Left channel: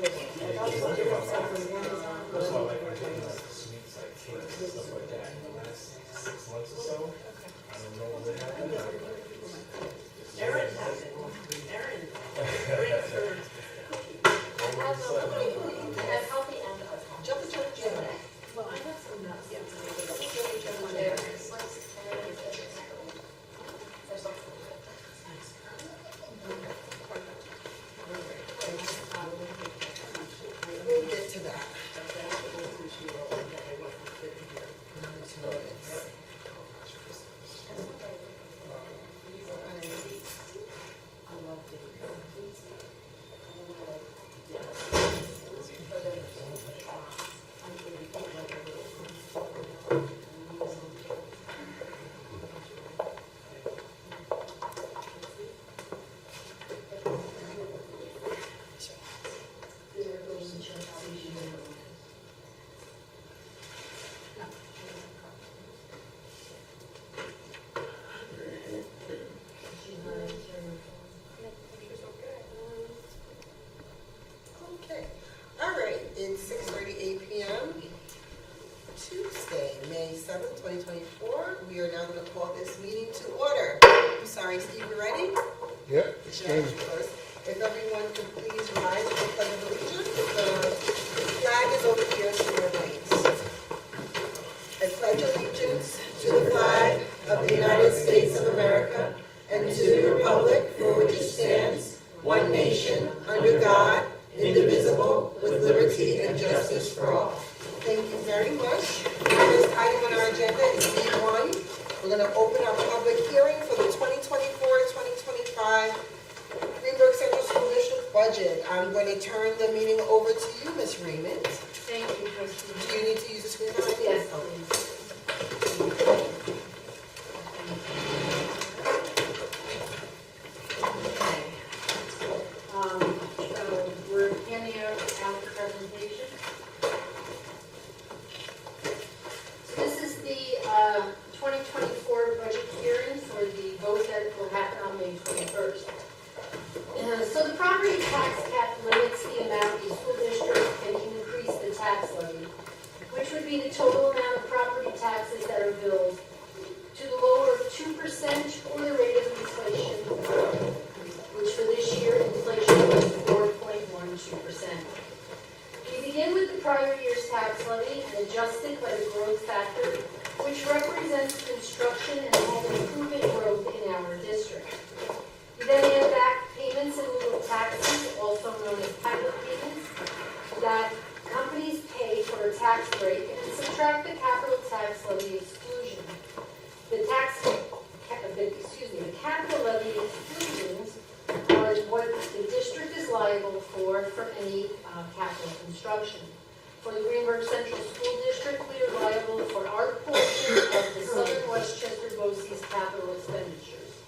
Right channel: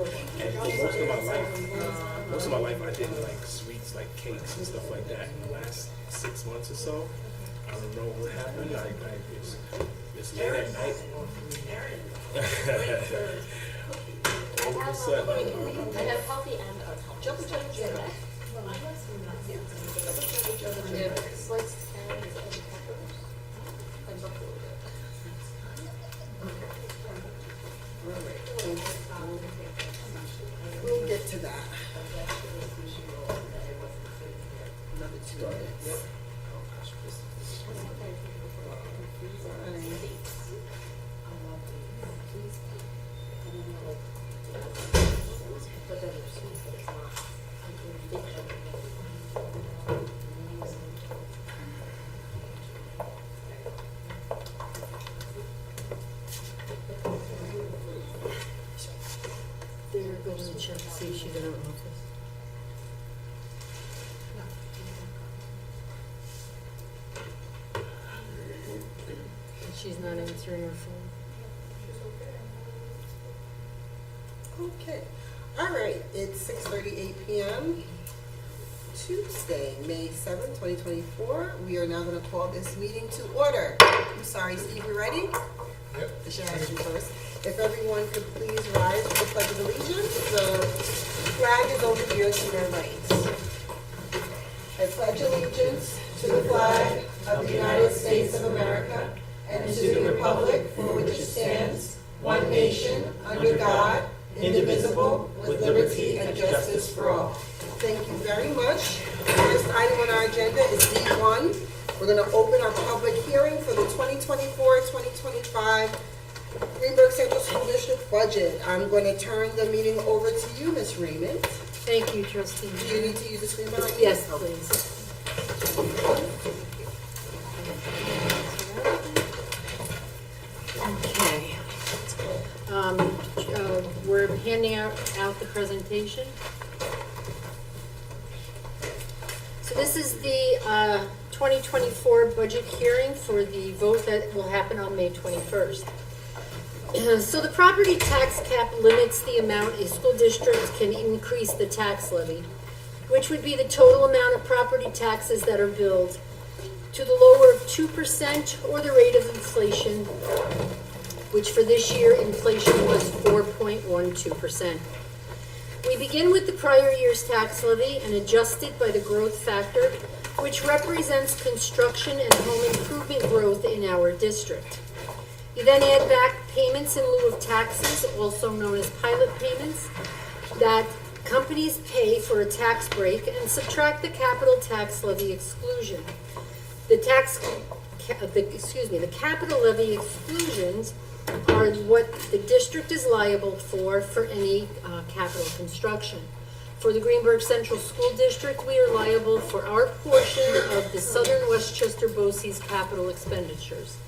And most of my life I did like sweets, like cakes and stuff like that. In the last 6 months or so, I don't know what happened. It's late at night. I have healthy and We'll get to that. See if she's in her office. She's not answering her phone. Okay. All right. It's 6:38 p.m. Tuesday, May 7th, 2024. We are now going to call this meeting to order. I'm sorry, Steve, you ready? Yep. I should ask you first. If everyone could please rise for the Pledge of Allegiance. The flag is over here to your right. I pledge allegiance to the flag of the United States of America and to the republic for which it stands, one nation, under God, indivisible, with liberty and justice for all. Thank you very much. The first item on our agenda is D1. We're going to open our public hearing for the 2024-2025 Greenburgh Central School District budget. I'm going to turn the meeting over to you, Ms. Raymond. thank you, trustee. Do you need to use the screen behind you? Yes, please. Okay. We're handing out the presentation. So this is the 2024 budget hearing for the vote that will happen on May 21st. So the property tax cap limits the amount a school district can increase the tax levy, which would be the total amount of property taxes that are billed, to the lower of 2% or the rate of inflation, which for this year inflation was 4.12%. We begin with the prior year's tax levy and adjust it by the growth factor, which represents construction and home improvement growth in our district. You then add back payments in lieu of taxes, also known as pilot payments, that companies pay for a tax break, and subtract the capital tax levy exclusion. The capital levy exclusions are what the district is liable for any capital construction. For the Greenburgh Central School District, we are liable for our portion of the Southern Westchester BOCES capital expenditures.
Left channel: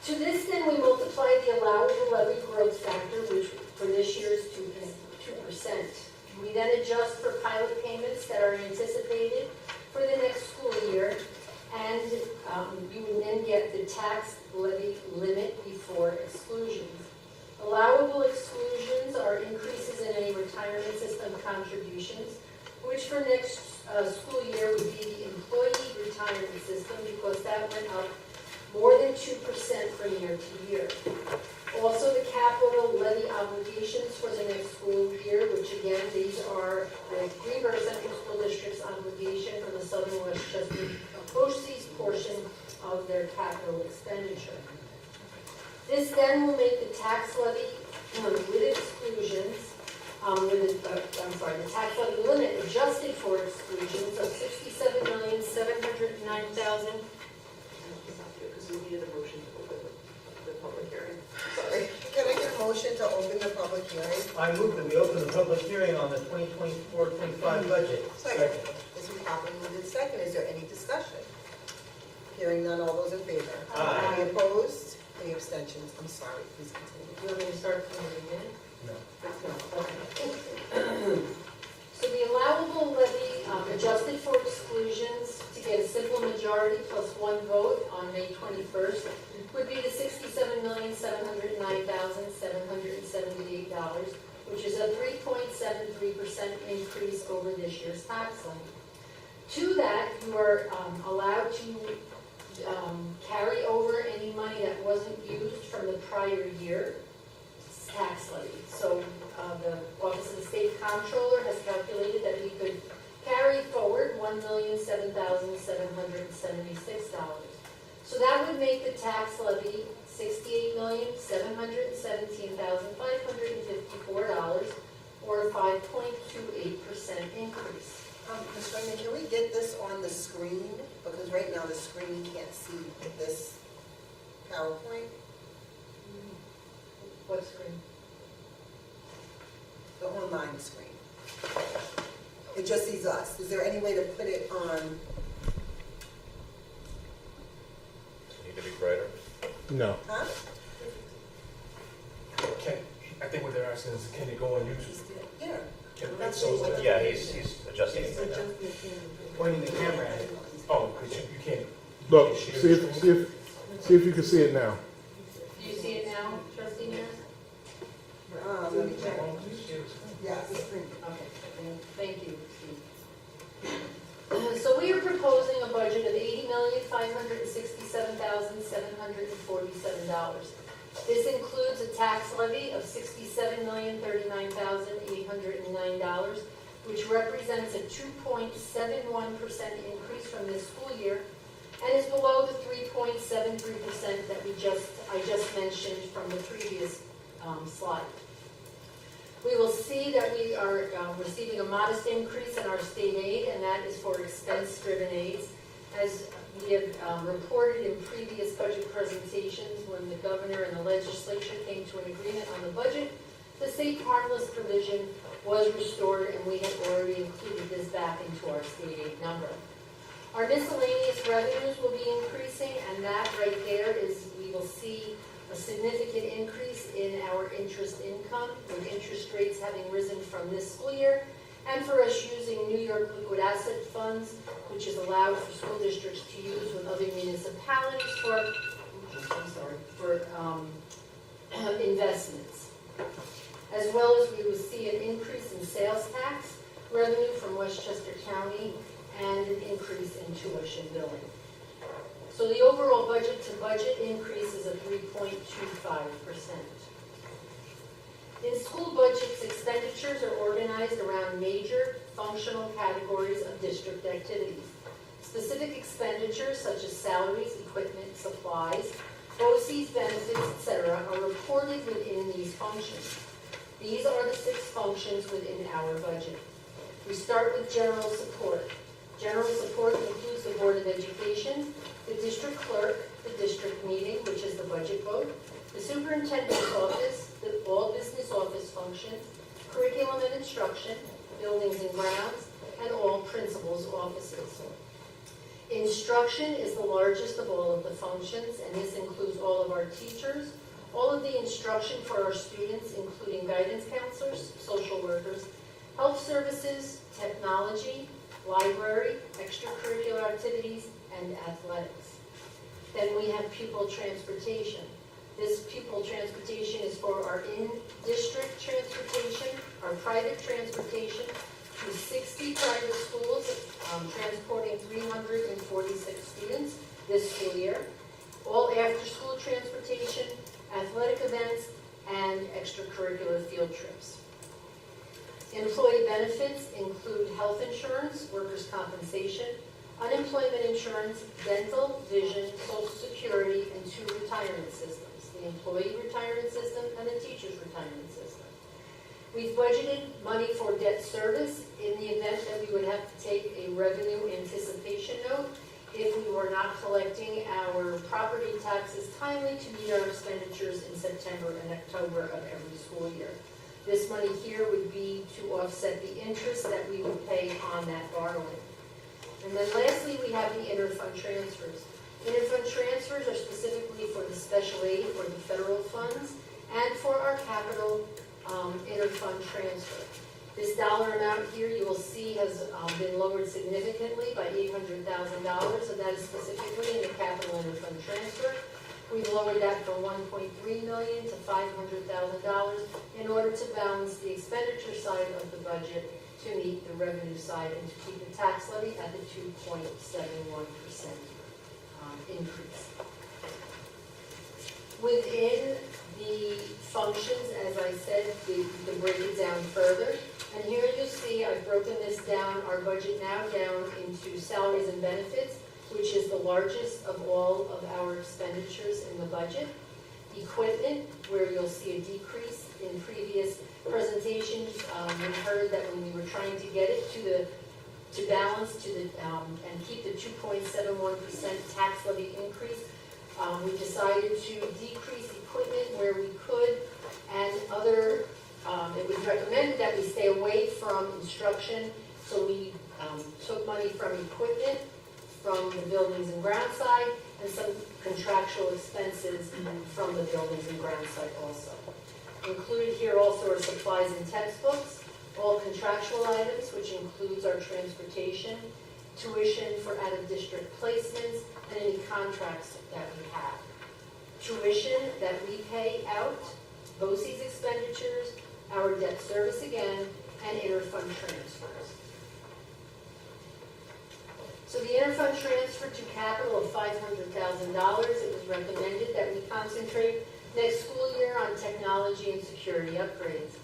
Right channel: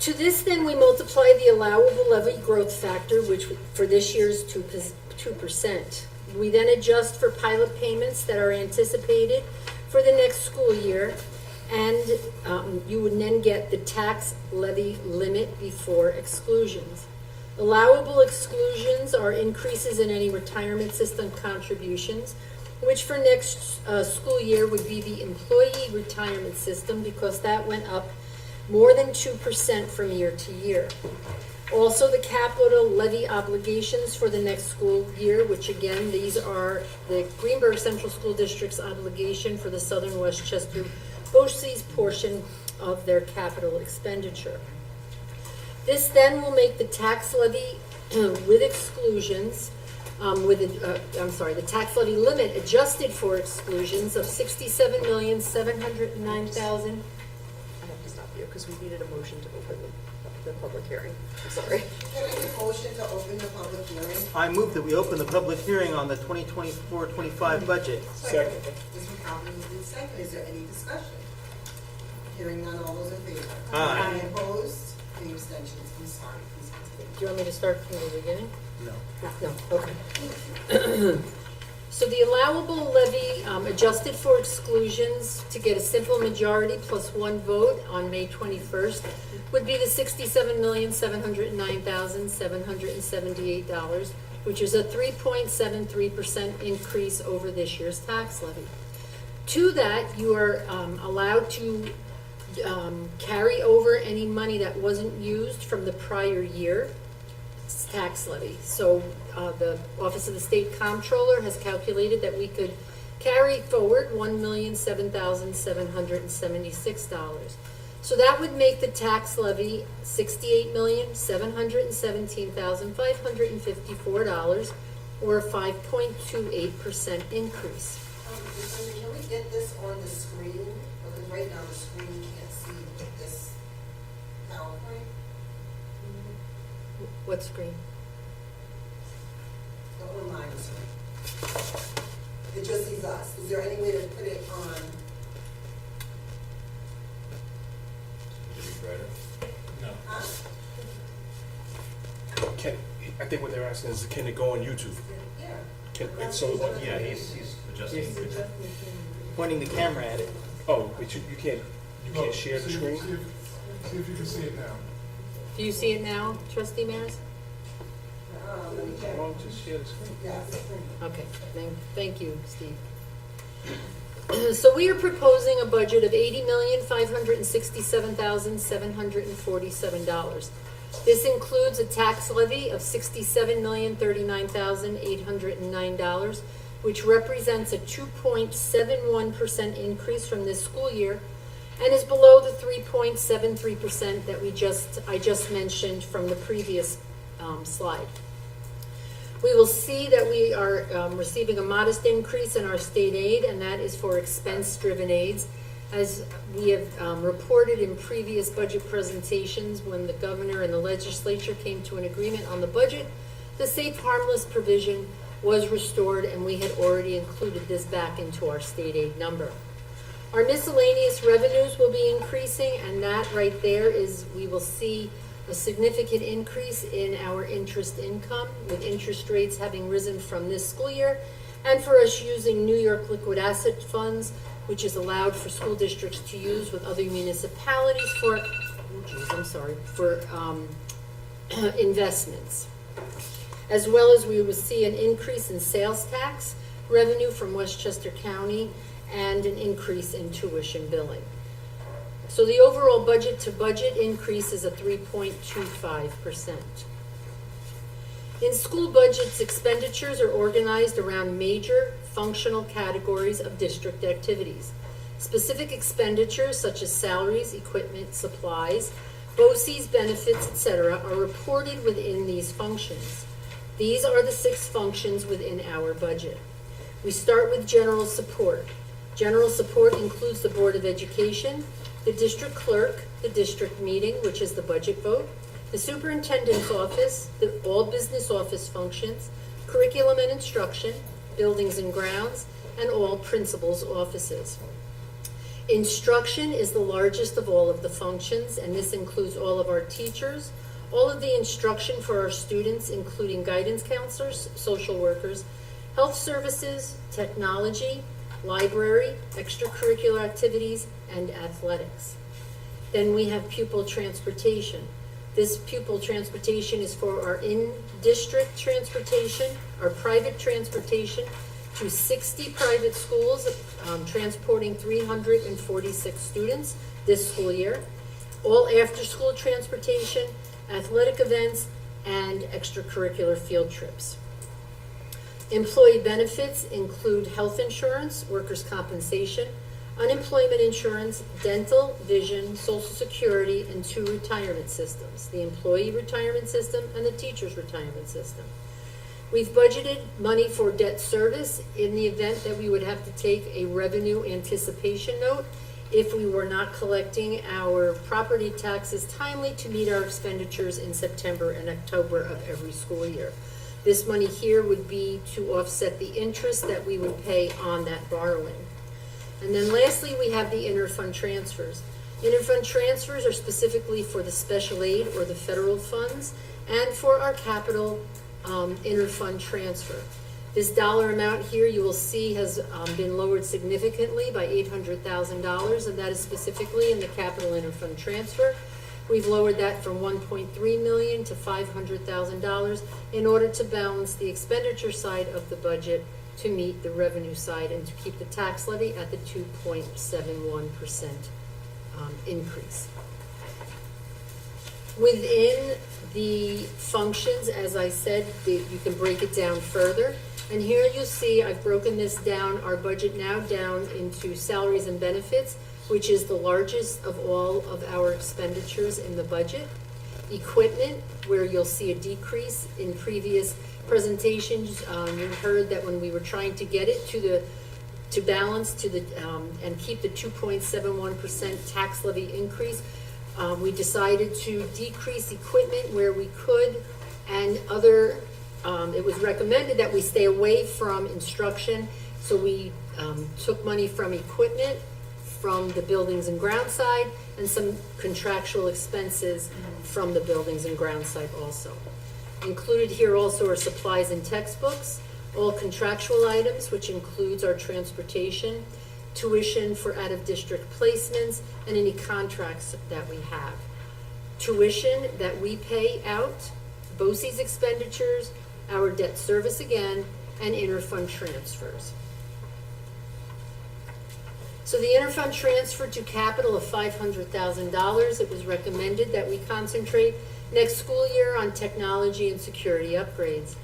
To this, then, we multiply the allowable levy growth factor, which for this year is 2%. We then adjust for pilot payments that are anticipated for the next school year, and you would then get the tax levy limit before exclusions. Allowable exclusions are increases in any retirement system contributions, which for next school year would be the employee retirement system, because that went up more than 2% from year to year. Also, the capital levy obligations for the next school year, which again, these are the Greenburgh Central School District's obligation for the Southern Westchester BOCES portion of their capital expenditure. This then will make the tax levy with exclusions, the tax levy limit adjusted for exclusions of $67,709,000. I have to stop you because we needed a motion to open the public hearing. Sorry. Can I get a motion to open the public hearing? I move that we open the public hearing on the 2024-25 budget. Second. This is properly moved and second. Is there any discussion? Hearing none, all those in favor? Aye. Any opposed? Any abstentions? I'm sorry, please continue. Do you want me to start from the beginning? No. No, okay. So the allowable levy adjusted for exclusions to get a simple majority plus one vote on May 21st would be the $67,709,778, which is a 3.73% increase over this year's tax levy. To that, you are allowed to carry over any money that wasn't used from the prior year tax levy. So the Office of the State Comptroller has calculated that we could carry forward $1,007,776. So that would make the tax levy $68,717,554, or a 5.28% increase. Ms. Sunday, can we get this on the screen? Because right now the screen can't see this PowerPoint. What screen? The online screen. It just sees us. Is there any way to put it on? Need to be brighter. No. Huh? I think what they're asking is, can it go on YouTube? Yeah. Yeah, he's adjusting it right now. Pointing the camera at it. Oh, but you can't Look, share see the if, screen? see if you can see it now. Do you see it now, Trustee Maris? Let me check. Oh, just share the screen. Yes. Okay, thank you, Steve. So we are proposing a budget of $80,567,747. This includes a tax levy of $67,039,809, which represents a 2.71% increase from this school year, and is below the 3.73% that I just mentioned from the previous slide. We will see that we are receiving a modest increase in our state aid, and that is for expense-driven aids. As we have reported in previous budget presentations, when the governor and the legislature came to an agreement on the budget, the safe harmless provision was restored, and we had already included this back into our state aid number. Our miscellaneous revenues will be increasing, and that right there is, we will see a significant increase in our interest income, with interest rates having risen from this school year, and for us using New York liquid asset funds, which is allowed for school districts to use with other municipalities for investments. As well as we will see an increase in sales tax revenue from Westchester County and an increase in tuition billing. So the overall budget to budget increase is a 3.25%. In school budgets, expenditures are organized around major functional categories of district activities. Specific expenditures such as salaries, equipment, supplies, BOCES, benefits, etc. are reported within these functions. These are the 6 functions within our budget. We start with general support. General support includes the Board of Education, the district clerk, the district meeting, which is the budget vote, the superintendent's office, all business office functions, curriculum and instruction, buildings and grounds, and all principals' offices. Instruction is the largest of all of the functions, and this includes all of our teachers, all of the instruction for our students, including guidance counselors, social workers, health services, technology, library, extracurricular activities, and athletics. Then we have pupil transportation. This pupil transportation is for our in-district transportation, our private transportation to 60 private schools, transporting 346 students this school year, all after-school transportation, athletic events, and extracurricular field trips. Employee benefits include health insurance, workers' compensation, unemployment insurance, dental, vision, Social Security, and 2 retirement systems, the employee retirement system and the teacher's retirement system. We've budgeted money for debt service in the event that we would have to take a revenue anticipation note if we were not collecting our property taxes timely to meet our expenditures in September and October of every school year. This money here would be to offset the interest that we would pay on that borrowing. And then lastly, we have the interfund transfers. Interfund transfers are specifically for the special aid or the federal funds and for our capital interfund transfer. This dollar amount here you will see has been lowered significantly by $800,000, and that is specifically in the capital interfund transfer, We've lowered that from 1.3 million to $500,000 in order to balance the expenditure side of the budget to meet the revenue side and to keep the tax levy at the 2.71% increase. Within the functions, as I said, you can break it down further. And here you'll see I've broken this down, our budget now down into salaries and benefits, which is the largest of all of our expenditures in the budget. Equipment, where you'll see a decrease in previous presentations. You heard that when we were trying to get it to balance and keep the 2.71% tax levy increase, we decided to decrease equipment where we could, and it was recommended that we stay away from instruction, so we took money from equipment, from the buildings and ground side, and some contractual expenses from the buildings and ground side also. Included here also are supplies and textbooks, all contractual items, which includes our transportation, tuition for out-of-district placements, and any contracts that we have. Tuition that we pay out, BOCES expenditures, our debt service again, and interfund transfers. So the interfund transfer to capital of $500,000, it was recommended that we concentrate next school year on technology and security upgrades.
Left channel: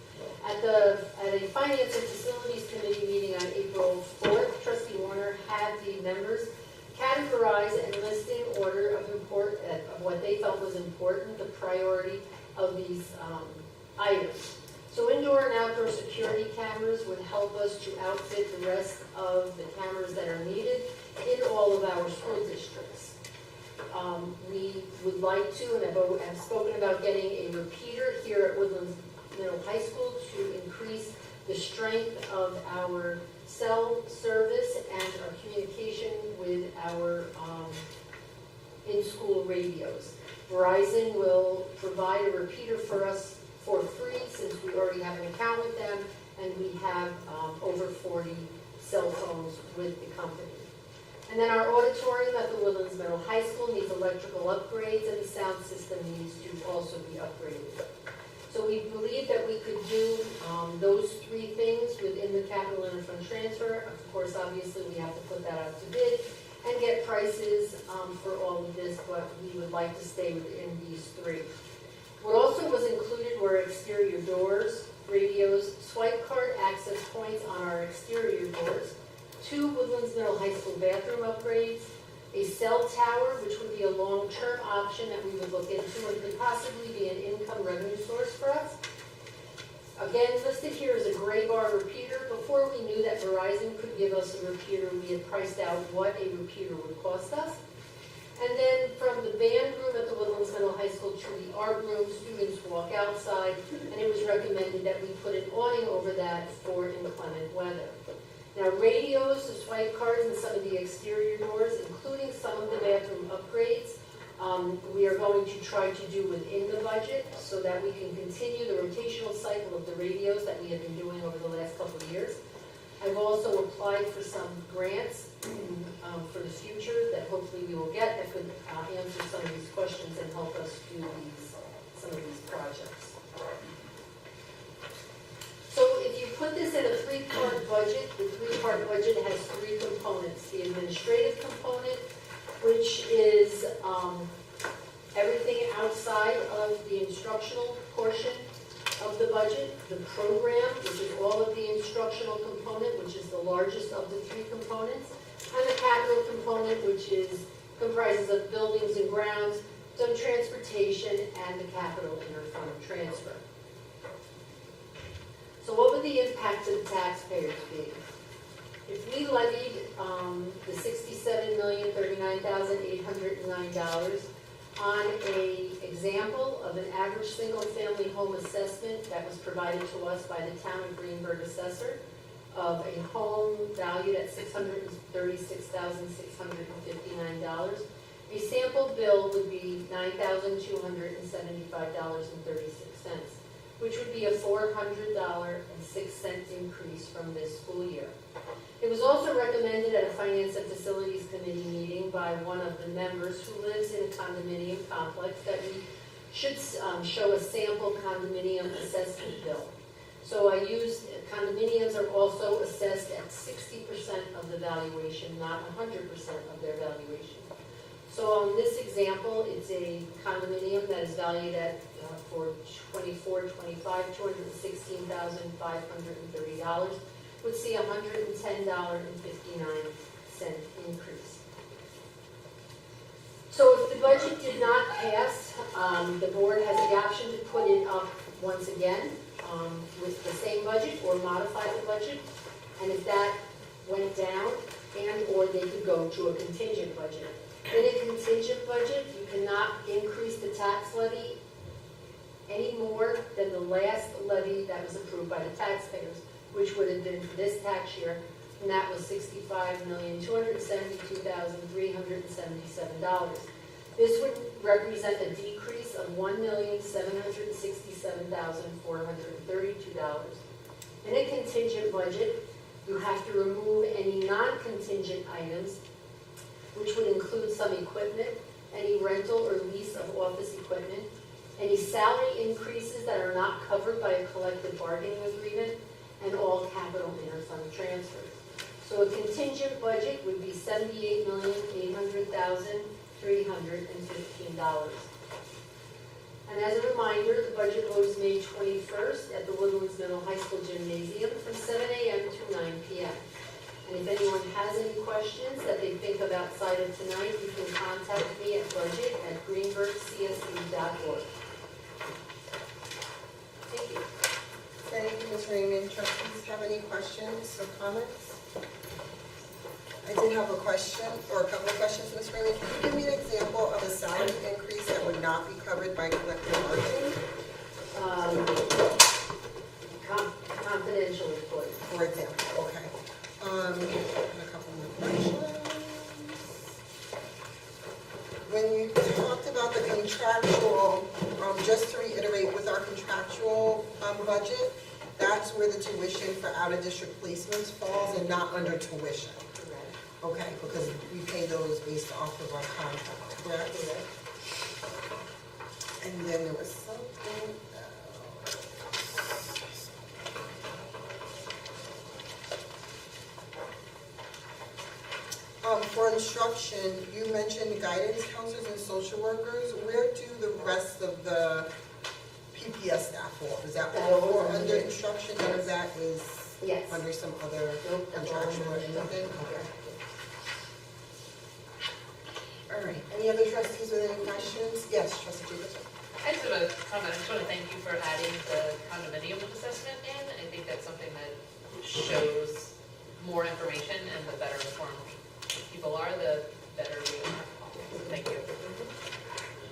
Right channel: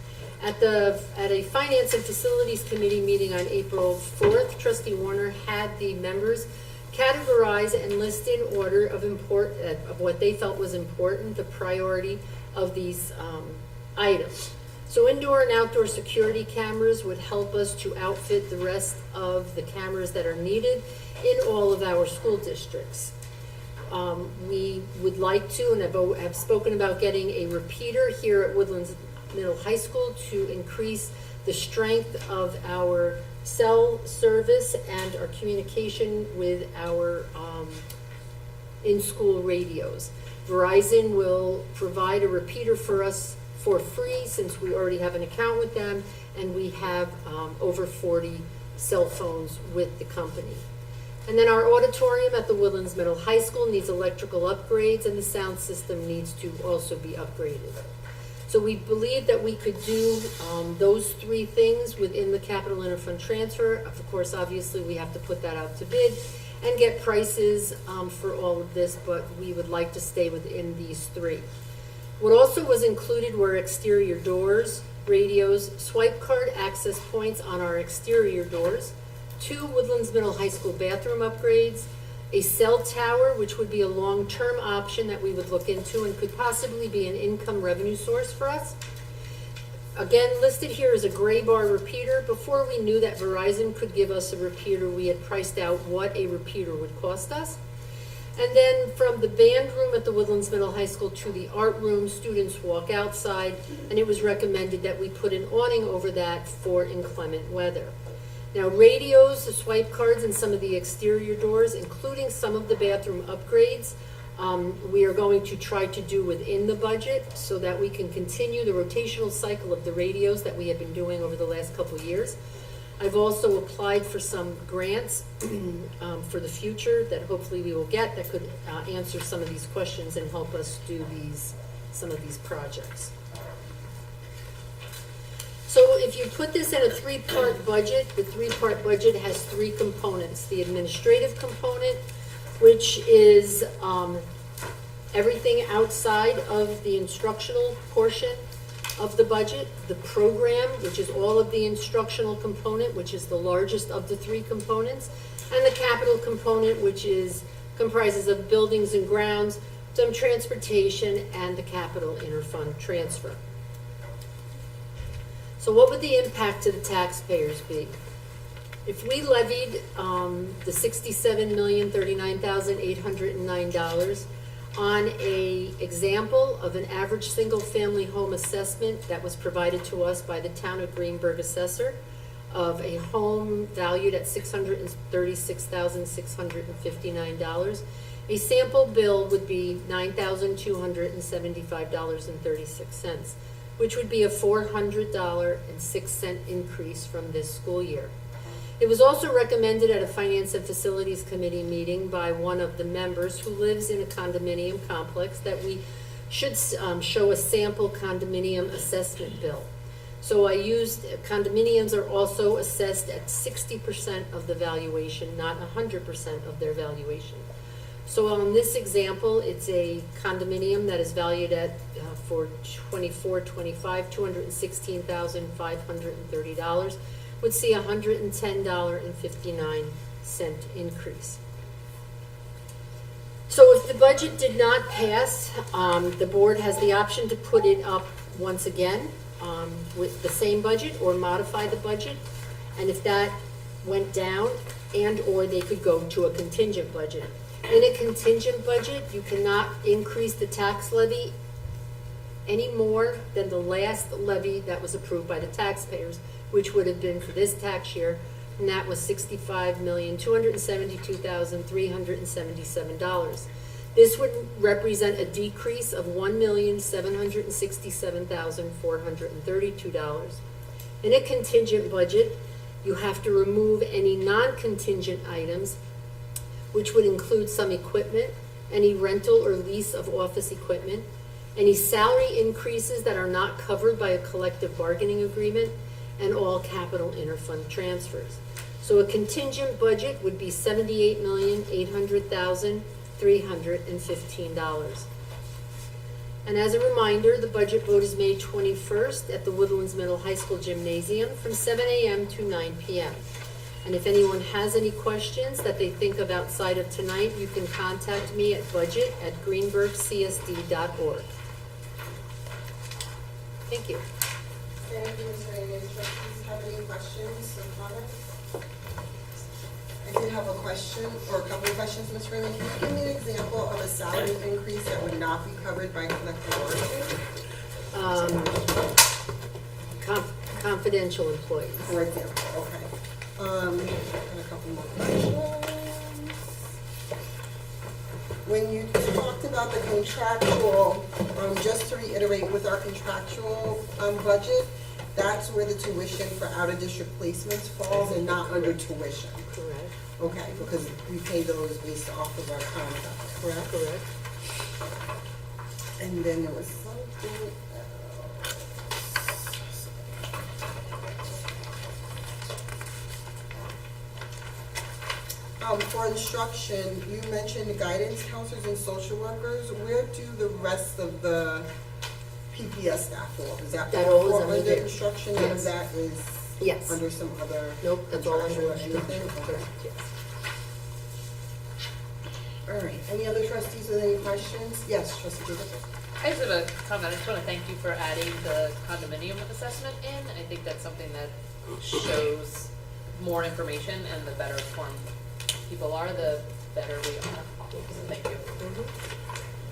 At a Finance and Facilities Committee meeting on April 4th, Trustee Warner had the members categorize and list in order of what they felt was important, the priority of these items. So indoor and outdoor security cameras would help us to outfit the rest of the cameras that are needed in all of our school districts. We would like to, and I've spoken about getting a repeater here at Woodlands Middle High School to increase the strength of our cell service and our communication with our in-school radios. Verizon will provide a repeater for us for free since we already have an account with them, and we have over 40 cell phones with the company. And then our auditorium at the Woodlands Middle High School needs electrical upgrades, and the sound system needs to also be upgraded. So we believe that we could do those three things within the capital interfund transfer. Of course, obviously, we have to put that out to bid and get prices for all of this, but we would like to stay within these three. What also was included were exterior doors, radios, swipe card access points on our exterior doors, 2 Woodlands Middle High School bathroom upgrades, a cell tower, which would be a long-term option that we would look into and could possibly be an income revenue source for us. Again, listed here is a gray bar repeater. Before we knew that Verizon could give us a repeater, we had priced out what a repeater would cost us. And then from the band room at the Woodlands Middle High School to the art room, students walk outside, and it was recommended that we put an awning over that for inclement weather. Now, radios, the swipe cards, and some of the exterior doors, including some of the bathroom upgrades, we are going to try to do within the budget so that we can continue the rotational cycle of the radios that we have been doing over the last couple of years. I've also applied for some grants for the future that hopefully we will get that could answer some of these questions and help us do some of these projects. So if you put this in a 3-part budget, the 3-part budget has 3 components. The administrative component, which is everything outside of the instructional portion of the budget, the program, which is all of the instructional component, which is the largest of the 3 components, and the capital component, which comprises of buildings and grounds, some transportation, and the capital interfund transfer. So what would the impact to the taxpayers be? If we levied the $67,039,809 on an example of an average single-family home assessment that was provided to us by the town of Greenburgh assessor of a home valued at $636,659, a sample bill would be $9,275.36. which would be a $400.06 increase from this school year. It was also recommended at a Finance and Facilities Committee meeting by one of the members who lives in a condominium complex that we should show a sample condominium assessment bill. So I used, condominiums are also assessed at 60% of the valuation, not 100% of their valuation. So on this example, it's a condominium that is valued at, for 24-25, $216,530, would see a $110.59 increase. So if the budget did not pass, the board has the option to put it up once again with the same budget or modify the budget. And if that went down, and/or they could go to a contingent budget. In a contingent budget, you cannot increase the tax levy any more than the last levy that was approved by the taxpayers, which would have been for this tax year, and that was $65,272,377. This would represent a decrease of $1,767,432. In a contingent budget, you have to remove any non-contingent items, which would include some equipment, any rental or lease of office equipment, any salary increases that are not covered by a collective bargaining agreement, and all capital interfund transfers. So a contingent budget would be $78,800,315. And as a reminder, the budget vote is May 21st at the Woodlands Middle High School Gymnasium from 7 a.m. to 9 p.m. And if anyone has any questions that they think of outside of tonight, you can contact me at budget@greenburghcsd.org. Thank you. Thank you, Ms. Raymond. Trustees have any questions or comments? I did have a question, or a couple of questions, Ms. Raymond. Can you give me an example of a salary increase that would not be covered by collective bargaining? Confidential employees. For example, okay. A couple more questions. When you talked about the contractual, just to reiterate, with our contractual budget, that's where the tuition for out-of-district placements falls and not under tuition. Correct. Okay, because we pay those based off of our contract, correct? Correct. And then there was something for instruction, you mentioned guidance counselors and social workers. Where do the rest of the PPS staff fall? Is that That all is all under under there. instruction, or Yes. that is Yes. under some other Nope, that's all contractual under or instruction. anything? Correct, yes. All right, any other trustees with any questions? Yes, trustee Jacobson. I just have a comment. I just want to thank you for adding the condominium assessment in. I think that's something that shows more information, and the better informed people are, the better we are. So thank you.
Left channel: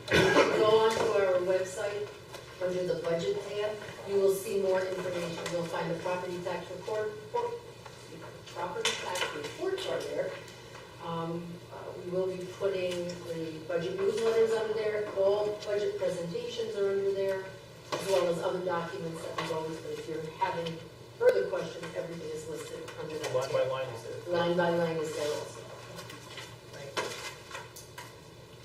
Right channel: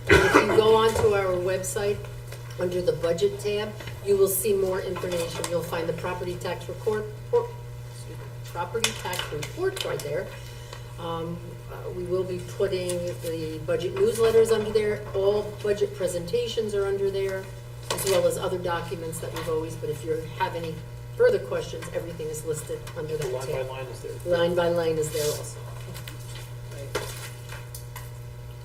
If you go onto our website, under the budget tab, you will see more information. You'll find the property tax report right there. We will be putting the budget newsletters under there. All budget presentations are under there, as well as other documents that we've always, but if you have any further questions, everything is listed under that Line by tab. line is there. Line by line is there also. Right.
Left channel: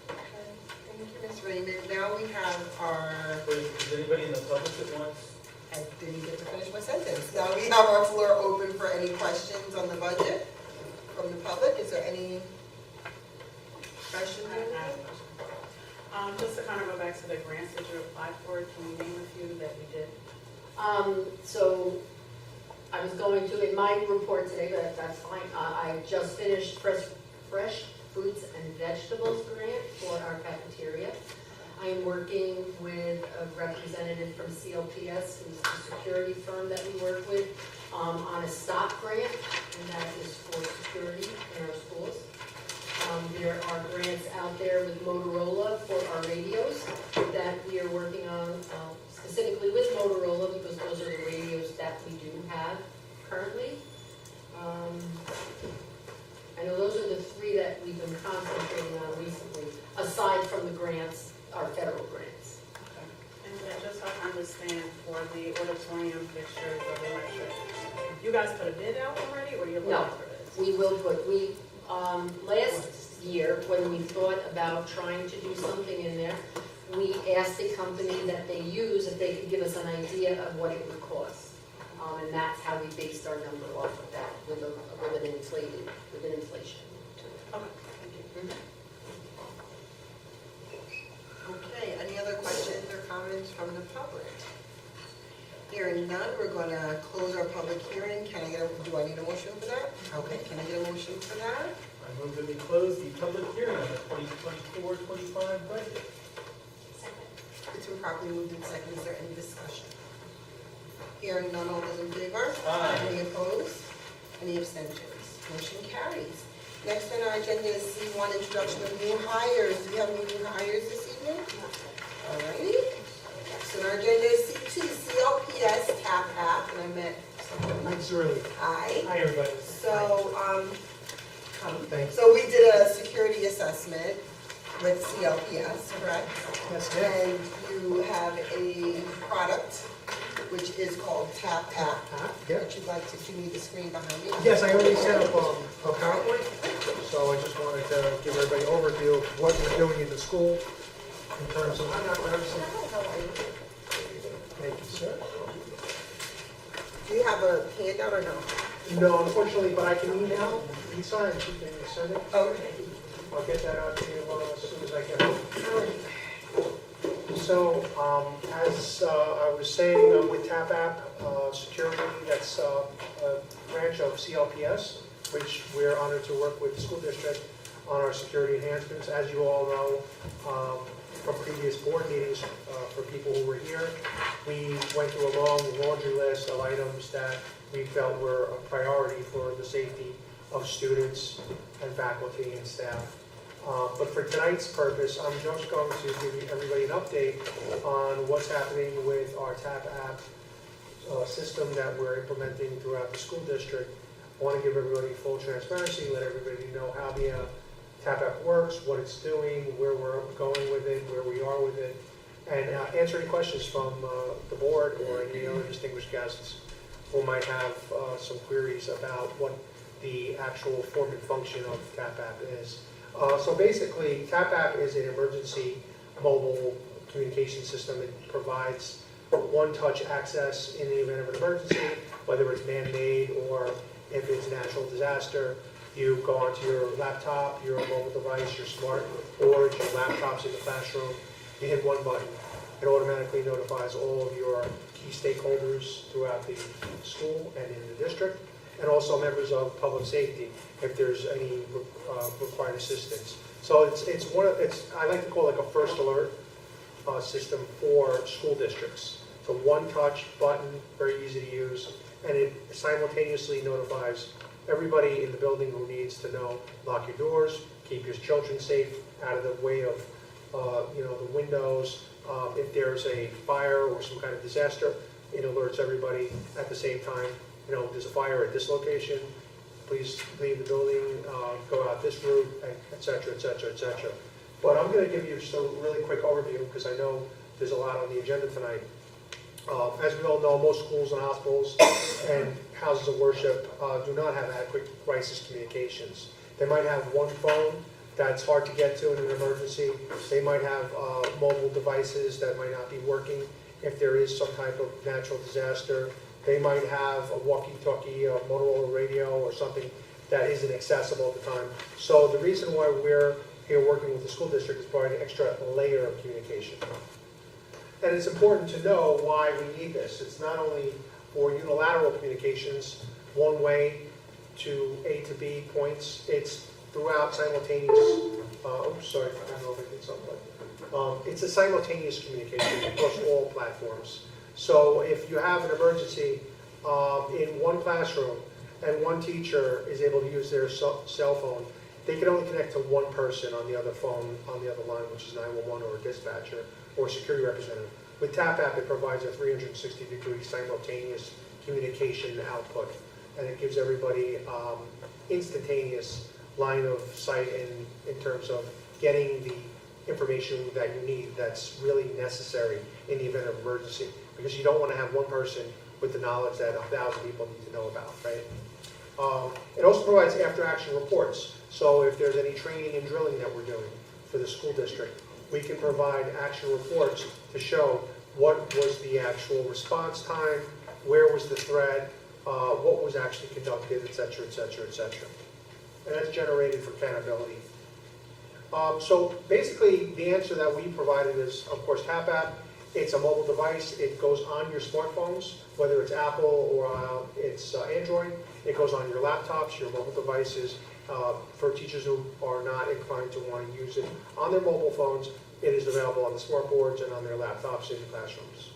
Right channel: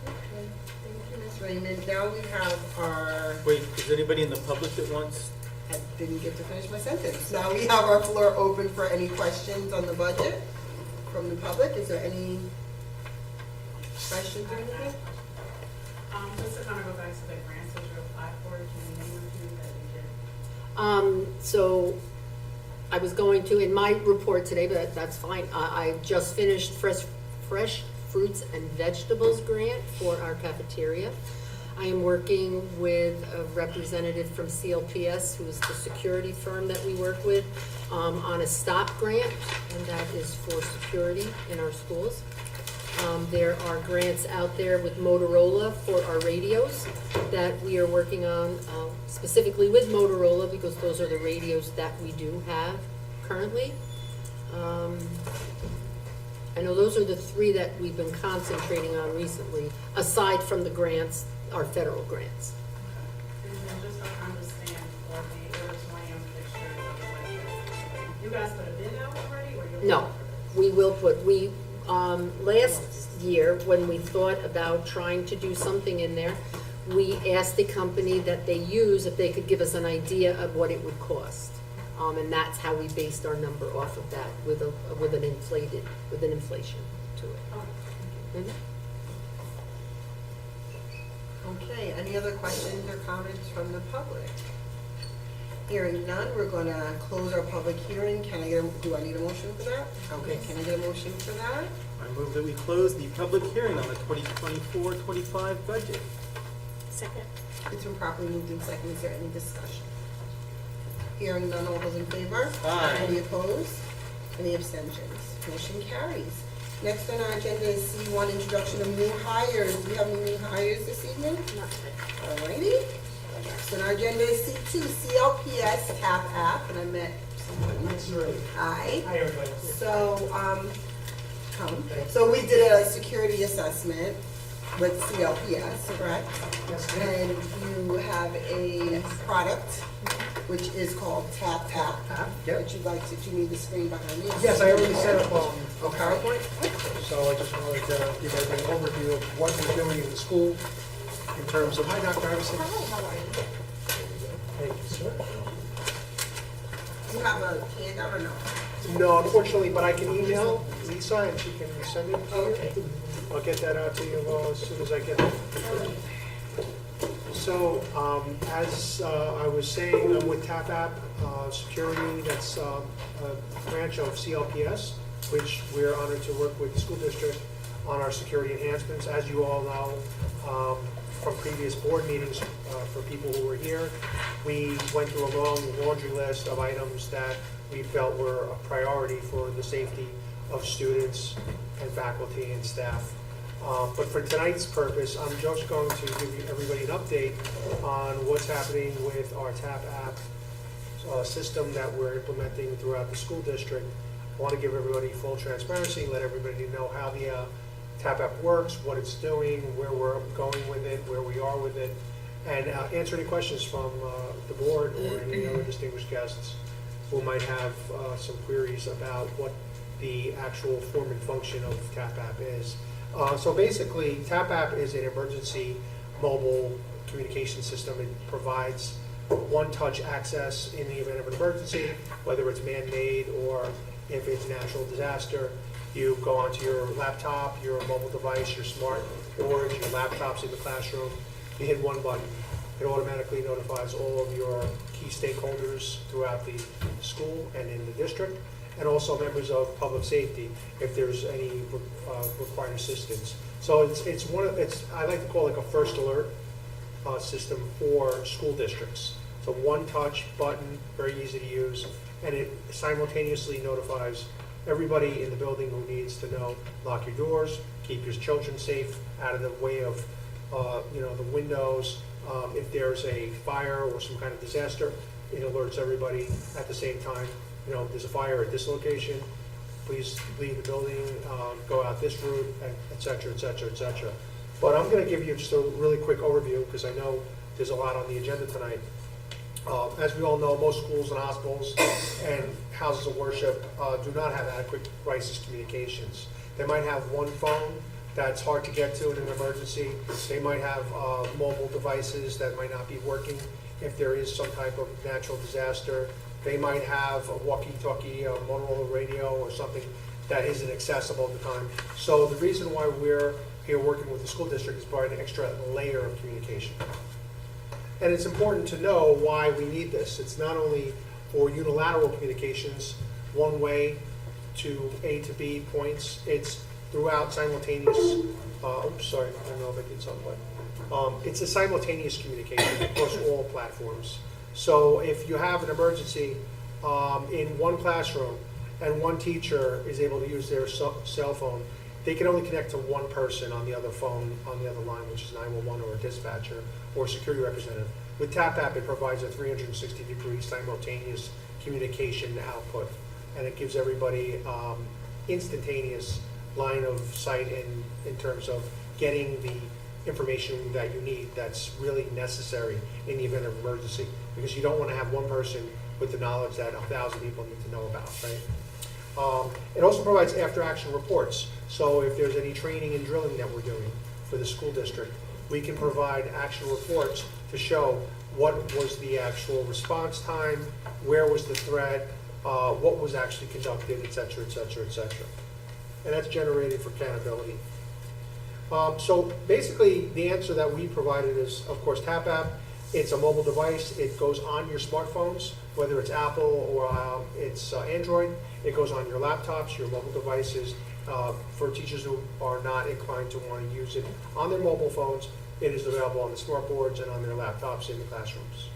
Okay, thank you, Ms. Raymond. Now we have our, Wait, is anybody in the public that wants? I didn't get to finish my sentence. Now we have our floor open for any questions on the budget from the public. Is there any questions? Just to kind of go back to the grants that you applied for, can you name a few that you did? So I was going to, in my report today, but that's fine, I just finished fresh fruits and vegetables grant for our cafeteria. I am working with a representative from CLPS, who is the security firm that we work with, on a stop grant, and that is for security in our schools. There are grants out there with Motorola for our radios that we are working on, specifically with Motorola, because those are the radios that we do have currently. I know those are the three that we've been concentrating on recently, aside from the grants, our federal grants. And then just so I understand, for the auditorium fixtures or electric, you guys put a bid out already, or you're? No, we will put, last year, when we thought about trying to do something in there, we asked the company that they use if they could give us an idea of what it would cost. And that's how we based our number off of that, with an inflation to it. Okay, thank you. Mhm. Okay, any other questions or comments from the public? Hearing none, we're gonna close our public hearing. Do I need a motion for that? Okay, can I get a motion for that? I move that we close the public hearing on the 2024-25 budget. Second. It's been properly moved in second. Is there any discussion? Hearing none, all those in favor? Aye. Any opposed? Any abstentions? Motion carries. Next on our agenda is C1, introduction of new hires. Do we have any new hires this evening? Alrighty. So our agenda is C2, CLPS TAP app, and I met someone. Hi. Hi, everybody. So, so we did a security assessment with CLPS, correct? Yes, And you have a product which is called Tap Tap. Yep. That you'd like to, do you need the screen behind you? Yes, I already set up a Okay. PowerPoint, so I just wanted to give everybody an overview of what we're doing at the school in terms of. Thank you, sir. Do you have a handout or no? No, unfortunately, but I can email Lisa and she can send it. Okay. I'll get that out to you as soon as I get home. So, as I was saying, I'm with Tap App Security, that's a branch of CLPS, which we're honored to work with the school district on our security enhancements. As you all know, from previous board meetings, for people who were here, we went through a long laundry list of items that we felt were a priority for the safety of students and faculty and staff. But for tonight's purpose, I'm just going to give everybody an update on what's happening with our TAP app system that we're implementing throughout the school district. I want to give everybody full transparency, let everybody know how the TAP app works, what it's doing, where we're going with it, where we are with it, and answer any questions from the board or any other distinguished guests who might have some queries about what the actual form and function of TAP app is. So basically, TAP app is an emergency mobile communication system. It provides one-touch access in the event of an emergency, whether it's man-made or if it's natural disaster. You go onto your laptop, your mobile device, your smart board, your laptops in the classroom. You hit one button. It automatically notifies all of your key stakeholders throughout the school and in the district, and also members of public safety if there's any required assistance. So it's I like to call it like a first alert system for school districts. So one touch button, very easy to use, and it simultaneously notifies everybody in the building who needs to know, lock your doors, keep your children safe out of the way of the windows. If there's a fire or some kind of disaster, it alerts everybody at the same time. There's a fire at this location, please leave the building, go out this route, et cetera, et cetera, et cetera. But I'm going to give you just a really quick overview because I know there's a lot on the agenda tonight. As we all know, most schools and hospitals and houses of worship do not have adequate crisis communications. They might have one phone that's hard to get to in an emergency. They might have mobile devices that might not be working if there is some type of natural disaster. They might have a walkie-talkie, a Motorola radio, or something that isn't accessible at the time. So the reason why we're here working with the school district is providing an extra layer of communication. And it's important to know why we need this. It's not only for unilateral communications, one way to A to B points. It's throughout simultaneous, oops, sorry, I don't know if I did something, but it's a simultaneous communication across all platforms. So if you have an emergency in one classroom and one teacher is able to use their cell phone, they can only connect to one person on the other phone, on the other line, which is 911 or a dispatcher or a security representative. With TAP app, it provides a 360-degree simultaneous communication output, and it gives everybody instantaneous line of sight in terms of getting the information that you need that's really necessary in the event of emergency, because you don't want to have one person with the knowledge that 1,000 people need to know about, right? It also provides after-action reports. So if there's any training and drilling that we're doing for the school district, we can provide action reports to show what was the actual response time, where was the threat, what was actually conducted, et cetera, et cetera, et cetera. And that's generated for accountability. So basically, the answer that we provided is, of course, Tap App. It's a mobile device. It goes on your smartphones, whether it's Apple or it's Android. It goes on your laptops, your mobile devices. For teachers who are not inclined to want to use it on their mobile phones, it is available on the smart boards and on their laptops in classrooms.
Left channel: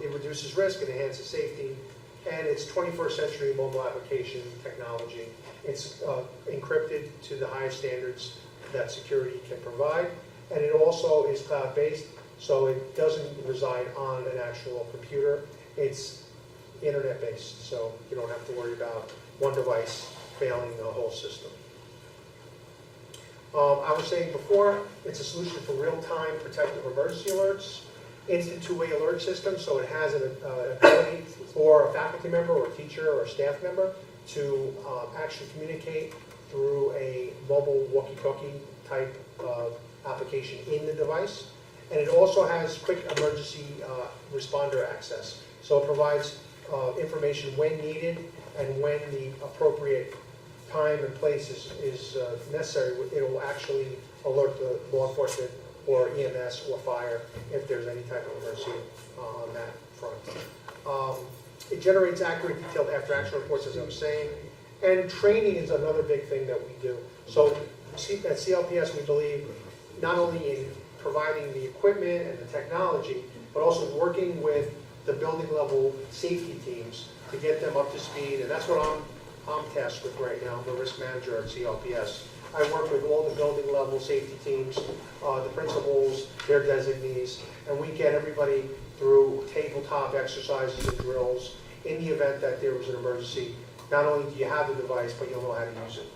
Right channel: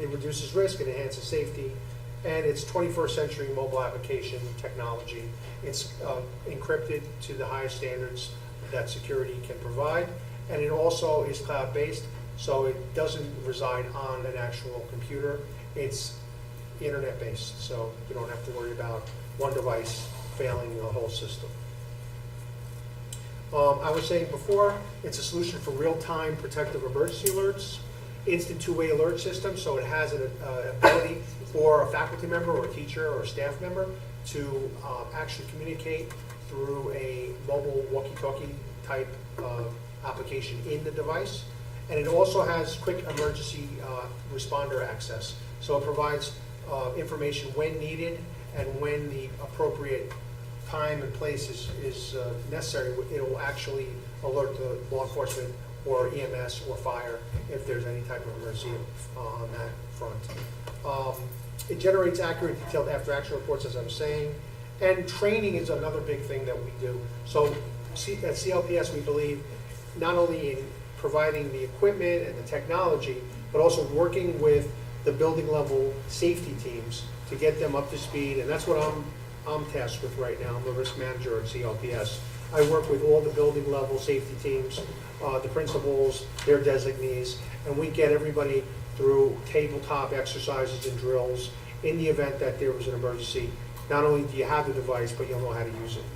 It reduces risk and enhances safety, and it's 21st century mobile application technology. It's encrypted to the highest standards that security can provide, and it also is cloud-based, so it doesn't reside on an actual computer. It's internet-based, so you don't have to worry about one device failing the whole system. I was saying before, it's a solution for real-time protective emergency alerts, instant two-way alert system, so it has an ability for a faculty member or a teacher or a staff member to actually communicate through a mobile walkie-talkie type of application in the device. And it also has quick emergency responder access. So it provides information when needed and when the appropriate time and place is necessary. It will actually alert the law enforcement or EMS or fire if there's any type of emergency on that front. It generates accurate, detailed after-action reports, as I was saying. And training is another big thing that we do. So at CLPS, we believe not only in providing the equipment and the technology, but also working with the building level safety teams to get them up to speed. And that's what I'm tasked with right now. I'm the risk manager at CLPS. I work with all the building level safety teams, the principals, their designees, and we get everybody through tabletop exercises and drills in the event that there was an emergency. Not only do you have the device, but you'll know how to use it.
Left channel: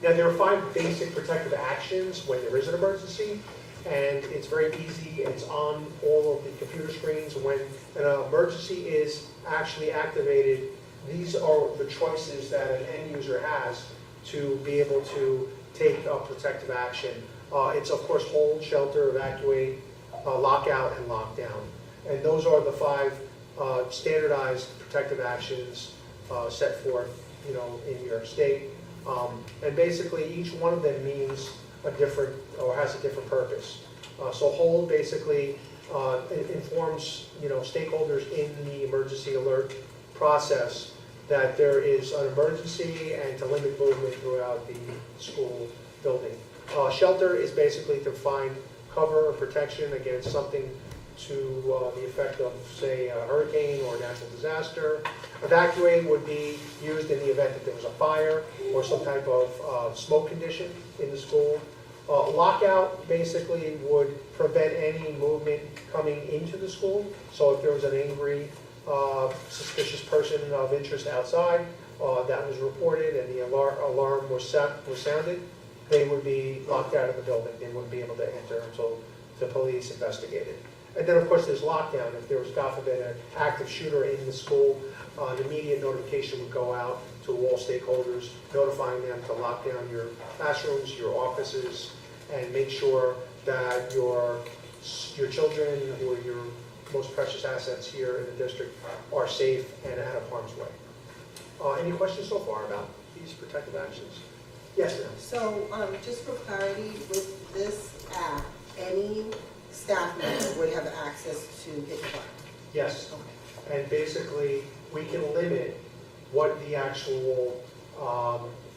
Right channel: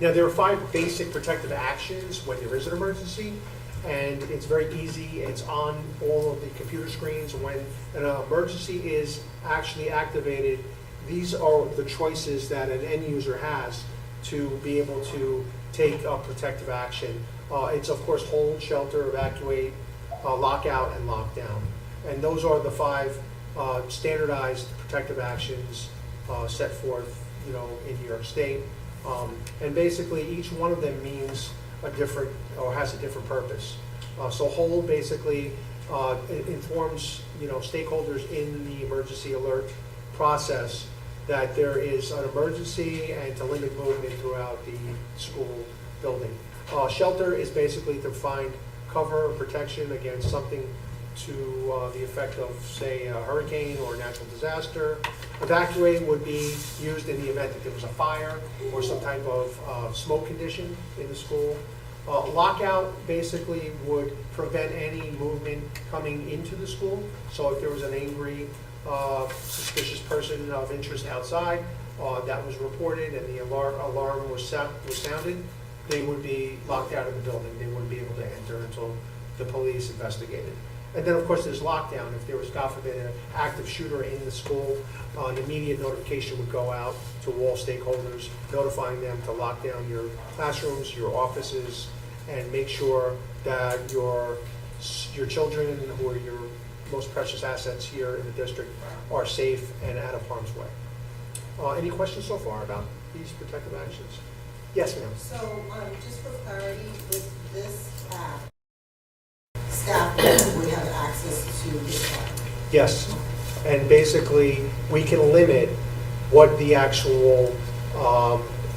Now, there are 5 basic protective actions when there is an emergency, and it's very easy. It's on all of the computer screens. When an emergency is actually activated, these are the choices that an end user has to be able to take a protective action. It's, of course, hold, shelter, evacuate, lockout, and lockdown. And those are the 5 standardized protective actions set forth, in New York State. And basically, each one of them means a different, or has a different purpose. So hold basically informs, stakeholders in the emergency alert process that there is an emergency and to limit movement throughout the school building. Shelter is basically to find cover or protection against something to the effect of, say, a hurricane or a natural disaster. Evacuate would be used in the event that there was a fire or some type of smoke condition in the school. Lockout basically would prevent any movement coming into the school. So if there was an angry, suspicious person of interest outside that was reported and the alarm was sounded, they would be locked out of the building. They wouldn't be able to enter until the police investigated. And then, of course, there's lockdown. If there was, God forbid, an active shooter in the school, an immediate notification would go out to all stakeholders, notifying them to lock down your classrooms, your offices, and make sure that your children, who are your most precious assets here in the district, are safe and out of harm's way. Any questions so far about these protective actions? Yes, ma'am. So, just for clarity, with this app, any staff member would have access to this app? Yes, and basically, we can limit what the actual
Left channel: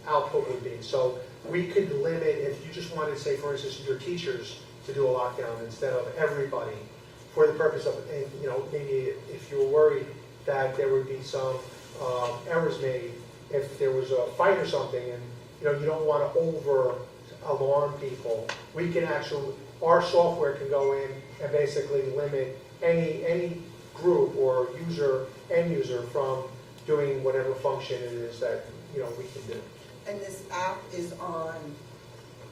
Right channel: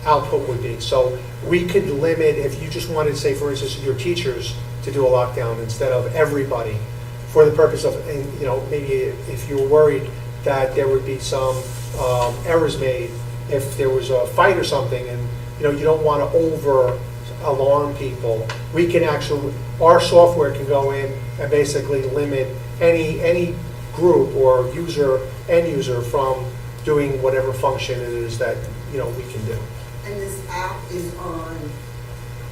output would be. So we could limit, if you just wanted, say, for instance, your teachers to do a lockdown instead of everybody, for the purpose of, maybe if you were worried that there would be some errors made, if there was a fight or something, and you don't want to over alarm people, we can actually, our software can go in and basically limit any group or end user from doing whatever function it is that we can do. And this app is on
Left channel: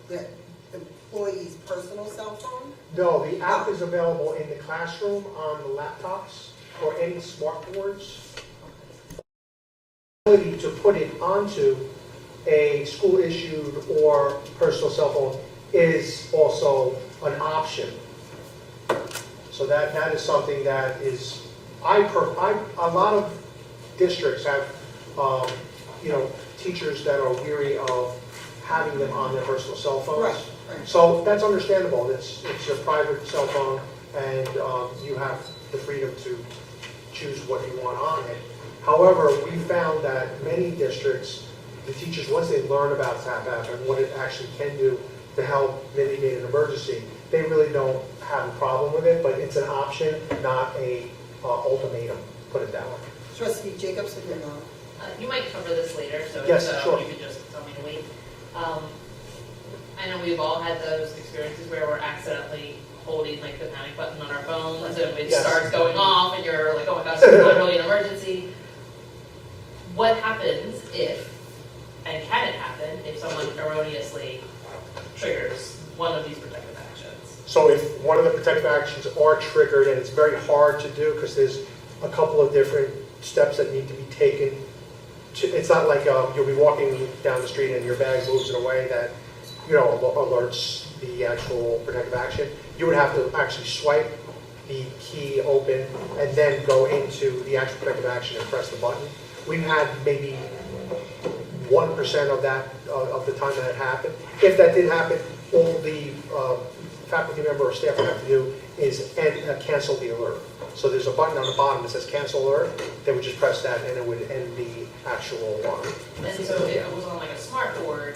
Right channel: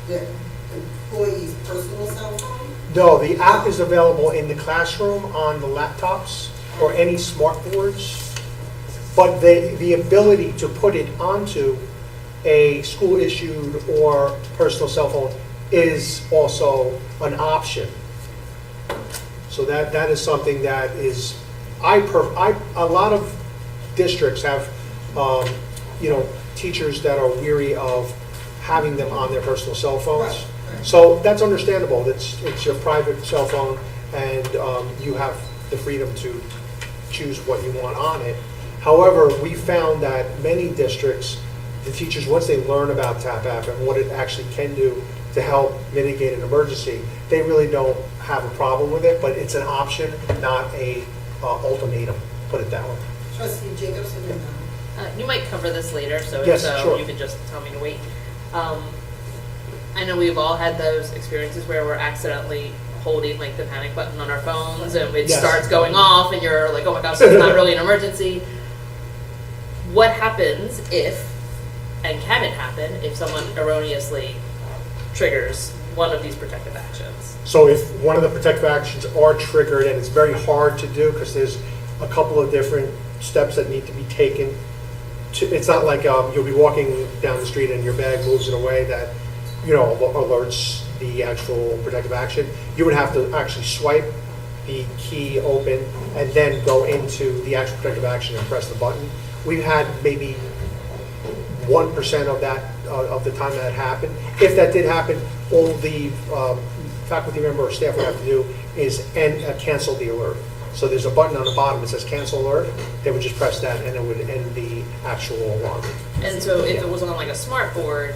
the employee's personal cell phone? No, the app is available in the classroom on the laptops or any smart boards. but the ability to put it onto a school-issued or personal cell phone is also an option. So that is something that is, a lot of districts have, teachers that are weary of having them on their personal cell phones. Right, right. So that's understandable. It's your private cell phone, and you have the freedom to choose what you want on it. However, we found that many districts, the teachers, once they learn about TAP app and what it actually can do to help mitigate an emergency, they really don't have a problem with it, but it's an option, not a ultimatum, put it that way. Trustee Jacobson, you're on. You might cover this later, so if Yes, so, sure. you could just tell me to wait. I know we've all had those experiences where we're accidentally holding like the panic button on our phones and it Yes. starts going off and you're like, oh my gosh, it's not really an emergency. What happens if, and can it happen, if someone erroneously triggers one of these protective actions? So if one of the protective actions are triggered, and it's very hard to do because there's a couple of different steps that need to be taken. It's not like you'll be walking down the street and your bag moves in a way that, alerts the actual protective action. You would have to actually swipe the key open and then go into the actual protective action and press the button. We've had maybe 1% of that, of the time that happened. If that did happen, all the faculty member or staff would have to do is cancel the alert. So there's a button on the bottom that says cancel alert. They would just press that and it would end the actual alarm. And so if it was on like a smart board,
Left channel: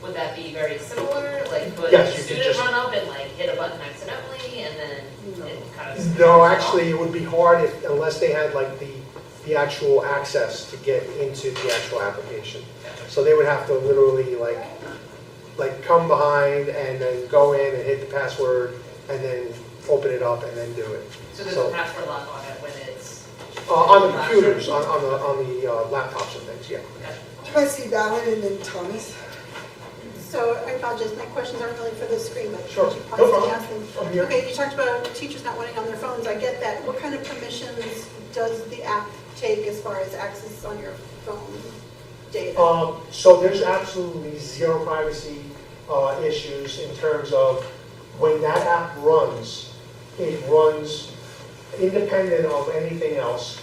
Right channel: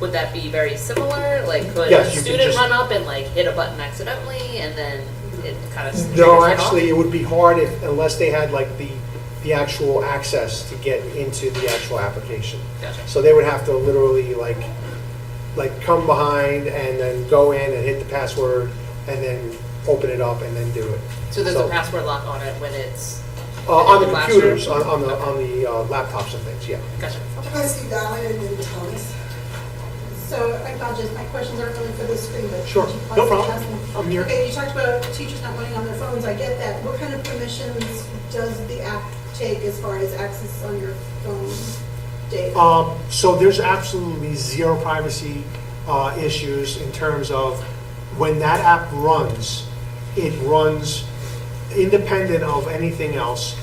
would that be very similar? Like could Yes, a you could student just- run up and like hit a button accidentally and then it kind of... No, actually, it would be hard unless they had like the actual access to get into the actual application. Gotcha. So they would have to literally like come behind and then go in and hit the password and then open it up and then do it. So there's a password lock on it when it's... On the in classroom? computers, on the laptops and things, yeah. Gotcha. Trustee Donnelly and then Thomas. So I apologize, my questions aren't really for the screen, but. Sure. could you No possibly problem. ask me- I'm here. Okay, you talked about teachers not wanting on their phones, I get that. What kind of permissions does the app take as far as access on your phone data? So there's absolutely zero privacy issues in terms of when that app runs, it runs independent of anything else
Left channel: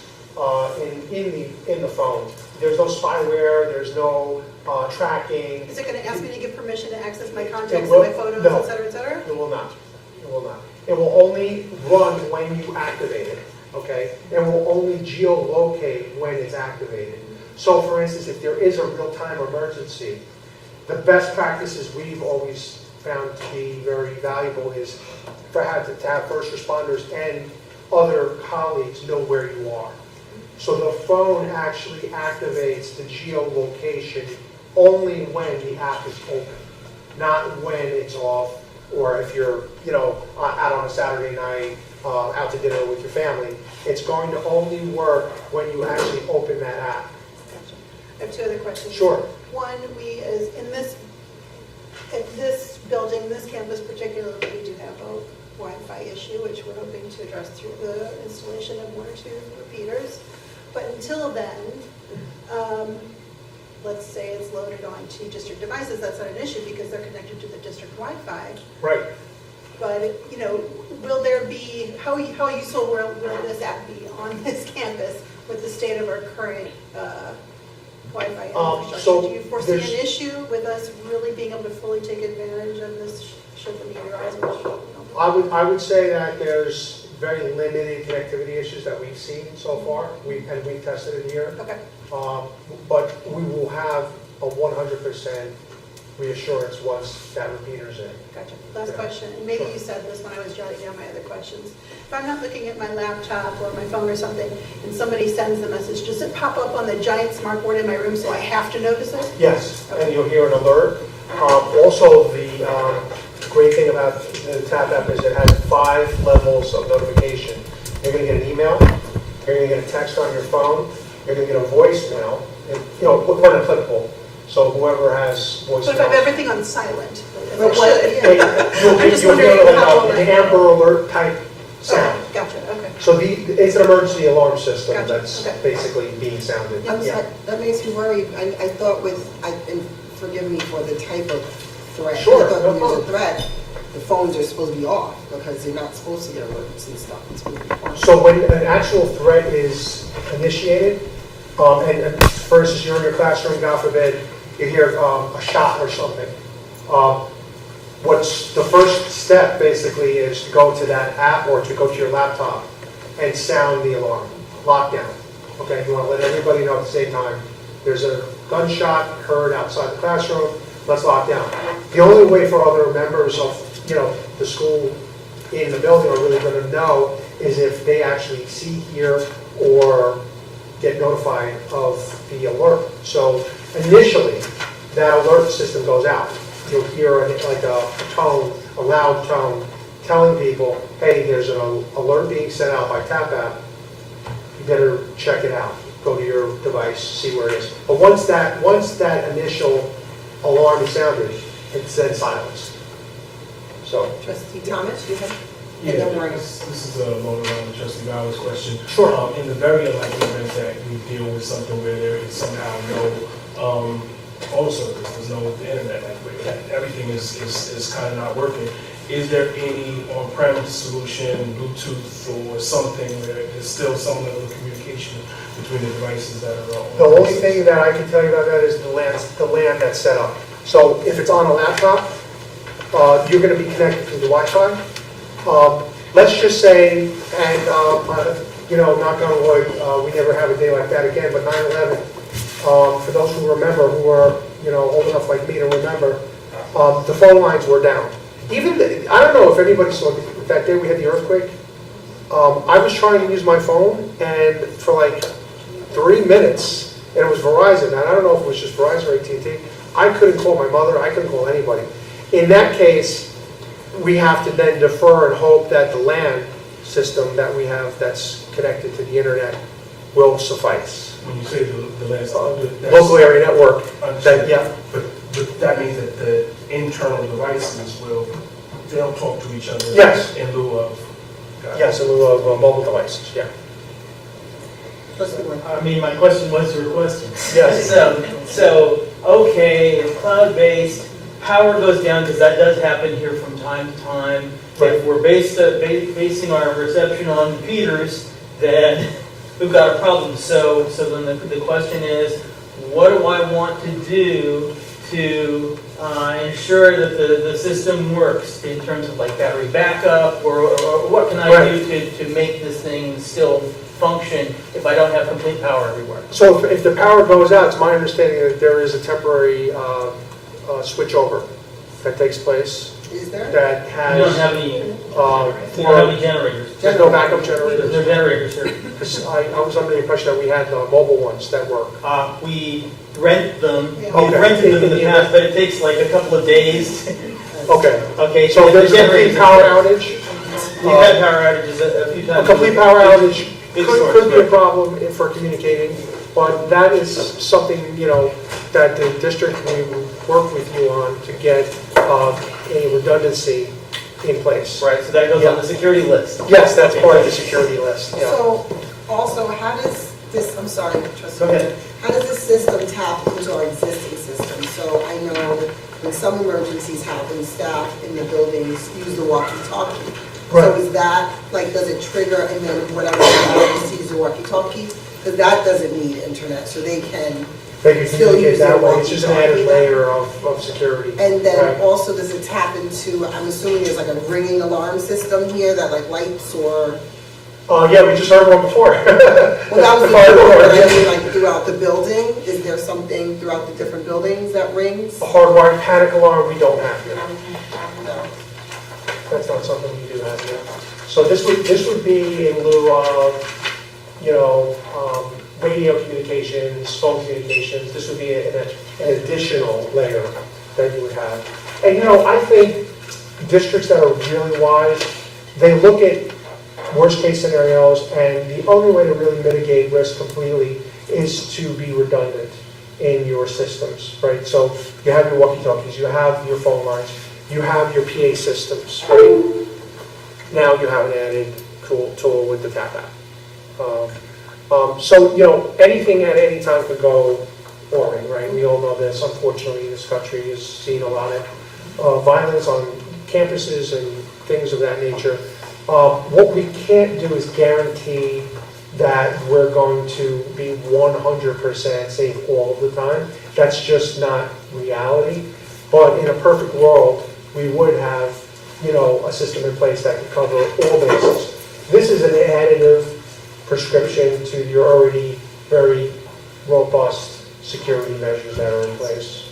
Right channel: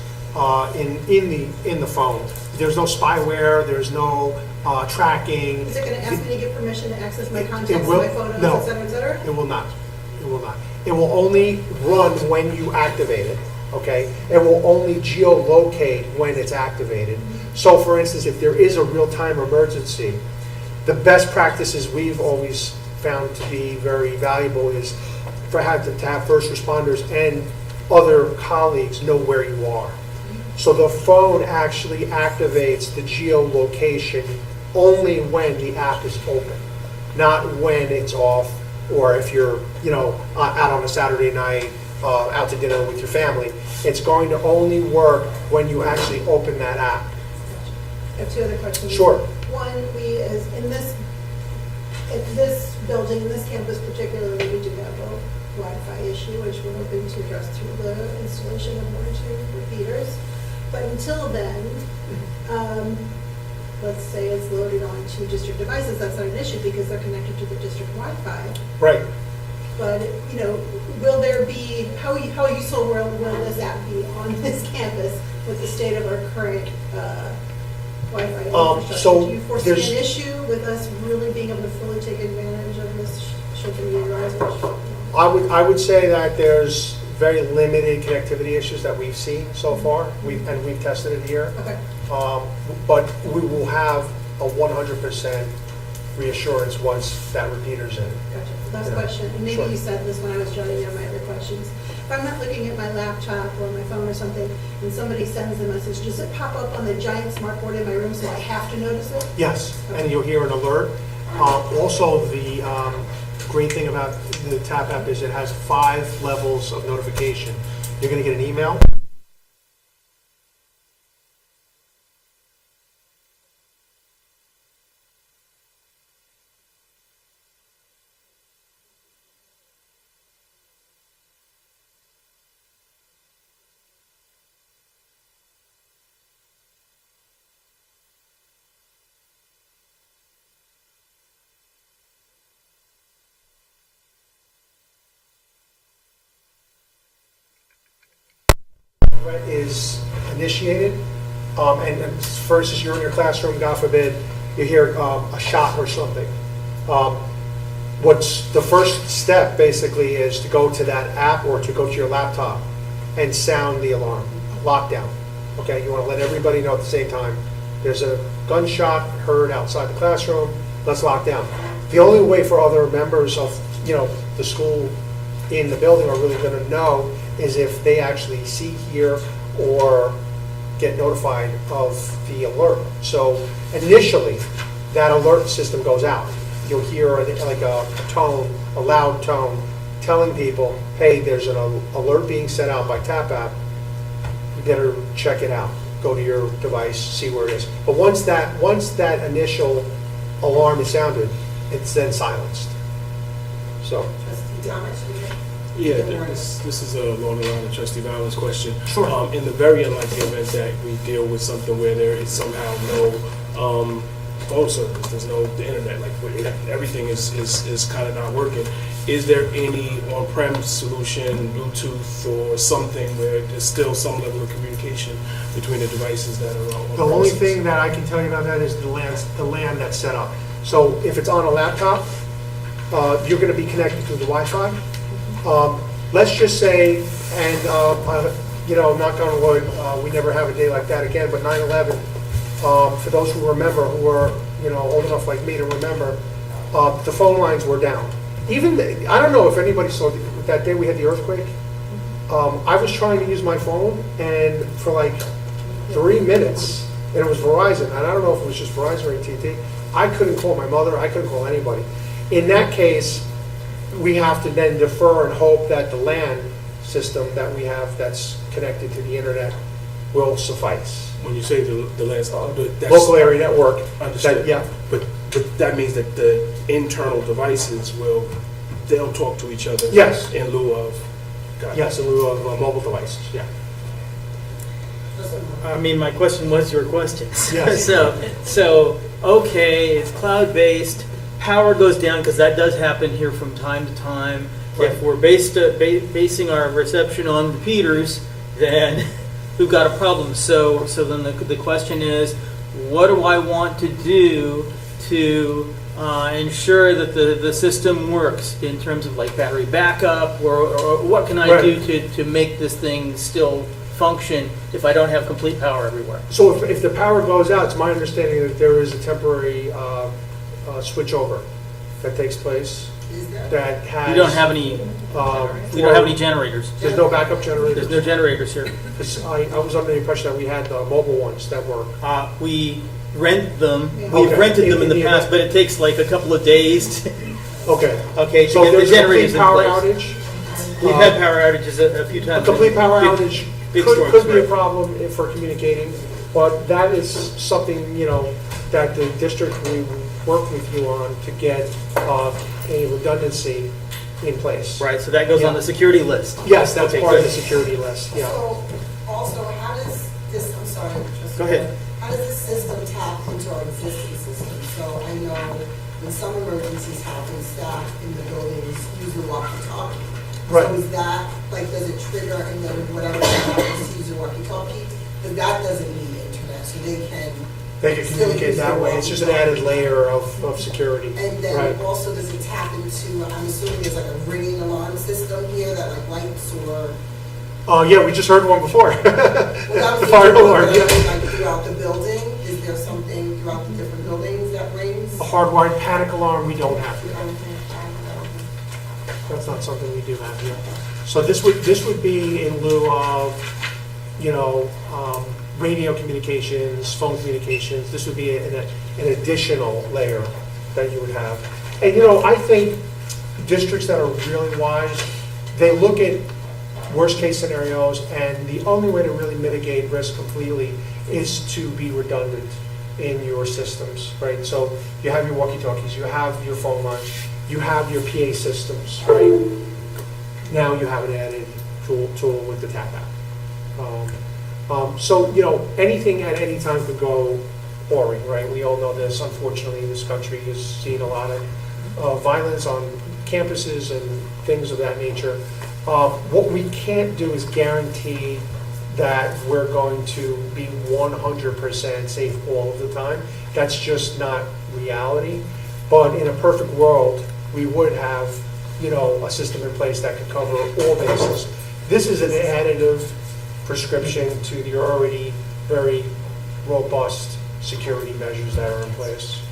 in the phone. There's no spyware, there's no tracking. Is it gonna ask me to give permission to access my contacts, It my will- photos, no. et cetera, et cetera? It will not. It will not. It will only run when you activate it, okay? It will only geolocate when it's activated. So for instance, if there is a real-time emergency, the best practices we've always found to be very valuable is to have first responders and other colleagues know where you are. So the phone actually activates the geolocation only when the app is open, not when it's off, or if you're, out on a Saturday night, out to dinner with your family. It's going to only work when you actually open that app. I have two other questions. Sure. One, at this building, in this campus particularly, we do have a Wi-Fi issue, which we're hoping to address through the installation of 1 or 2 repeaters. But until then, let's say it's loaded onto district devices, that's not an issue because they're connected to the district Wi-Fi. Right. But, will there be, how useful will this app be on this campus with the state of our current Wi-Fi infrastructure? so Do you foresee there's- an issue with us really being able to fully take advantage of this should the need arise? I would say that there's very limited connectivity issues that we've seen so far, and we've tested it here. Okay. But we will have a 100% reassurance once that repeater's in. Gotcha. Last Yeah. question, and maybe Sure. you said this when I was jotting down my other questions. If I'm not looking at my laptop or my phone or something, and somebody sends a message, does it pop up on the giant smart board in my room so I have to notice it? Yes, and you'll hear an alert. Also, the great thing about the TAP app is it has 5 levels of notification. You're going to get an email, you're going to get a text on your phone, you're going to get a voicemail, and, one applicable. So whoever has voicemail. But if I have everything on silent, Well, as I should, yeah. I'm just You'll wondering hear how will an I- Amber Alert type sound. Gotcha, okay. So it's an emergency alarm system Gotcha, that's okay. basically being sounded. I'm Yeah. sorry, that makes me worry. I thought and forgive me for the type of threat. Sure, I thought no when there's a problem. threat, the phones are supposed to be off because they're not supposed to get alerts and stuff. It's supposed to be on. So when an actual threat is initiated, and for instance, you're in your classroom, God forbid, you hear a shot or something. What's the first step basically is to go to that app or to go to your laptop and sound the alarm, lockdown. Okay, you want to let everybody know at the same time, there's a gunshot heard outside the classroom, let's lock down. The only way for other members of, the school in the building are really going to know is if they actually see, hear, or get notified of the alert. So initially, that alert system goes out. You'll hear a tone, a loud tone, telling people, hey, there's an alert being sent out by TAP app. You better check it out. Go to your device, see where it is. But once that initial alarm is sounded, it's then silenced. So. Trustee Thomas, you have? Yeah, Don't worry. this is a loaded on trustee Bowers' question. Sure. In the very unlikely event that we deal with something where there is somehow no phone service, there's no internet, everything is kind of not working. Is there any on-premise solution, Bluetooth or something where there's still some level of communication between the devices that are on? The only thing that I can tell you about that is the LAN that's set up. So if it's on a laptop, you're going to be connected to the Wi-Fi. Let's just say, and knock on wood, we never have a day like that again, but 9/11, for those who remember, who are old enough like me to remember, the phone lines were down. I don't know if anybody saw that day we had the earthquake. I was trying to use my phone, and for like 3 minutes, and it was Verizon, and I don't know if it was just Verizon or AT&T, I couldn't call my mother, I couldn't call anybody. In that case, we have to then defer and hope that the LAN system that we have that's connected to the internet will suffice. When you say the last, that's Local area network, understand. yeah. But that means that the internal devices they'll talk to each other. Yes. In lieu of. Yes, in lieu of mobile devices, yeah. I mean, my question was your question. Yes. So, okay, it's cloud-based, power goes down, because that does happen here from time to time. Right. If we're basing our reception on Peters, then we've got a problem. So then the question is, what do I want to do to ensure that the system works in terms of like battery backup, or what can I do to make this thing still function if I don't have complete power everywhere? So if the power goes out, it's my understanding that there is a temporary switchover that takes place. Is there? That has. You don't have any. We don't have any generators. There's no backup There's generators. no generators here. 'Cause I was under the impression that we had mobile ones that were. We rent them. Yeah. We've Okay. rented them in the past, but it takes like a couple of days. Okay. Okay, So so if the there's a generators. complete power outage, We've had power outages a few a times. complete power outage Big could storms, be a right. problem for communicating, but that is something, that the district, we will work with you on to get a redundancy in place. Right, so that goes on the security list. Yes, that's Okay, part of the good. security list, yeah. So, also, how does this, I'm sorry, trustee. Go ahead. How does this system tap into our existing system? So I know when some emergencies happen, staff in the buildings use the walkie-talkie. So Right. is that, does it trigger, and then whatever emergency use the walkie-talkie? Because that doesn't need internet, so they can, They can Still communicate use that their way, it's just an added walkie-talkie. layer of security. and then Right. also does it tap into, I'm assuming there's like a ringing alarm system here that like lights or, Yeah, we just heard one before. well, that was The the fire door, but yeah. I mean, like throughout the building, is there something throughout the different buildings that rings? A hardwired panic alarm, we don't have yet. No. That's not something we do have yet. So this would be in lieu of, radio communications, phone communications. This would be an additional layer that you would have. And, I think districts that are really wise, they look at worst case scenarios, and the only way to really mitigate risk completely is to be redundant in your systems, right? So you have your walkie-talkies, you have your phone lines, you have your PA systems, right? Now you have an added tool with the tap app. So, you know, anything at any time could go awry, right? We all know this. Unfortunately, this country has seen a lot of violence on campuses and things of that nature. What we can't do is guarantee that we're going to be 100% safe all of the time. That's just not reality. But in a perfect world, we would have, you know, a system in place that could cover all bases. This is an additive prescription to your already very robust security measures that are in place.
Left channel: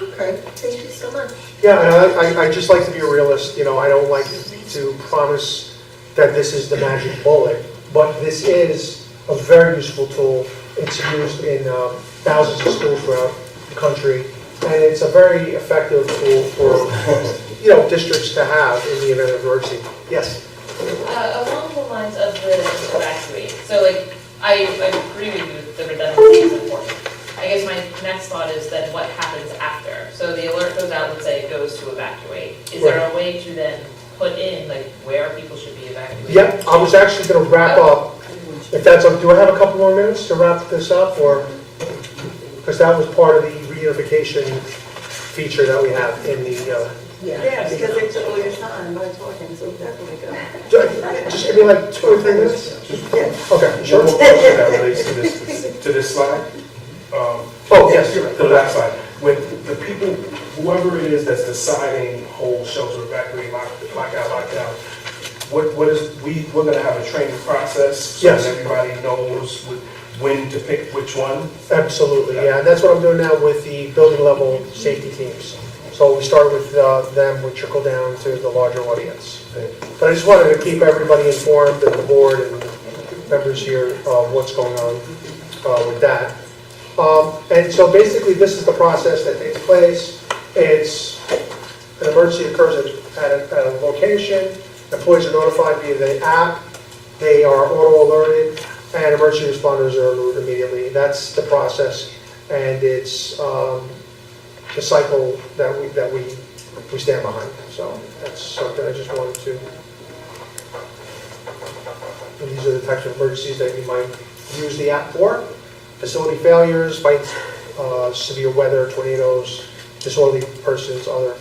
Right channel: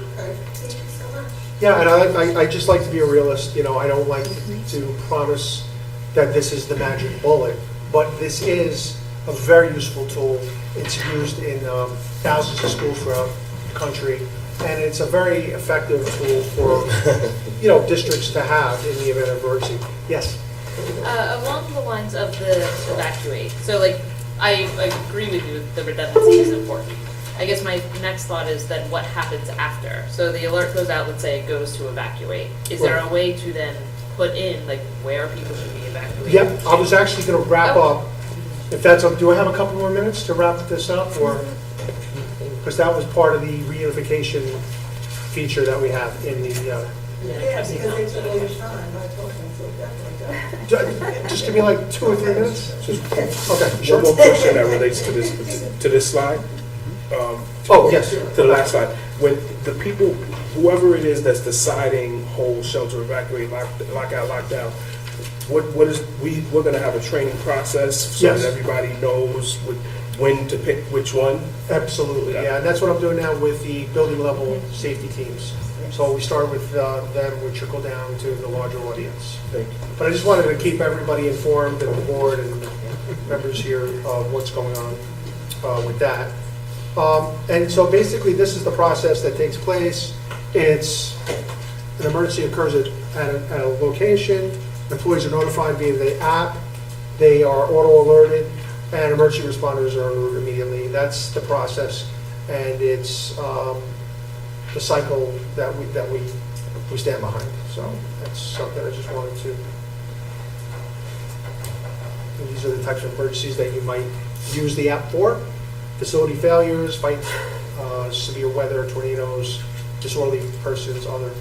Okay, thank you so much. Yeah, and I just like to be a realist. You know, I don't like to promise that this is the magic bullet, but this is a very useful tool. It's used in thousands of schools throughout the country, and it's a very effective tool for, you know, districts to have in the event of emergency. Yes? Along the lines of the evacuate, so like, I agree with you, the redundancy is important. I guess my next thought is that what happens after? So the alert goes out, let's say it goes to evacuate. Is there a way to then put in, like, where people should be evacuated? Yeah, I was actually going to wrap up, if that's, do I have a couple more minutes to wrap this up, or, because that was part of the reunification feature that we have in the, Yeah, because they took all your time by talking, so definitely go. just give me like 2 or 3 minutes? Yeah. Okay, One sure. more question that relates to this slide. Oh, yes. To the last slide. When the people, whoever it is that's deciding hold shelter, evacuate, lock out, we're gonna have a training process so Yes. that everybody knows when to pick which one? Absolutely, yeah, and that's what I'm doing now with the building level safety teams. So we started with them, we trickle down to the larger audience. But I just wanted to keep everybody informed, and the board and members here, what's going on with that. And so basically, this is the process that takes place. It's, an emergency occurs at a location, employees are notified via the app, they are auto alerted, and emergency responders are alerted immediately. That's the process, and it's the cycle that we stand behind. So that's something I just wanted to. And these are the types of emergencies that you might use the app for: facility failures, fights, severe weather, tornadoes, disorderly persons, other.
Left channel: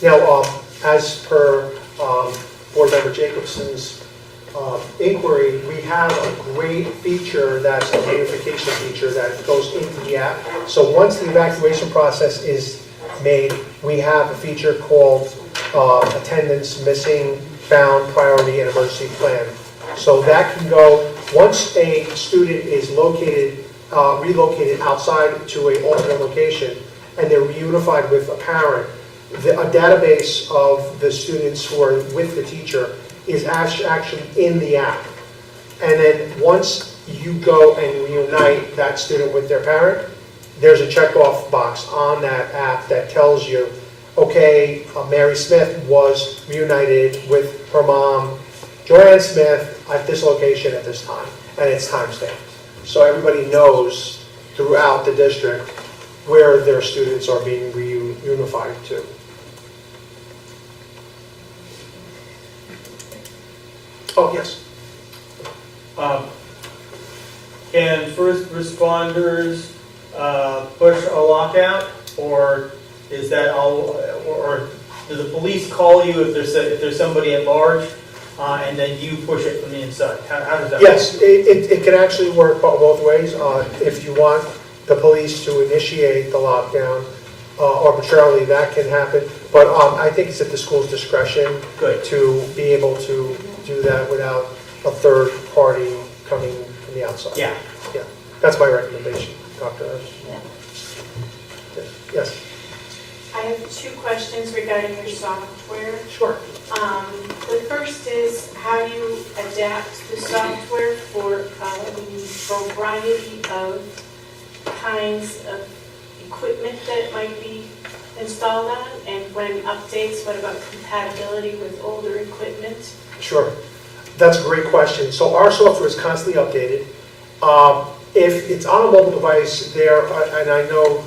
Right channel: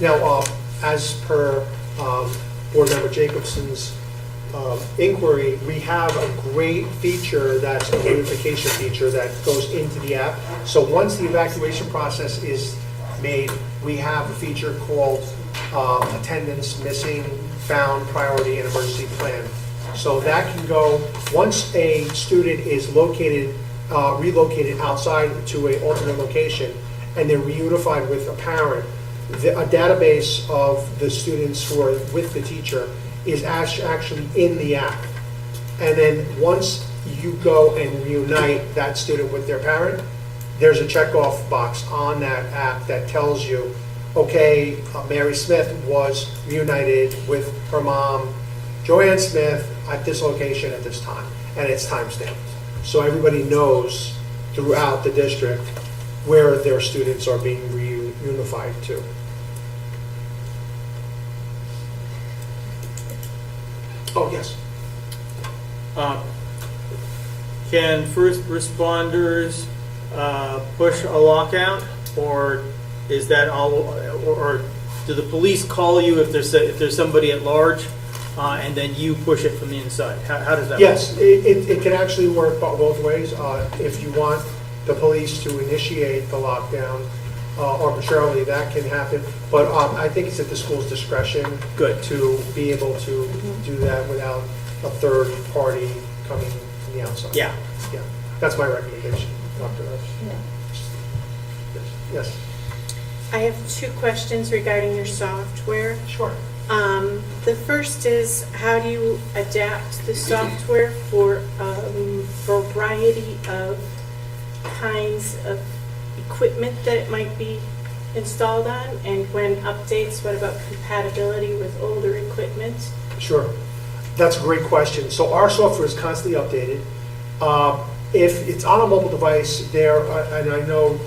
Now, as per Board Member Jacobson's inquiry, we have a great feature that's a gamification feature that goes into the app. So once the evacuation process is made, we have a feature called attendance missing, found, priority, and emergency plan. So that can go, once a student is located, relocated outside to an alternate location, and they're reunified with a parent, a database of the students who are with the teacher is actually in the app. And then once you go and reunite that student with their parent, there's a checkoff box on that app that tells you, okay, Mary Smith was reunited with her mom, Joanne Smith, at this location at this time, and it's time-stamped. So everybody knows throughout the district where their students are being reunified to. Oh, yes. Can first responders push a lockout, or is that all? Or do the police call you if there's somebody at large, and then you push it from the inside? How does that? Yes, it can actually work both ways. If you want the police to initiate the lockdown arbitrarily, that can happen. But I think it's at the school's discretion to be able to do that without a third party coming from the outside. Yeah. Yeah. That's my recommendation, Dr. Yes. I have 2 questions regarding your software. Sure. The first is, how do you adapt the software for a variety of kinds of equipment that it might be installed on? And when updates, what about compatibility with older equipment? Sure. That's a great question. So our software is constantly updated. If it's on a mobile device, and I know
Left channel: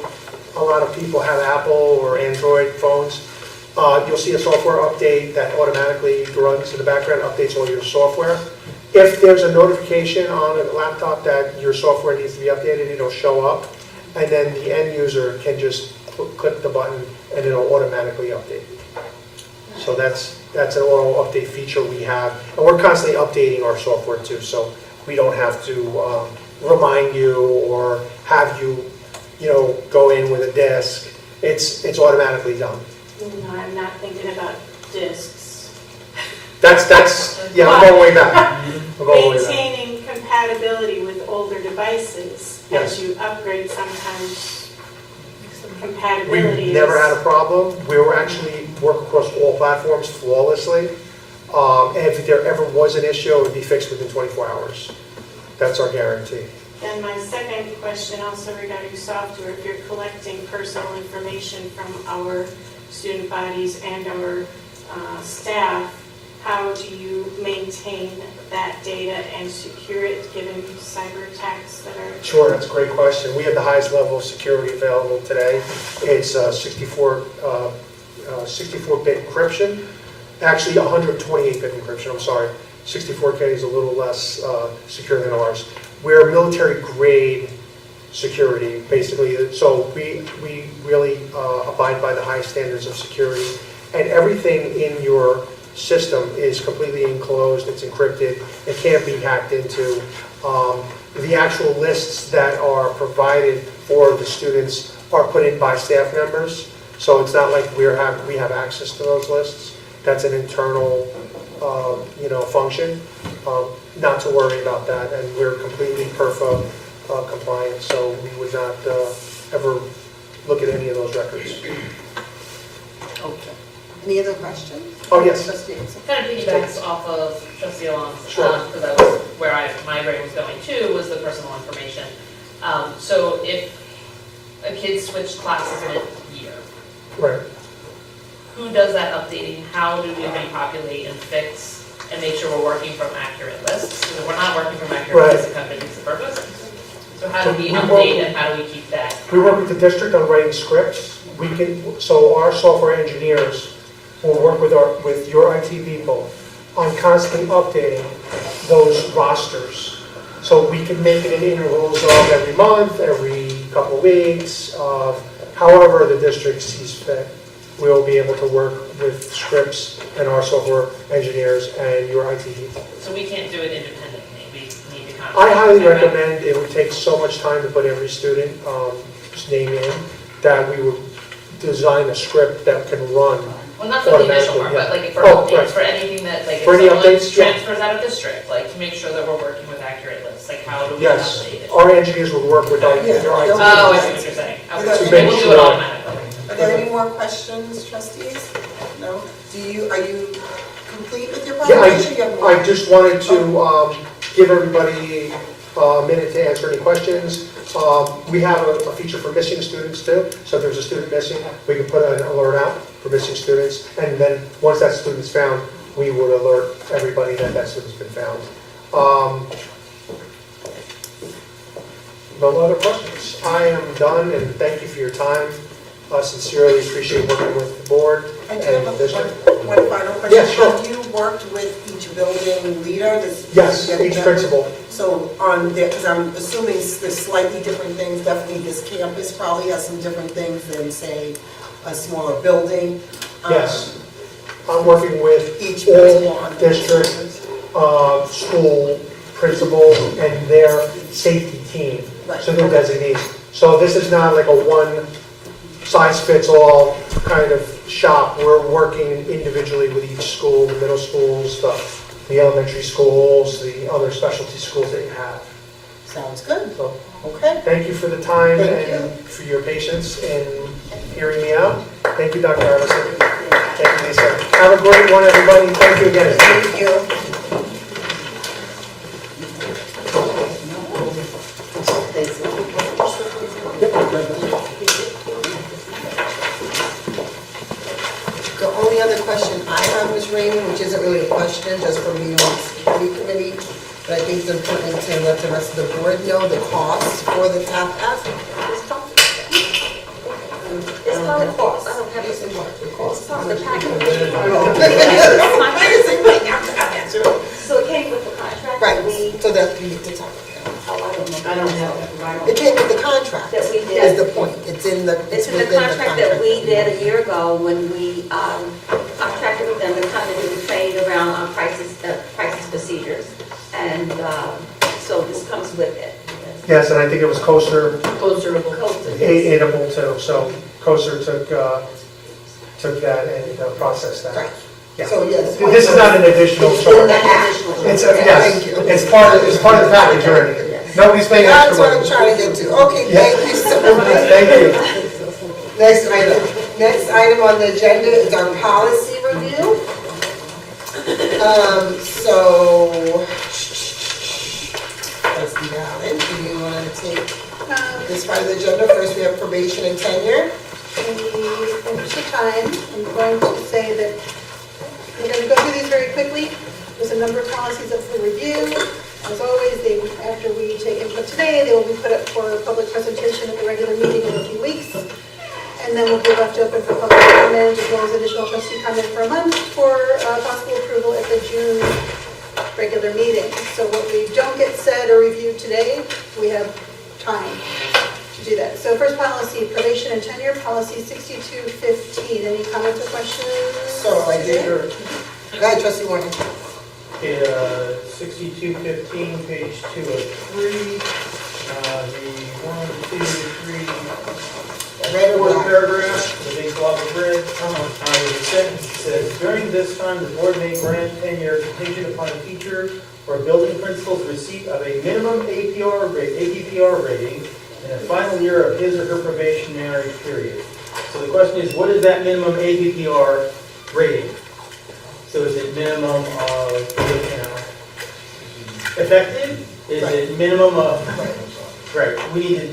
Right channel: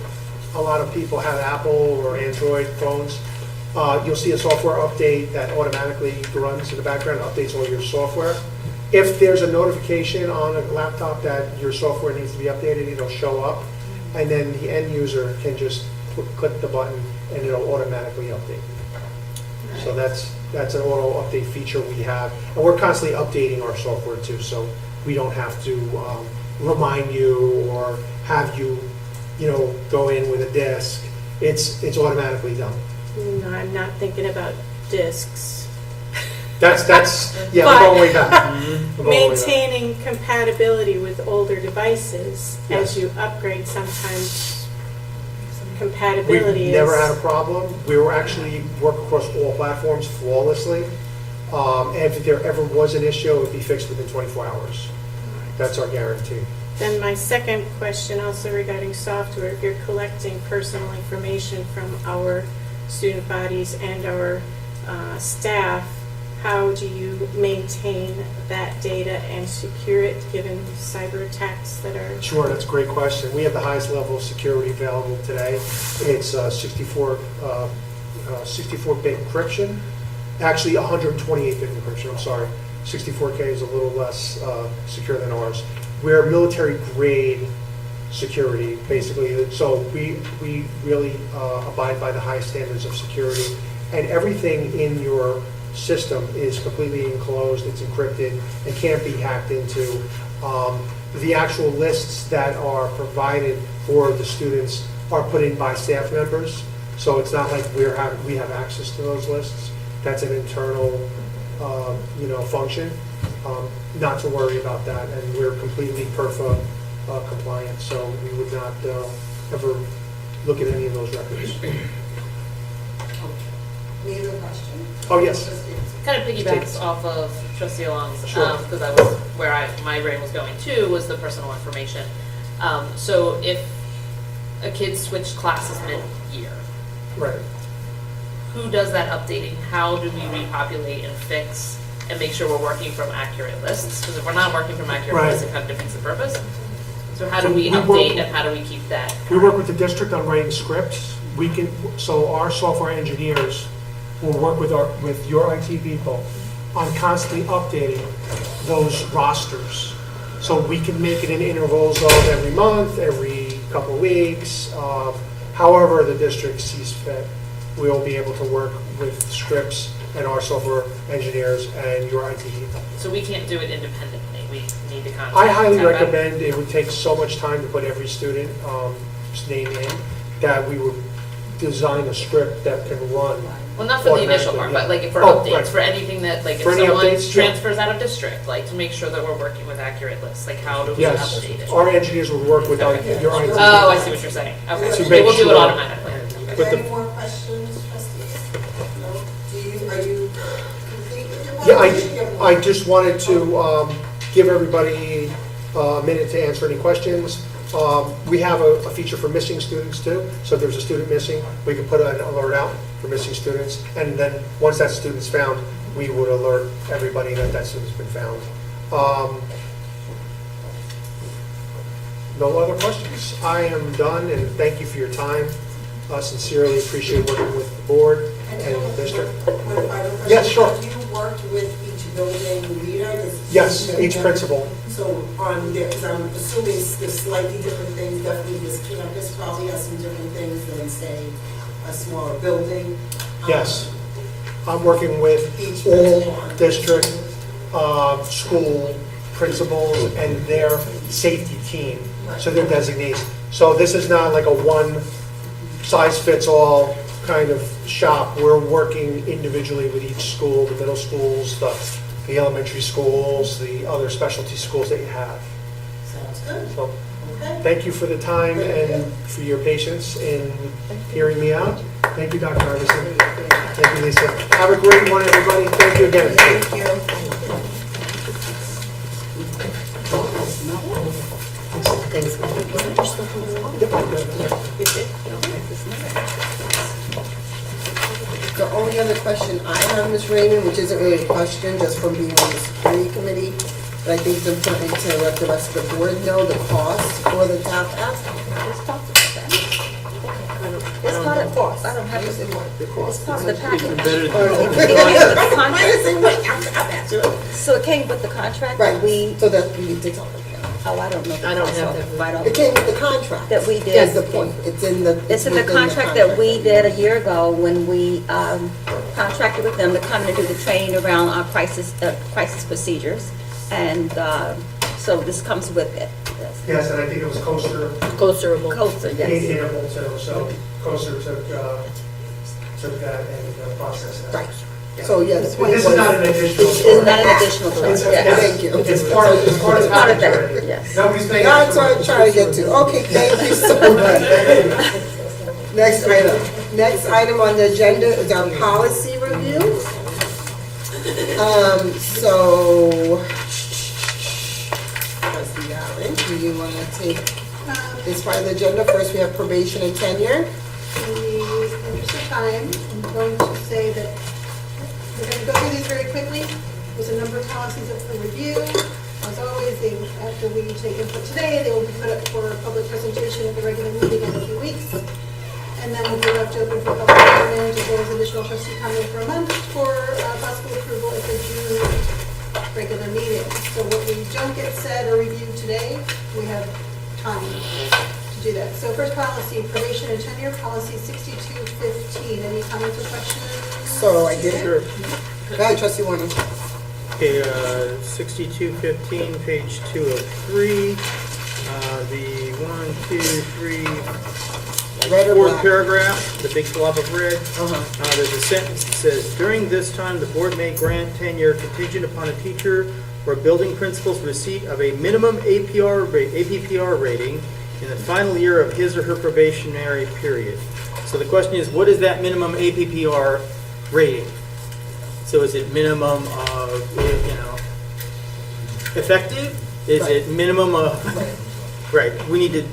a lot of people have Apple or Android phones, You'll see a software update that automatically runs in the background, updates all your software. If there's a notification on a laptop that your software needs to be updated, it'll show up, and then the end user can just click the button and it'll automatically update. So that's an auto update feature we have, and we're constantly updating our software too, so we don't have to remind you or have you, go in with a disk. It's automatically done. No, I'm not thinking about discs. Yeah, I'm going way back. I'm going way back. Maintaining compatibility with older devices Yes. as you upgrade, sometimes compatibility We've is. never had a problem. We will actually work across all platforms flawlessly. And if there ever was an issue, it would be fixed within 24 hours. That's our guarantee. Then my second question, also regarding software, if you're collecting personal information from our student bodies and our staff, how do you maintain that data and secure it given cyber attacks that are? Sure, that's a great question. We have the highest level of security available today. It's 64-bit encryption. Actually, 128-bit encryption, I'm sorry. 64K is a little less secure than ours. We're military-grade security, basically. So we really abide by the highest standards of security. And everything in your system is completely enclosed, it's encrypted, it can't be hacked into. The actual lists that are provided for the students are put in by staff members, so it's not like we have access to those lists. That's an internal function. Not to worry about that, and we're completely PERFA compliant, so we would not ever look at any of those records. Any other questions? Oh, yes. Kind of piggybacks off of Trustee Alon's, Sure. because that was where my brain was going to, was the personal information. So if a kid switched classes in a year, Right. who does that updating? How do we repopulate and fix and make sure we're working from accurate lists? Because if we're not working from accurate Right. lists, it kind of defeats the purpose. So how do we So we update work- and how do we keep that? We work with the district on writing scripts. So our software engineers will work with your IT people on constantly updating those rosters. So we can make it in intervals of every month, every couple of weeks, however the district sees fit. We will be able to work with scripts and our software engineers and your IT people. So we can't do it independently. We need to contact. I highly them. recommend, it would take so much time to put every student name in, that we would design a script that can run. Well, not for the initial part, but like for updates, right. for anything that, like, if For any someone updates, yeah. transfers out of district, like, to make sure that we're working with accurate lists, like, how do we Yes, update it? our engineers would work with your IT. Oh, I see what you're saying. To Okay, so make they will do sure- it automatically. Are there any more questions, trustees? No? Are you complete with your Yeah, presentation? You have more? I just wanted to give everybody a minute to answer any questions. We have a feature for missing students too, so if there's a student missing, we could put an alert out for missing students, and then once that student's found, we would alert everybody that that student's been found. No other questions? I am done, and thank you for your time. Sincerely appreciate working with the board I and do have the district. one final question. Yeah, sure. Have you worked with each building leader? Yes, each principal. So on there, because I'm assuming there's slightly different things, definitely this campus probably has some different things than, say, a smaller building. Yes. I'm working with Each all district, school principals and their safety team, so their designees. So this is not like a one-size-fits-all kind of shop. We're working individually with each school, the middle schools, the elementary schools, the other specialty schools that you have. Sounds good. So Okay. thank you for the time Thank and you. for your patience in hearing me out. Thank you, Dr. Ellison. Thank you, Lisa. Have a great one, everybody. Thank you again. Thank you. The only other question I have, Ms. Raymond, which isn't really a question, just from being on the security committee, but I think they're putting it to let the rest of the board know the cost for the TAP ask. I don't not a cost. I don't have to say what the cost. It's on the package. So it came with the contract? Right, so that we did talk about. Oh, I don't know. I don't have the final. It came with the contract. That we did. Is the point. It's in the. It's in the contract that we did a year ago when we contracted with them to come and do the training around our crisis procedures. And so this comes with it. Yes, and I think it was COSER Closer. able to, so COSER took that and processed that. Right. Yeah. So yes. This is not an additional It's in charge. the act. Additional charge. It's Thank you. it's part of the package already. Yes. Nobody's paying That's what I'm extra trying money. to get to. Okay, thank you so much. Thank you. Next item. Next item on the agenda is our policy review. So, Trustee Allen, do you want to take this part of the agenda? First, we have probation and tenure. In the interest of time, I'm going to say that we're going to go through these very quickly. There's a number of policies up for review. As always, after we take input today, they will be put up for public presentation at the regular meeting in a few weeks. And then we'll be left open for public comment as well as additional trustee comment for a month for possible approval at the June regular meeting. So what we don't get said or reviewed today, we have time to do that. So first policy, probation and tenure, policy 6215. Any comments or questions? So I did. Go ahead, Trustee Warner. Okay, 6215, page 203, the 1, 2, 3, Right or fourth black? paragraph, the big blob of red. There's a sentence that says, during this time, the board may grant tenure contingent upon a teacher or building principal's receipt of a minimum APPR rating in the final year of his or her probationary period. So the question is, what is that minimum APPR rating? So is it minimum of, effective? Is it minimum of, right, we need to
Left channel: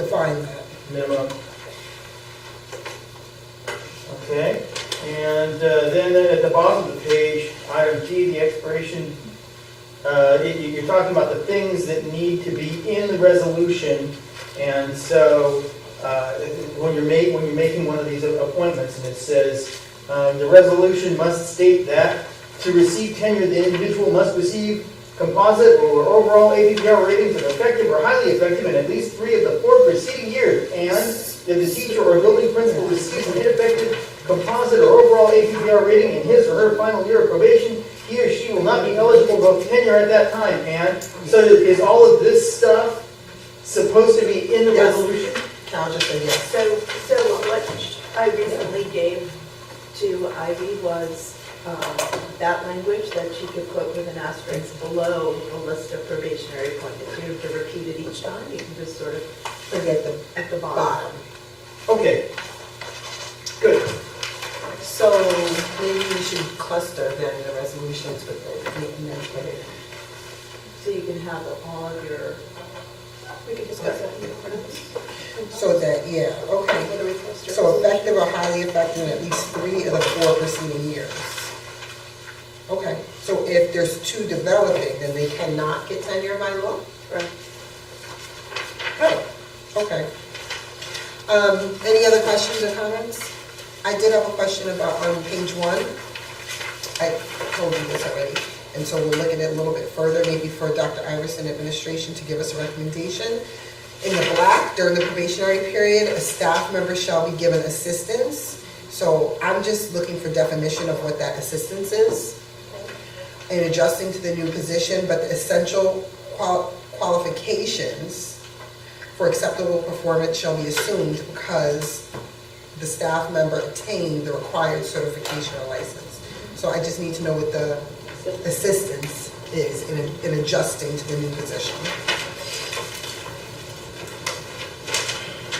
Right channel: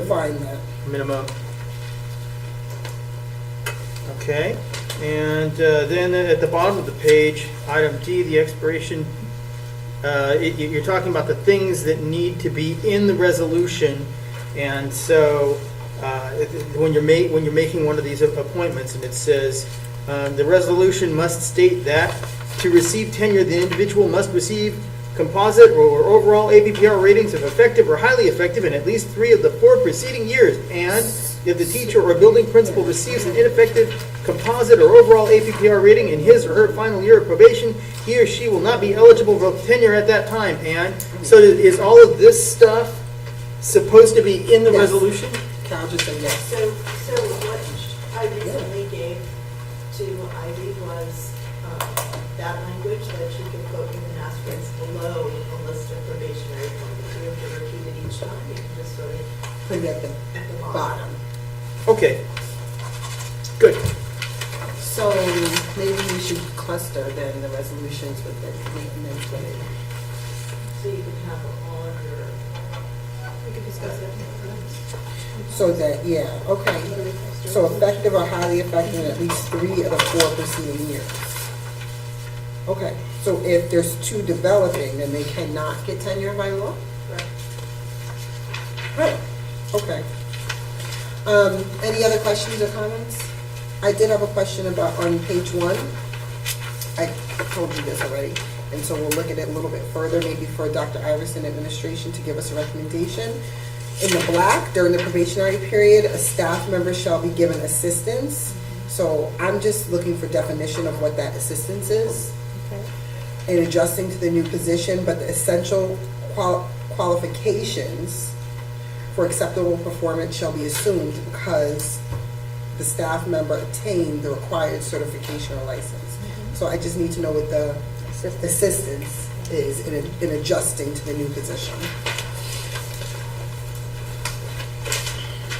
Define that. minimum. Okay, and then at the bottom of the page, item D, the expiration, you're talking about the things that need to be in the resolution, and so when you're making one of these appointments, and it says the resolution must state that to receive tenure, the individual must receive composite or overall APPR ratings of effective or highly effective in at least 3 of the 4 preceding years, and if the teacher or building principal receives an ineffective composite or overall APPR rating in his or her final year of probation, he or she will not be eligible for tenure at that time. And so is all of this stuff supposed to be in the Yes. resolution? Carol just said yes. So what I recently gave to Ivy was that language that she could put with an asterisk below a list of probationary appointments. You have to repeat it each time. You can just sort of Put it at the at the bottom. Okay, good. So maybe we should cluster then the resolutions with the maintenance rate. So you can have all of your, we can discuss that. So that, yeah, okay. So effective or highly effective in at least 3 of the 4 preceding years. Okay, so if there's 2 developing, then they cannot get tenure by law? Right. Right. Okay. Any other questions or comments? I did have a question about on page 1. I told you this already, and so we'll look at it a little bit further, maybe for Dr. Iverson administration to give us a recommendation. In the black, during the probationary period, a staff member shall be given assistance. So I'm just looking for definition of what that assistance is in adjusting to the new position, but the essential qualifications for acceptable performance shall be assumed because the staff member obtained the required certification or license. So I just need to know what the assistance is in adjusting to the new position.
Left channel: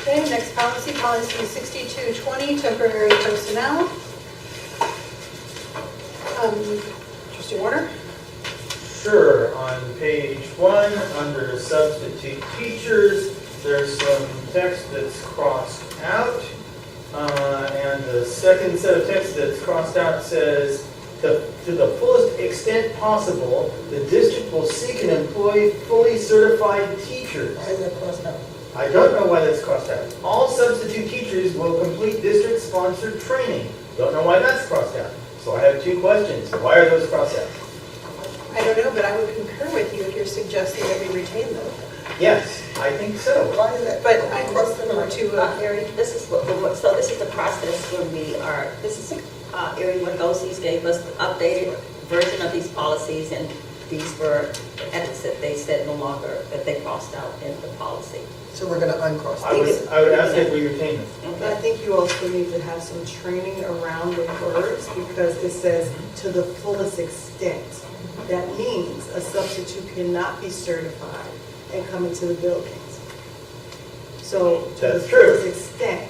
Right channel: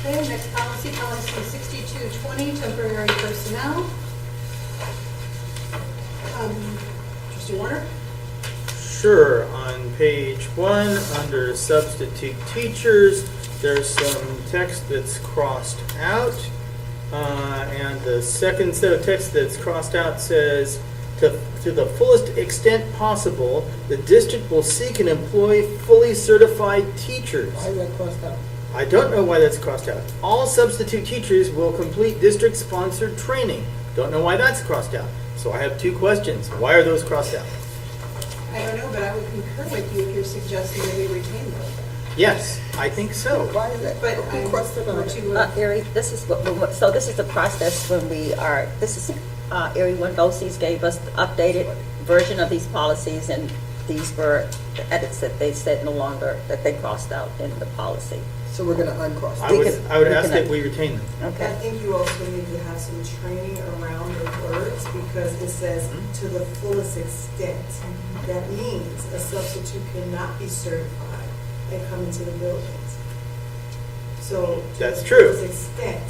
Okay, next policy, policy 6220, temporary personnel. Trustee Warner? Sure, on page 1, under substitute teachers, there's some text that's crossed out. And the second set of text that's crossed out says, to the fullest extent possible, the district will seek and employ fully certified teachers. Why is that crossed out? I don't know why that's crossed out. All substitute teachers will complete district-sponsored training. Don't know why that's crossed out. So I have two questions. Why are those crossed out? I don't know, but I would concur with you if you're suggesting that we retain them. Yes, I think so. Why is that? But I question number two. Erie, this is so this is the process when we are, this is, Erie when BOCES gave us the updated version of these policies, and these were edits that they said no longer, that they crossed out in the policy. So we're gonna uncross. I would ask that we retain them. I Okay. think you also need to have some training around the words, because it says to the fullest extent. That means a substitute cannot be certified and come into the buildings. So to That's the true. fullest extent,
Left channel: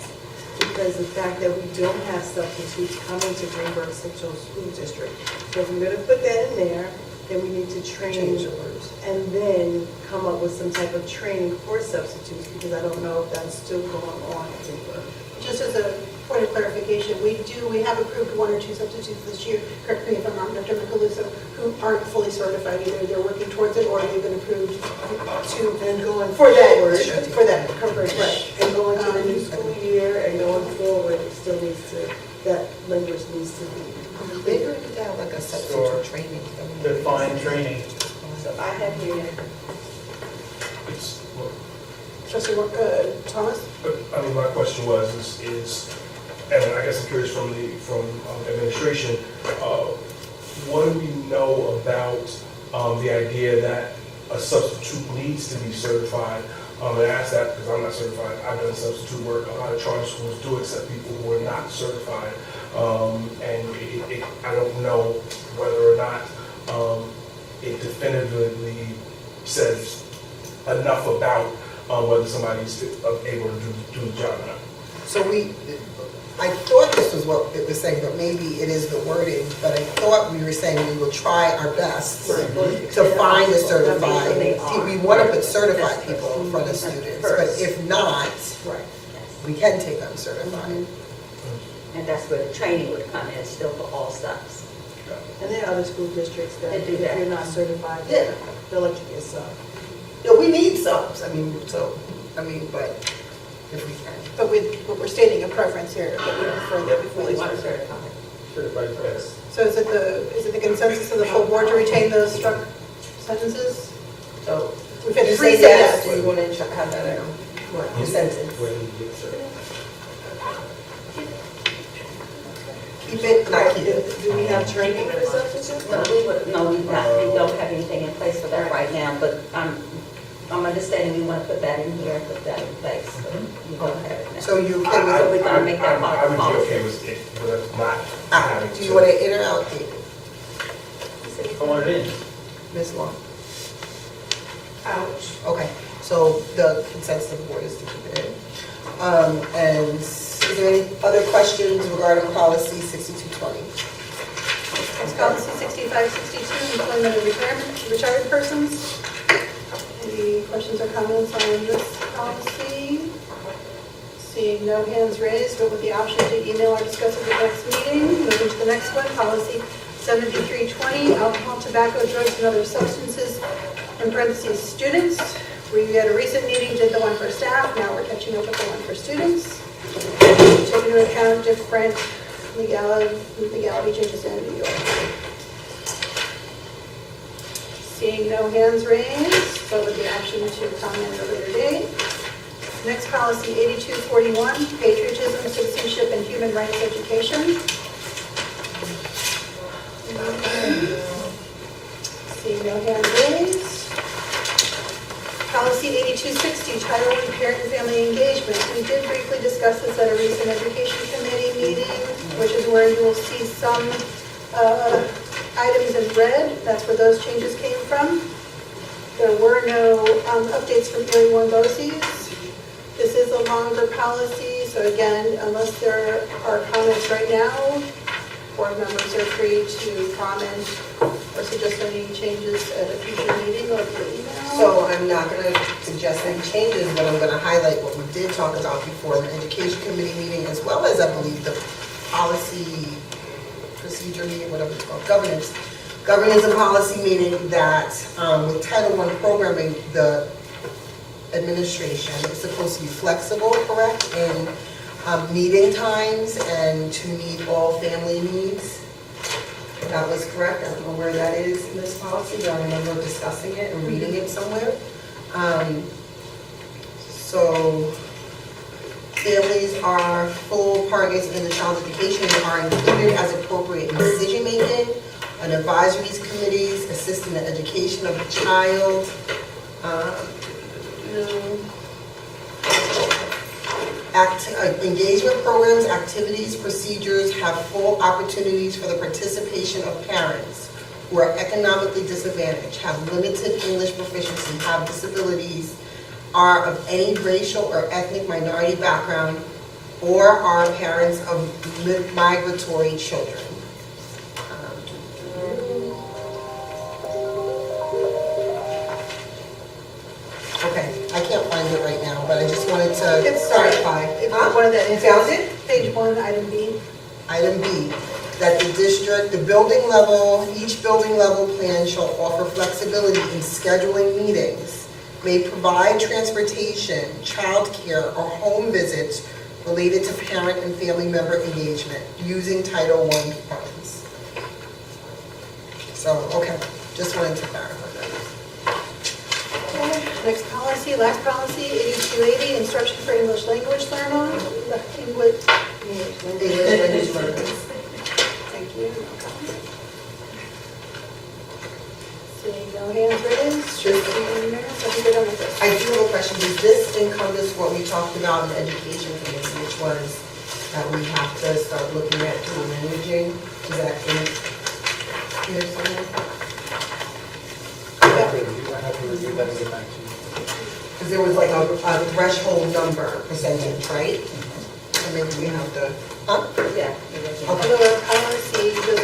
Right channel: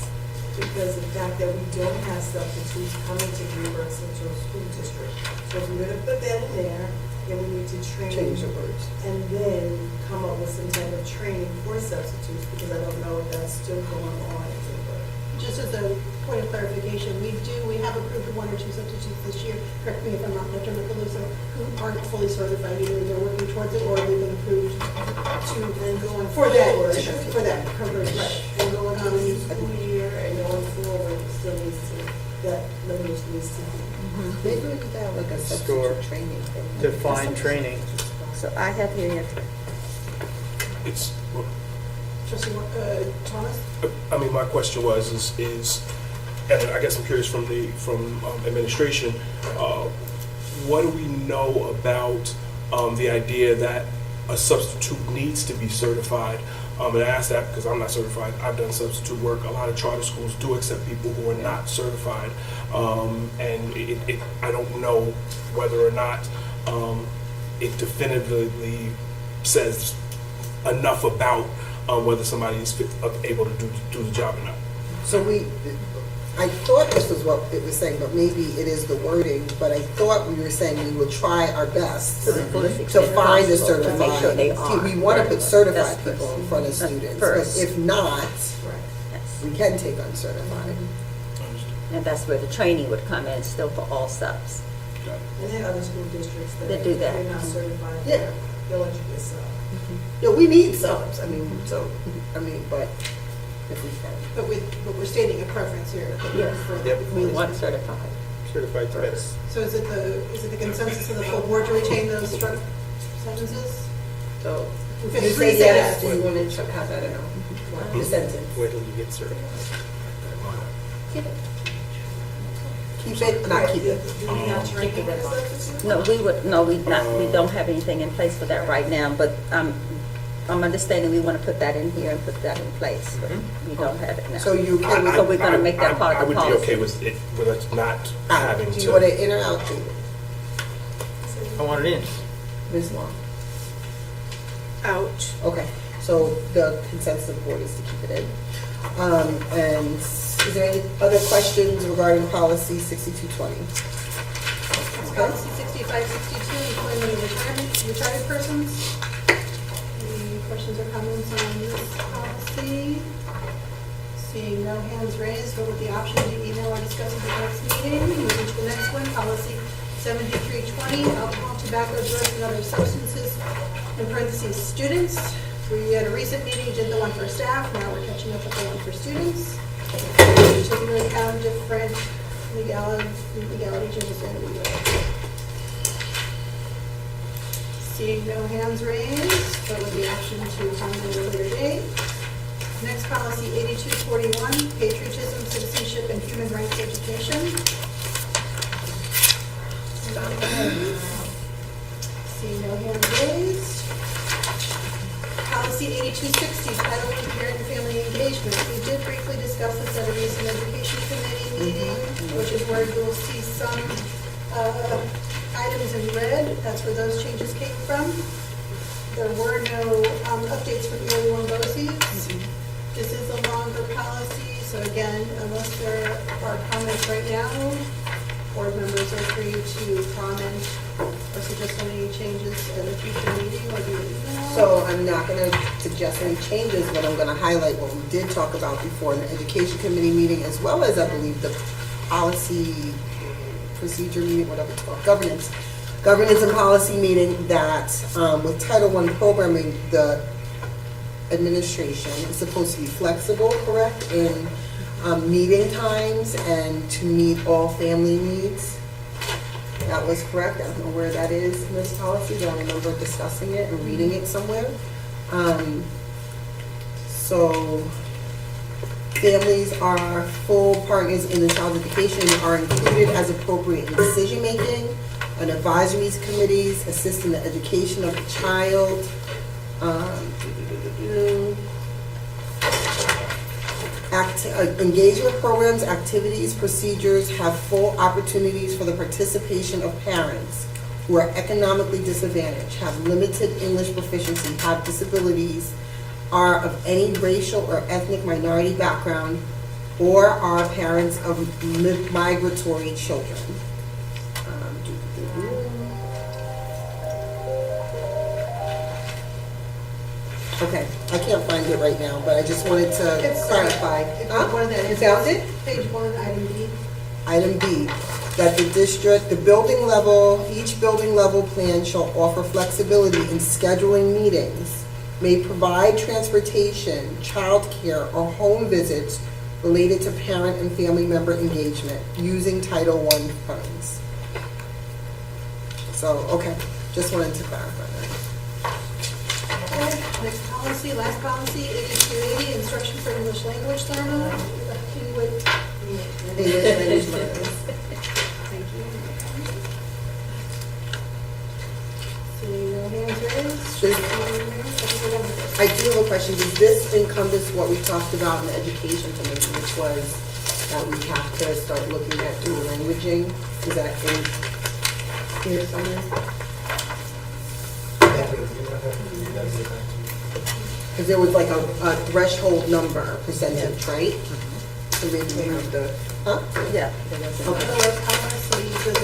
because the fact that we don't have substitutes coming to Greenburgh Central School District. So if we're gonna put that in there, then we need to train Change the words. and then come up with some type of training for substitutes, because I don't know if that's still going on in Greenburgh. Just as a point of clarification, we have approved one or two substitutes this year, correct me if I'm wrong, Dr. Micheluzzo, who aren't fully certified, either they're working towards it or they've been approved to, And going for that, forward, for that coverage, right? and going on a new school year and going forward, it still needs to, that language needs to be. Maybe we could have like a Store. substitute training thing. Define training. So I have here, It's, Trustee, Thomas? I mean, my question was, is, and I guess I'm curious from administration, what do we know about the idea that a substitute needs to be certified? And I ask that because I'm not certified. I've done substitute work. A lot of charter schools do accept people who are not certified. And I don't know whether or not it definitively says enough about whether somebody's able to do the job or not. So I thought this was what it was saying, but maybe it is the wording, but I thought we were saying we will try our best to find a certified. See, we want to put certified people in front of students, but if not, we can take uncertified. and that's where the training would come in, still for all subs. And there are other school districts that, They do that. if you're not certified, Yeah. they'll let you get sub. Yeah, we need subs, but if we can. But we're stating a preference here. We want to certify. Certified press. So is it the consensus of the full board to retain those struck sentences? So, We've if had you three say say yes, yes. then you want to have that in. Consensus. Whether you get certified. Keep it, not keep it. Do we have training for substitutes? No, we don't have anything in place for that right now, but I'm understanding we want to put that in here and put that in place, but we don't have it now. So you okay with So we're gonna make that part I of the would be policy. okay with it, but it's not having Do to. you want to in or out, Kate? I want it in. Ms. Long? Ouch. Okay, so the consensus of the board is to keep it in. And is there any other questions regarding policy 6220? Policy 6562, employment of retired persons. Any questions or comments on this policy? Seeing no hands raised, but with the option to email or discuss at the next meeting, moving to the next one, policy 7320, alcohol, tobacco, drugs, and other substances, in parentheses, students. We had a recent meeting, did the one for staff, now we're catching up with the one for students. Taking into account different legalities and legal. Seeing no hands raised, so with the option to comment at a later date. Next policy, 8241, patriotism, citizenship, and human rights education. Seeing no hands raised. Policy 8260, Title I, Parent and Family Engagement. We did briefly discuss this at a recent education committee meeting, which is where you will see some items in red. That's where those changes came from. There were no updates from Erie One BOCES. This is a longer policy, so again, unless there are comments right now, board members are free to comment or suggest any changes at a future meeting or via email. So I'm not going to suggest any changes, but I'm going to highlight what we did talk about before the education committee meeting, as well as I believe the policy procedure meeting, whatever it's called, governance and policy meeting, that with Title I programming, the administration. It's supposed to be flexible, correct, in meeting times and to meet all family needs. That was correct. I don't know where that is in this policy, but I remember discussing it and reading it somewhere. So families are full partners in the child's education and are included as appropriate in decision-making, on advisories committees, assist in the education of the child. Engagement programs, activities, procedures have full opportunities for the participation of parents who are economically disadvantaged, have limited English proficiency, have disabilities, are of any racial or ethnic minority background, or are parents of migratory children. Okay, I can't find it right now, but I just wanted to It's clarify. If Huh? you want that, it's Found it? page 1, item B. Item B, that the district, the building level, each building level plan shall offer flexibility in scheduling meetings, may provide transportation, childcare, or home visits related to parent and family member engagement using Title I funds. So, okay, just wanted to clarify that. Okay, next policy, last policy, 8280, instruction for English language learner. English. Thank you. Seeing no hands raised. Sure. We're done with this. I do have a question. Does this encompass what we talked about in the education committee, which was that we have to start looking at dual languaging? Is that in here somewhere? Because there was like a threshold number percentage, right? And then we have the, huh? Yeah. Although honestly, the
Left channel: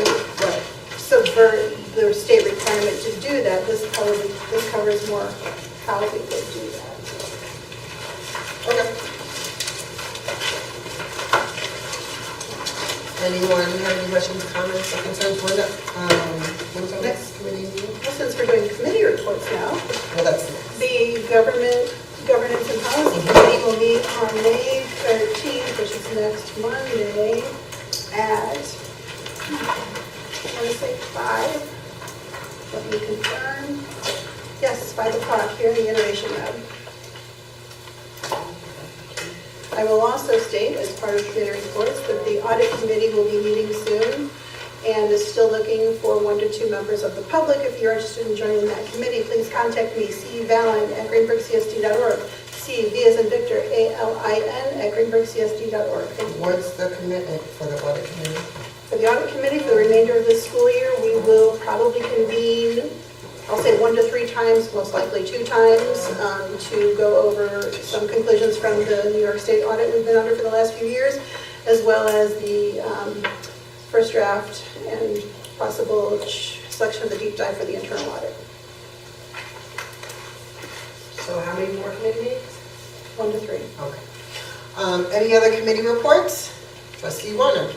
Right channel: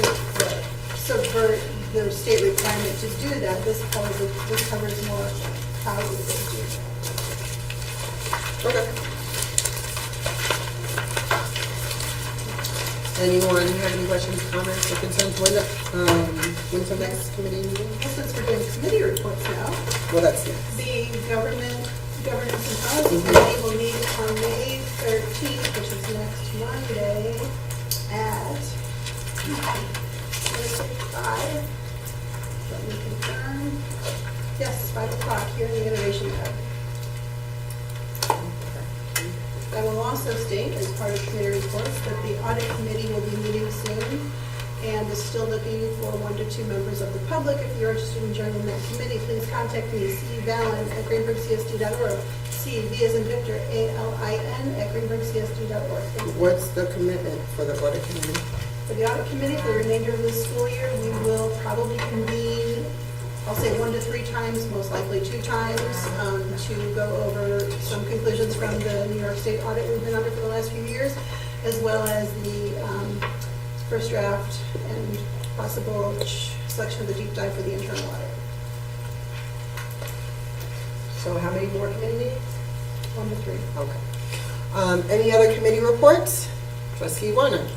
subvert the state requirement to do that, this covers more how we would do that. Okay. Anyone have any questions, comments, or concerns? When's the next committee meeting? Since we're doing committee reports now, Well, that's the governance and policy committee will meet on May 13th, which is next Monday, at, let's say 5. Let me confirm. Yes, it's 5 o'clock here in the Innovation Lab. I will also state, as part of committee reports, that the audit committee will be meeting soon and is still looking for 1 to 2 members of the public. If you're interested in joining that committee, please contact me, cvalin@greenburghcsd.org. C, V as in Victor, ALIN @greenburghcsd.org. What's the commitment for the audit committee? For the audit committee, for the remainder of this school year, we will probably convene, I'll say 1 to 3 times, most likely 2 times, to go over some conclusions from the New York State audit we've been under for the last few years, as well as the first draft and possible selection of the deep dive for the internal audit. So how many more committee meetings? 1 to 3. Okay. Any other committee reports? Trustee Warner.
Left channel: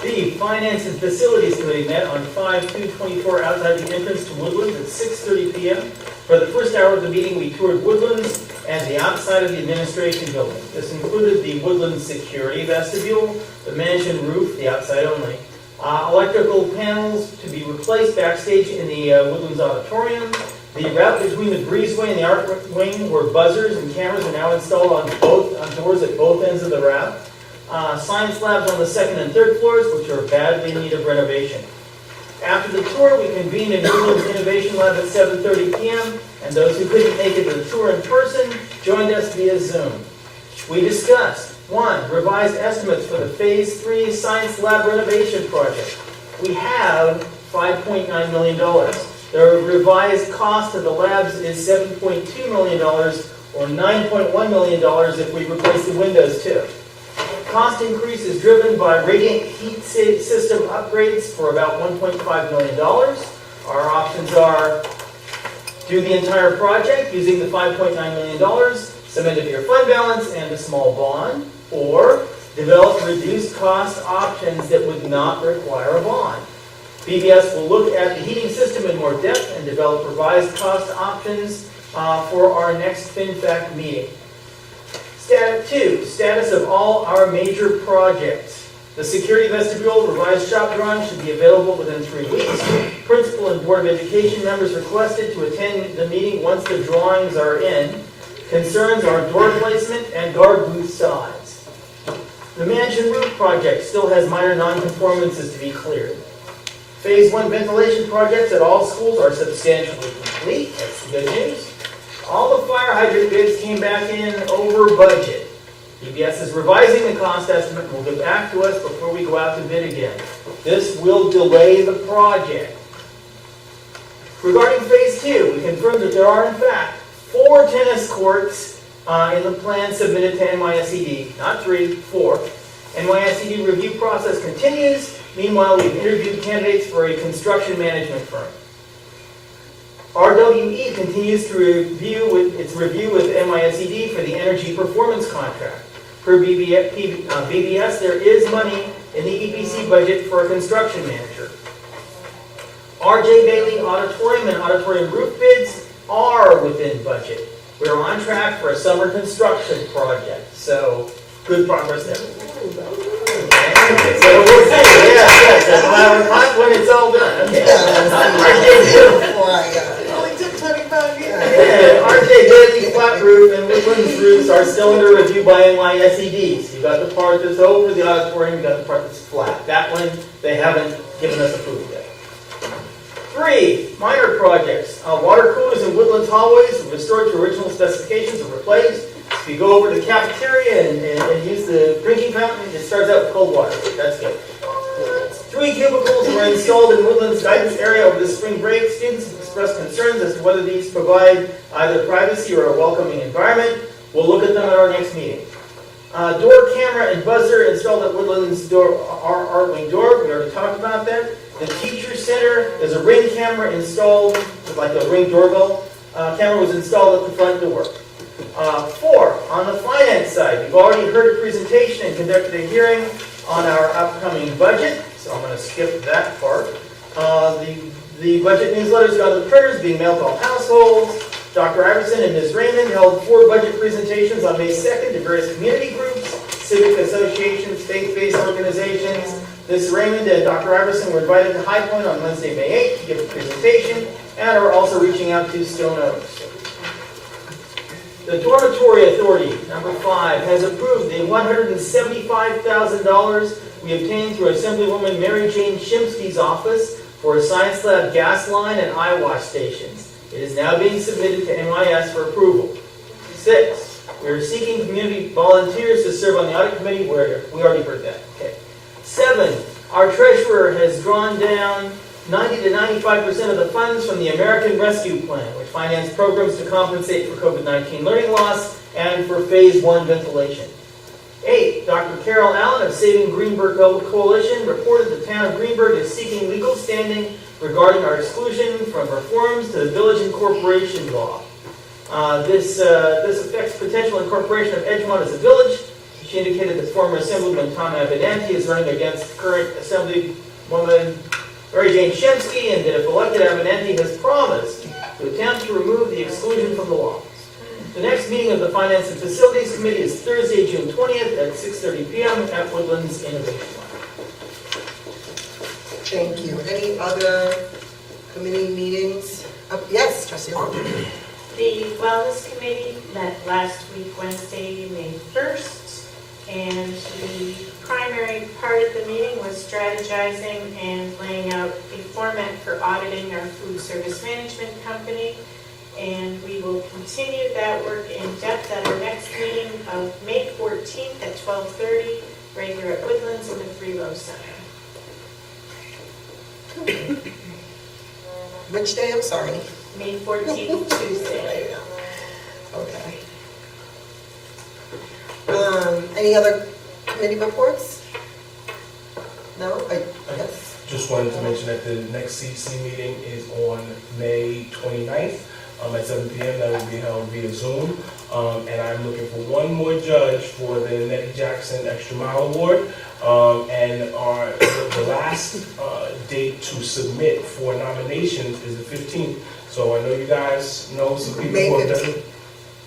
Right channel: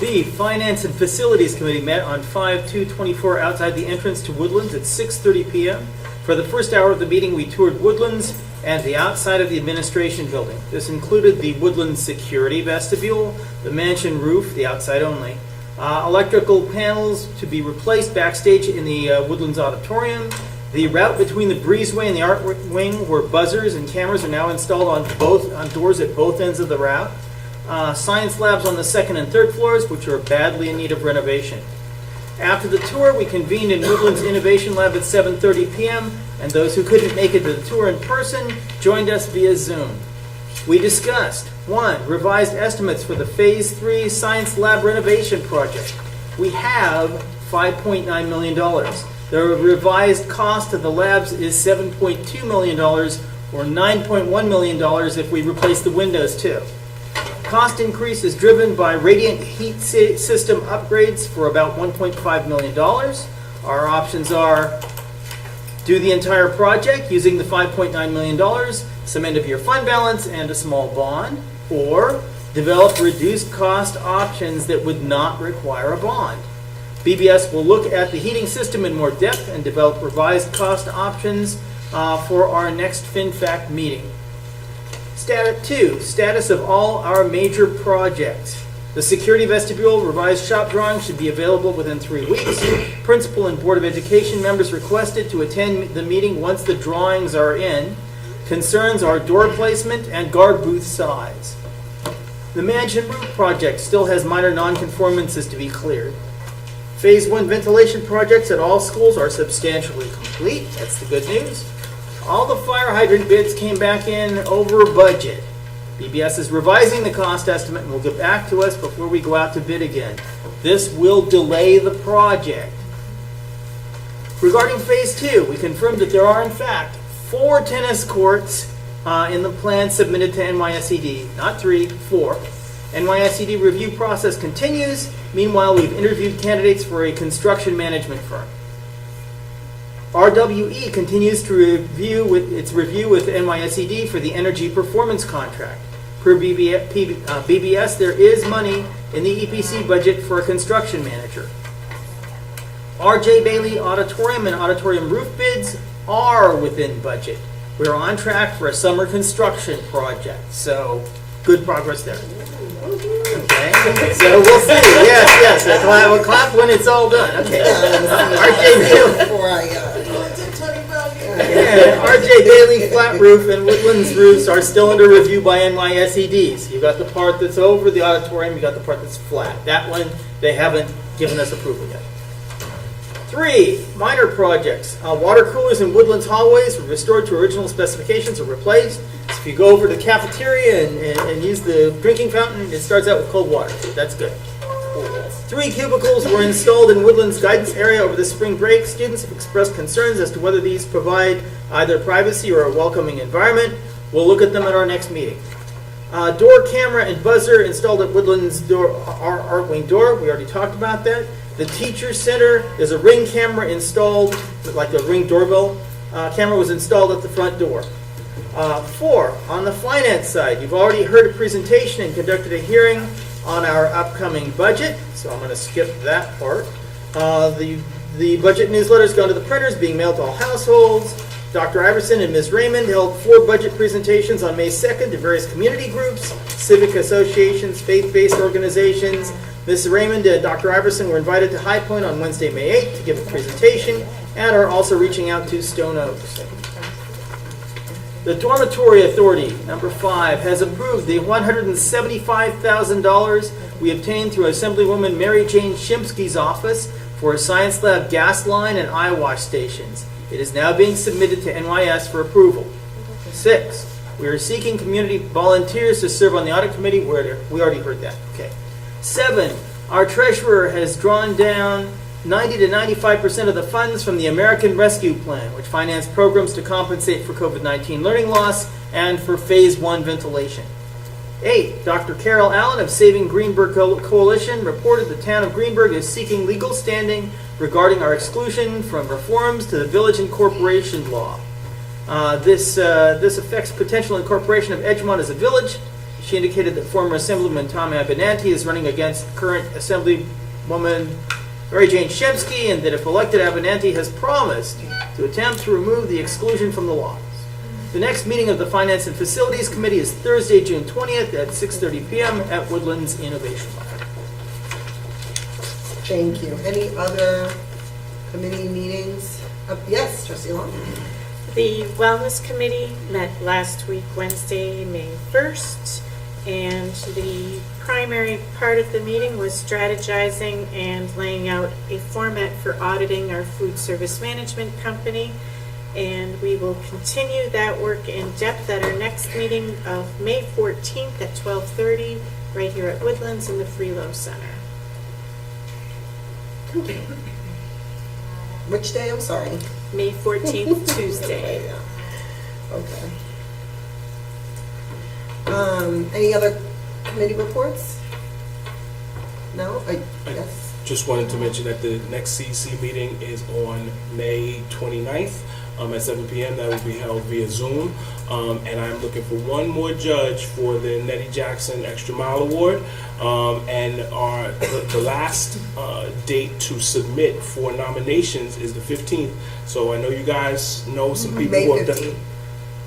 The Finance and Facilities Committee met on 5/2/24 outside the entrance to Woodlands at 6:30 p.m. For the first hour of the meeting, we toured Woodlands and the outside of the administration building. This included the Woodlands security vestibule, the mansion roof, the outside only, electrical panels to be replaced backstage in the Woodlands auditorium. The route between the breezeway and the art wing, where buzzers and cameras are now installed on doors at both ends of the route. Science labs on the 2nd and 3rd floors, which are badly in need of renovation. After the tour, we convened in Woodlands Innovation Lab at 7:30 p.m., and those who couldn't make it to the tour in person joined us via Zoom. We discussed, 1, revised estimates for the Phase 3 Science Lab renovation project. We have $5.9 million. The revised cost of the labs is $7.2 million, or $9.1 million if we replace the windows too. Cost increase is driven by radiant heat system upgrades for about $1.5 million. Our options are do the entire project using the $5.9 million, some end of year fund balance, and a small bond, or develop reduced cost options that would not require a bond. BBS will look at the heating system in more depth and develop revised cost options for our next FinFact meeting. Status of all our major projects. The security vestibule revised shop drawing should be available within 3 weeks. Principal and Board of Education members requested to attend the meeting once the drawings are in. Concerns are door placement and guard booth size. The mansion roof project still has minor non-conformances to be cleared. Phase 1 ventilation projects at all schools are substantially complete. That's the good news. All the fire hydrant bids came back in over budget. BBS is revising the cost estimate and will get back to us before we go out to bid again. This will delay the project. Regarding Phase 2, we confirmed that there are in fact 4 tennis courts in the plan submitted to NYSED. Not 3, 4. NYSED review process continues. Meanwhile, we've interviewed candidates for a construction management firm. RWE continues to review its review with NYSED for the energy performance contract. Per BBS, there is money in the EPC budget for a construction manager. RJ Bailey Auditorium and Auditorium roof bids are within budget. We're on track for a summer construction project, so good progress there. So we'll see. Yes, that's why I would talk when it's all done. Okay. RJ Bailey flat roof and Woodlands roofs are still under review by NYSED. So you got the part that's over the auditorium, you got the part that's flat. That one, they haven't given us approval yet. 3, minor projects. Water coolers in Woodlands hallways were restored to original specifications or replaced. If you go over to the cafeteria and use the drinking fountain, it starts out with cold water. That's good. 3 cubicles were installed in Woodlands guidance area over the spring break. Students have expressed concerns as to whether these provide either privacy or a welcoming environment. We'll look at them at our next meeting. Door camera and buzzer installed at Woodlands Art Wing door. We already talked about that. The Teacher Center, there's a Ring camera installed, like a Ring doorbell. Camera was installed at the front door. 4, on the finance side, you've already heard a presentation and conducted a hearing on our upcoming budget, so I'm going to skip that part. The budget newsletters go to the printers, being mailed to all households. Dr. Iverson and Ms. Raymond held 4 budget presentations on May 2nd to various community groups, civic associations, faith-based organizations. Ms. Raymond and Dr. Iverson were invited to High Point on Wednesday, May 8th to give a presentation and are also reaching out to Stone Oaks. The Dormitory Authority, number 5, has approved the $175,000 we obtained through Assemblywoman Mary Jane Shimsky's office for a science lab gas line and eye wash stations. It is now being submitted to NYS for approval. 6, we are seeking community volunteers to serve on the audit committee. We already heard that. Okay. 7, our treasurer has drawn down 90 to 95% of the funds from the American Rescue Plan, which financed programs to compensate for COVID-19 learning loss and for Phase 1 ventilation. 8, Dr. Carol Allen of Saving Greenburgh Coalition reported the town of Greenburgh is seeking legal standing regarding our exclusion from reforms to the Village Incorporation Law. This affects potential incorporation of Edgemont as a village. She indicated that former Assemblyman Tom Abenanti is running against current Assemblywoman Mary Jane Shemsky, and that if elected, Abenanti has promised to attempt to remove the exclusion from the laws. The next meeting of the Finance and Facilities Committee is Thursday, June 20th at 6:30 p.m. at Woodlands Innovation Lab. Thank you. Any other committee meetings? Yes, Trustee Long. The Wellness Committee met last week, Wednesday, May 1st, and the primary part of the meeting was strategizing and laying out a format for auditing our food service management company, and we will continue that work in depth at our next meeting of May 14th at 12:30, right here at Woodlands in the Freelow Center. Which day? I'm sorry. May 14th, Tuesday. Okay. Any other committee reports? No? I guess. Just wanted to mention that the next CEC meeting is on May 29th. at 7 p.m. That will be held via Zoom. And I'm looking for one more judge for the Nettie Jackson Extra Mile Award. And the last date to submit for nominations is the 15th. So I know you guys know some people May who have done. 15th.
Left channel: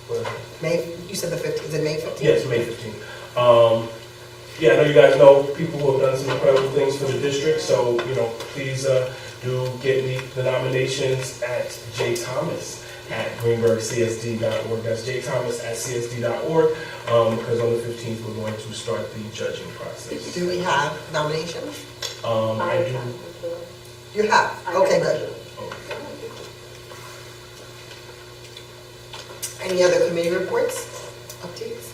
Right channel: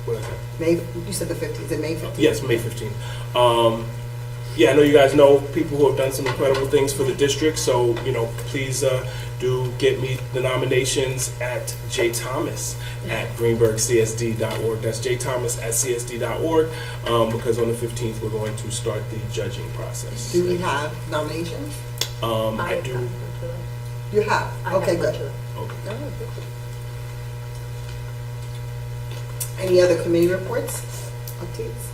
What? May, you said the 15th, is it May 15th? Yes, May 15th. Yeah, I know you guys know people who have done some incredible things for the district, so, please do get me the nominations at jthomas@greenburgcsd.org. That's jthomas@csd.org, because on the 15th, we're going to start the judging process. Do we have nominations? I do. You have, okay, good. Okay. Any other committee reports, updates?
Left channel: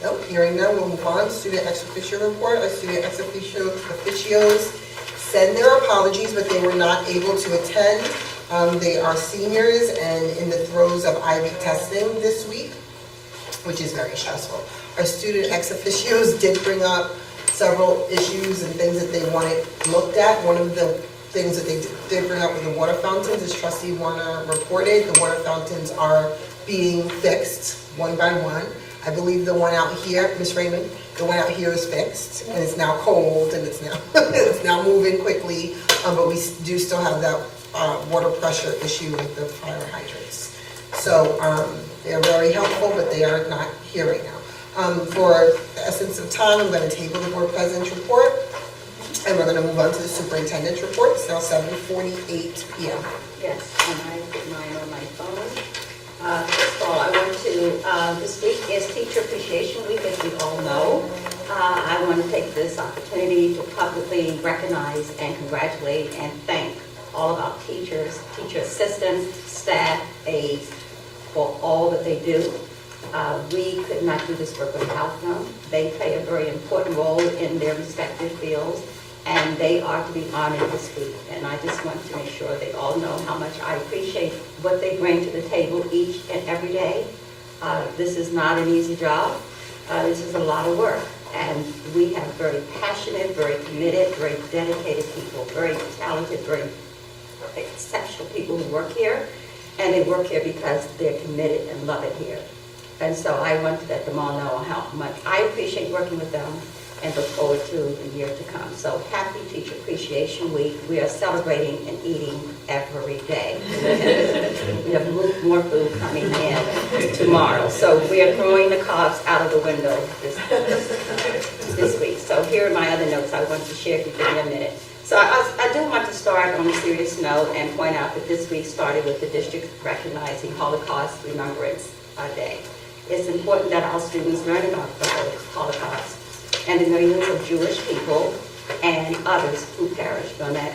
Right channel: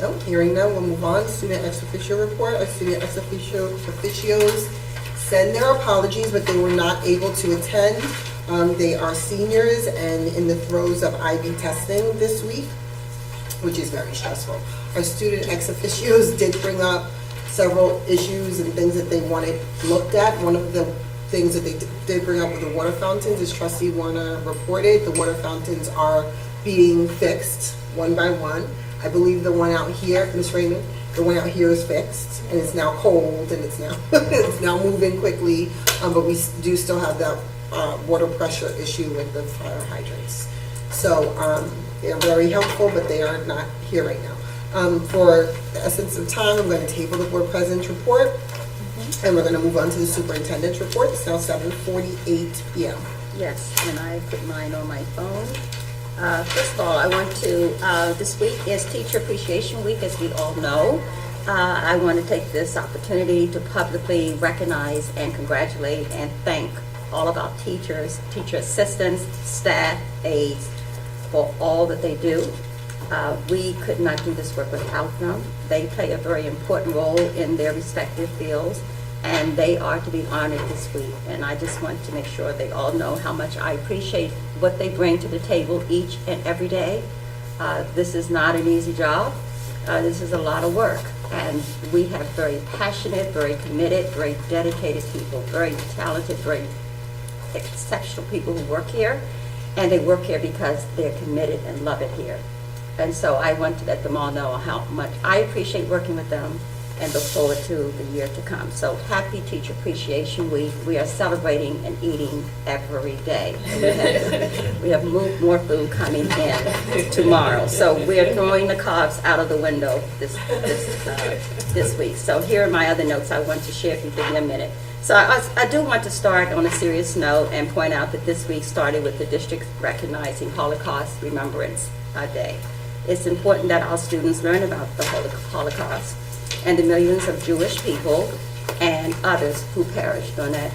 No, hearing none, we'll move on. Student ex officio report. Our student ex officios send their apologies, but they were not able to attend. They are seniors and in the throes of IB testing this week, which is very stressful. Our student ex officios did bring up several issues and things that they wanted looked at. One of the things that they did bring up with the water fountains, as Trustee Warner reported, the water fountains are being fixed one by one. I believe the one out here, Ms. Raymond, the one out here is fixed, and it's now cold, and it's now it's now moving quickly, but we do still have that water pressure issue with the fire hydrants. So they're very helpful, but they are not here right now. For the essence of time, I'm going to table the board president's report, and we're going to move on to the superintendent's report. It's now 7:48 p.m. Yes, and I put mine on my phone. First of all, I want to, this week is Teacher Appreciation Week, as we all know. I want to take this opportunity to publicly recognize and congratulate and thank all of our teachers, teacher assistants, staff, aides, for all that they do. We could not do this work without them. They play a very important role in their respective fields, and they are to be honored this week. And I just want to make sure they all know how much I appreciate what they bring to the table each and every day. This is not an easy job. This is a lot of work. And we have very passionate, very committed, very dedicated people, very talented, very exceptional people who work here. And they work here because they're committed and love it here. And so I want to let them all know how much I appreciate working with them and look forward to the year to come. So happy Teacher Appreciation Week. We are celebrating and eating every day. We have more food coming in tomorrow. So we are throwing the carbs out of the window this week. So here are my other notes I want to share if you give me a minute. So I do want to start on a serious note and point out that this week started with the district recognizing Holocaust Remembrance Day. It's important that our students learn about the Holocaust and the millions of Jewish people and others who perished on that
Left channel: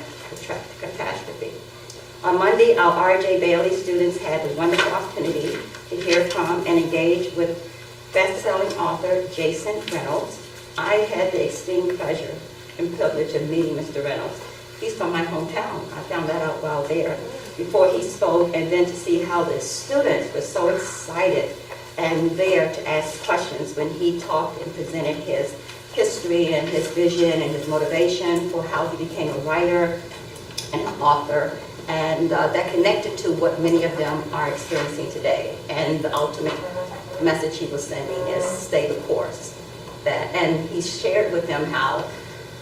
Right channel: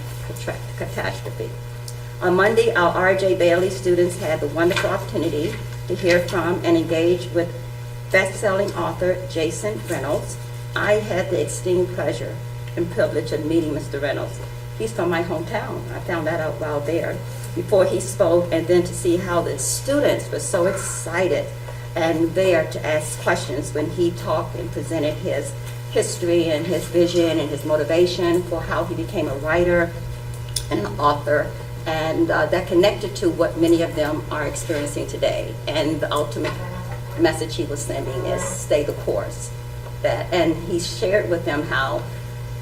catastrophe. On Monday, our R.J. Bailey students had the wonderful opportunity to hear from and engage with best-selling author Jason Reynolds. I had the extreme pleasure and privilege of meeting Mr. Reynolds. He's from my hometown. I found that out while there before he spoke, and then to see how the students were so excited and there to ask questions when he talked and presented his history and his vision and his motivation for how he became a writer and an author, and that connected to what many of them are experiencing today. And the ultimate message he was sending is stay the course. And he shared with them how